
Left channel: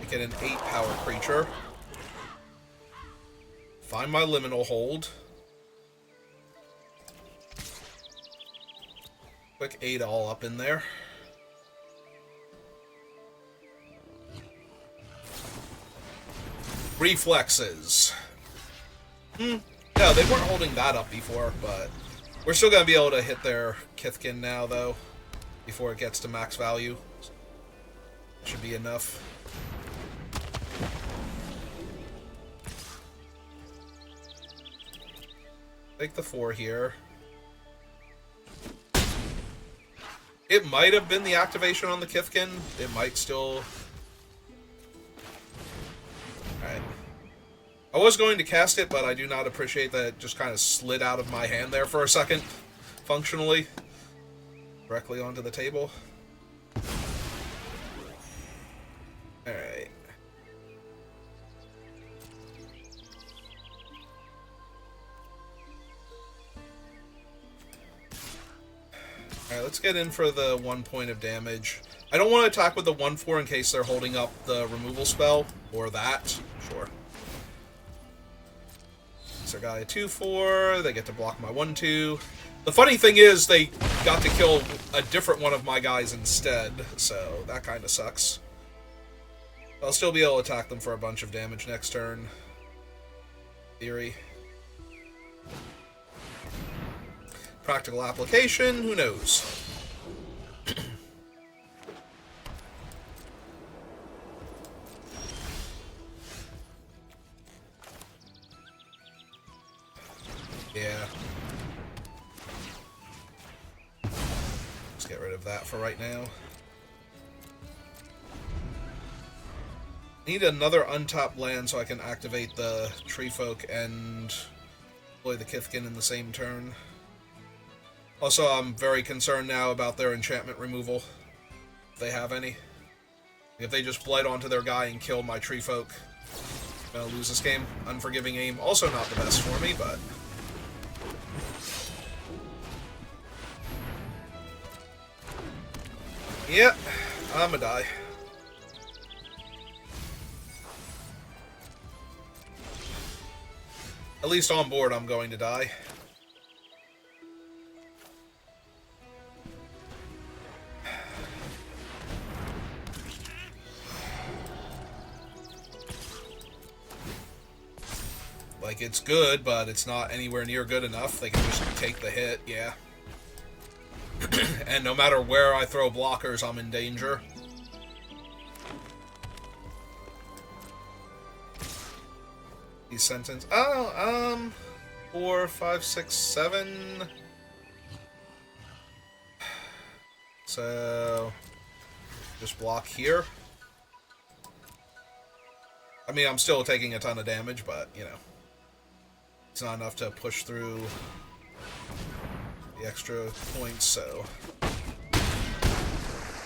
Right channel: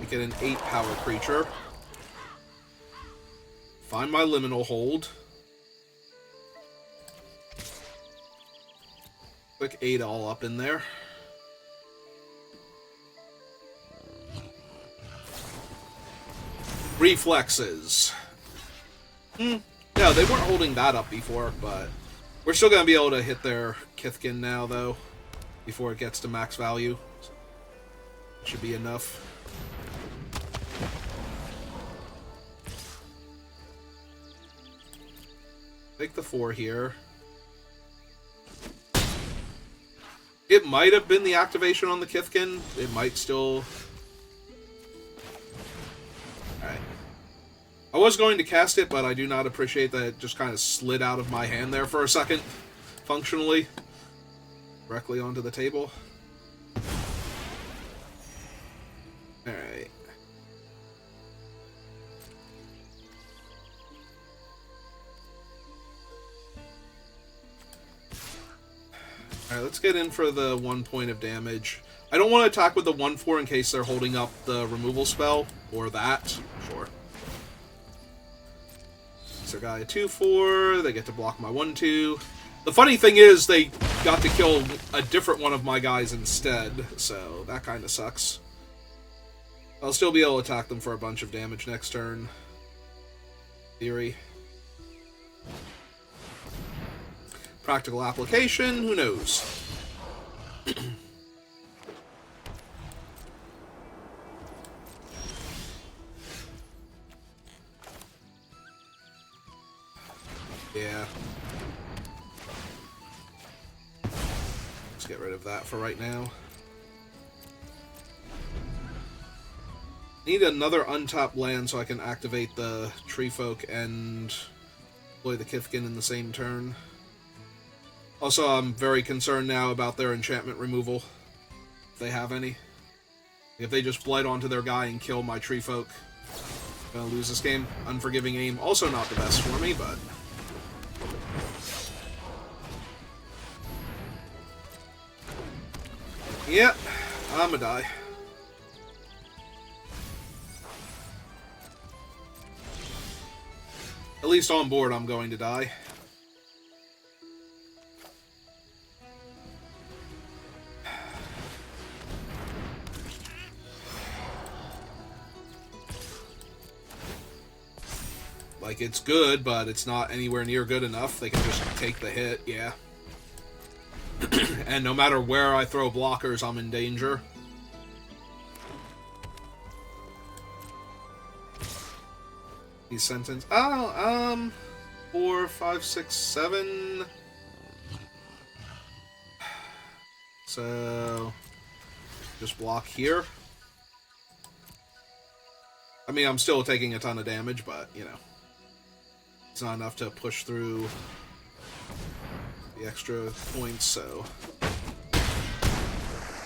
Make it an 8 power creature. Find my liminal hold. Quick 8 all up in there. Reflexes. Yeah, they weren't holding that up before, but we're still going to be able to hit their Kithkin now, though, before it gets to max value. Should be enough. Take the 4 here. It might have been the activation on the Kithkin. It might still... Alright. I was going to cast it, but I do not appreciate that it just kind of slid out of my hand there for a second, functionally. Directly onto the table. Alright. Alright, let's get in for the 1 point of damage. I don't want to attack with the 1/4 in case they're holding up the removal spell, or that. Sure. Makes their guy a 2/4. They get to block my 1/2. The funny thing is, they got to kill a different one of my guys instead, so that kind of sucks. I'll still be able to attack them for a bunch of damage next turn. Theory. Practical application, who knows? Yeah. Let's get rid of that for right now. Need another untapped land so I can activate the Tree Folk and deploy the Kithkin in the same turn. Also, I'm very concerned now about their enchantment removal, if they have any. If they just blight onto their guy and kill my Tree Folk, I'm gonna lose this game. Unforgiving aim, also not the best for me, but... Yep, I'm gonna die. At least on board, I'm going to die. Like, it's good, but it's not anywhere near good enough. They can just take the hit, yeah. And no matter where I throw blockers, I'm in danger. These sentence. Oh, 4, 5, 6, 7. So just block here. I mean, I'm still taking a ton of damage, but you know, it's not enough to push through the extra points. So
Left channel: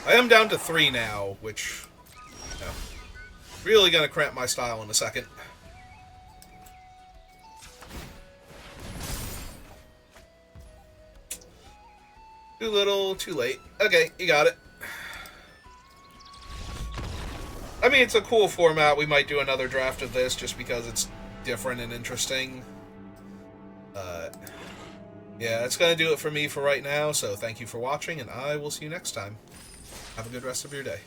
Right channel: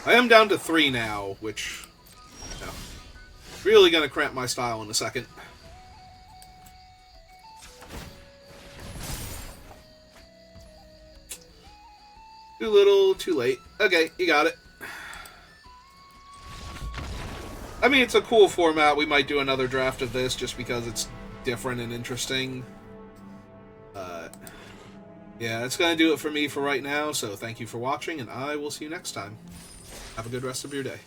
I am down to 3 now, which, you know, really gonna cramp my style in a second. Too little, too late. Okay, you got it. I mean, it's a cool format. We might do another draft of this just because it's different and interesting. Yeah, that's going to do it for me for right now, so thank you for watching, and I will see you next time. Have a good rest of your day.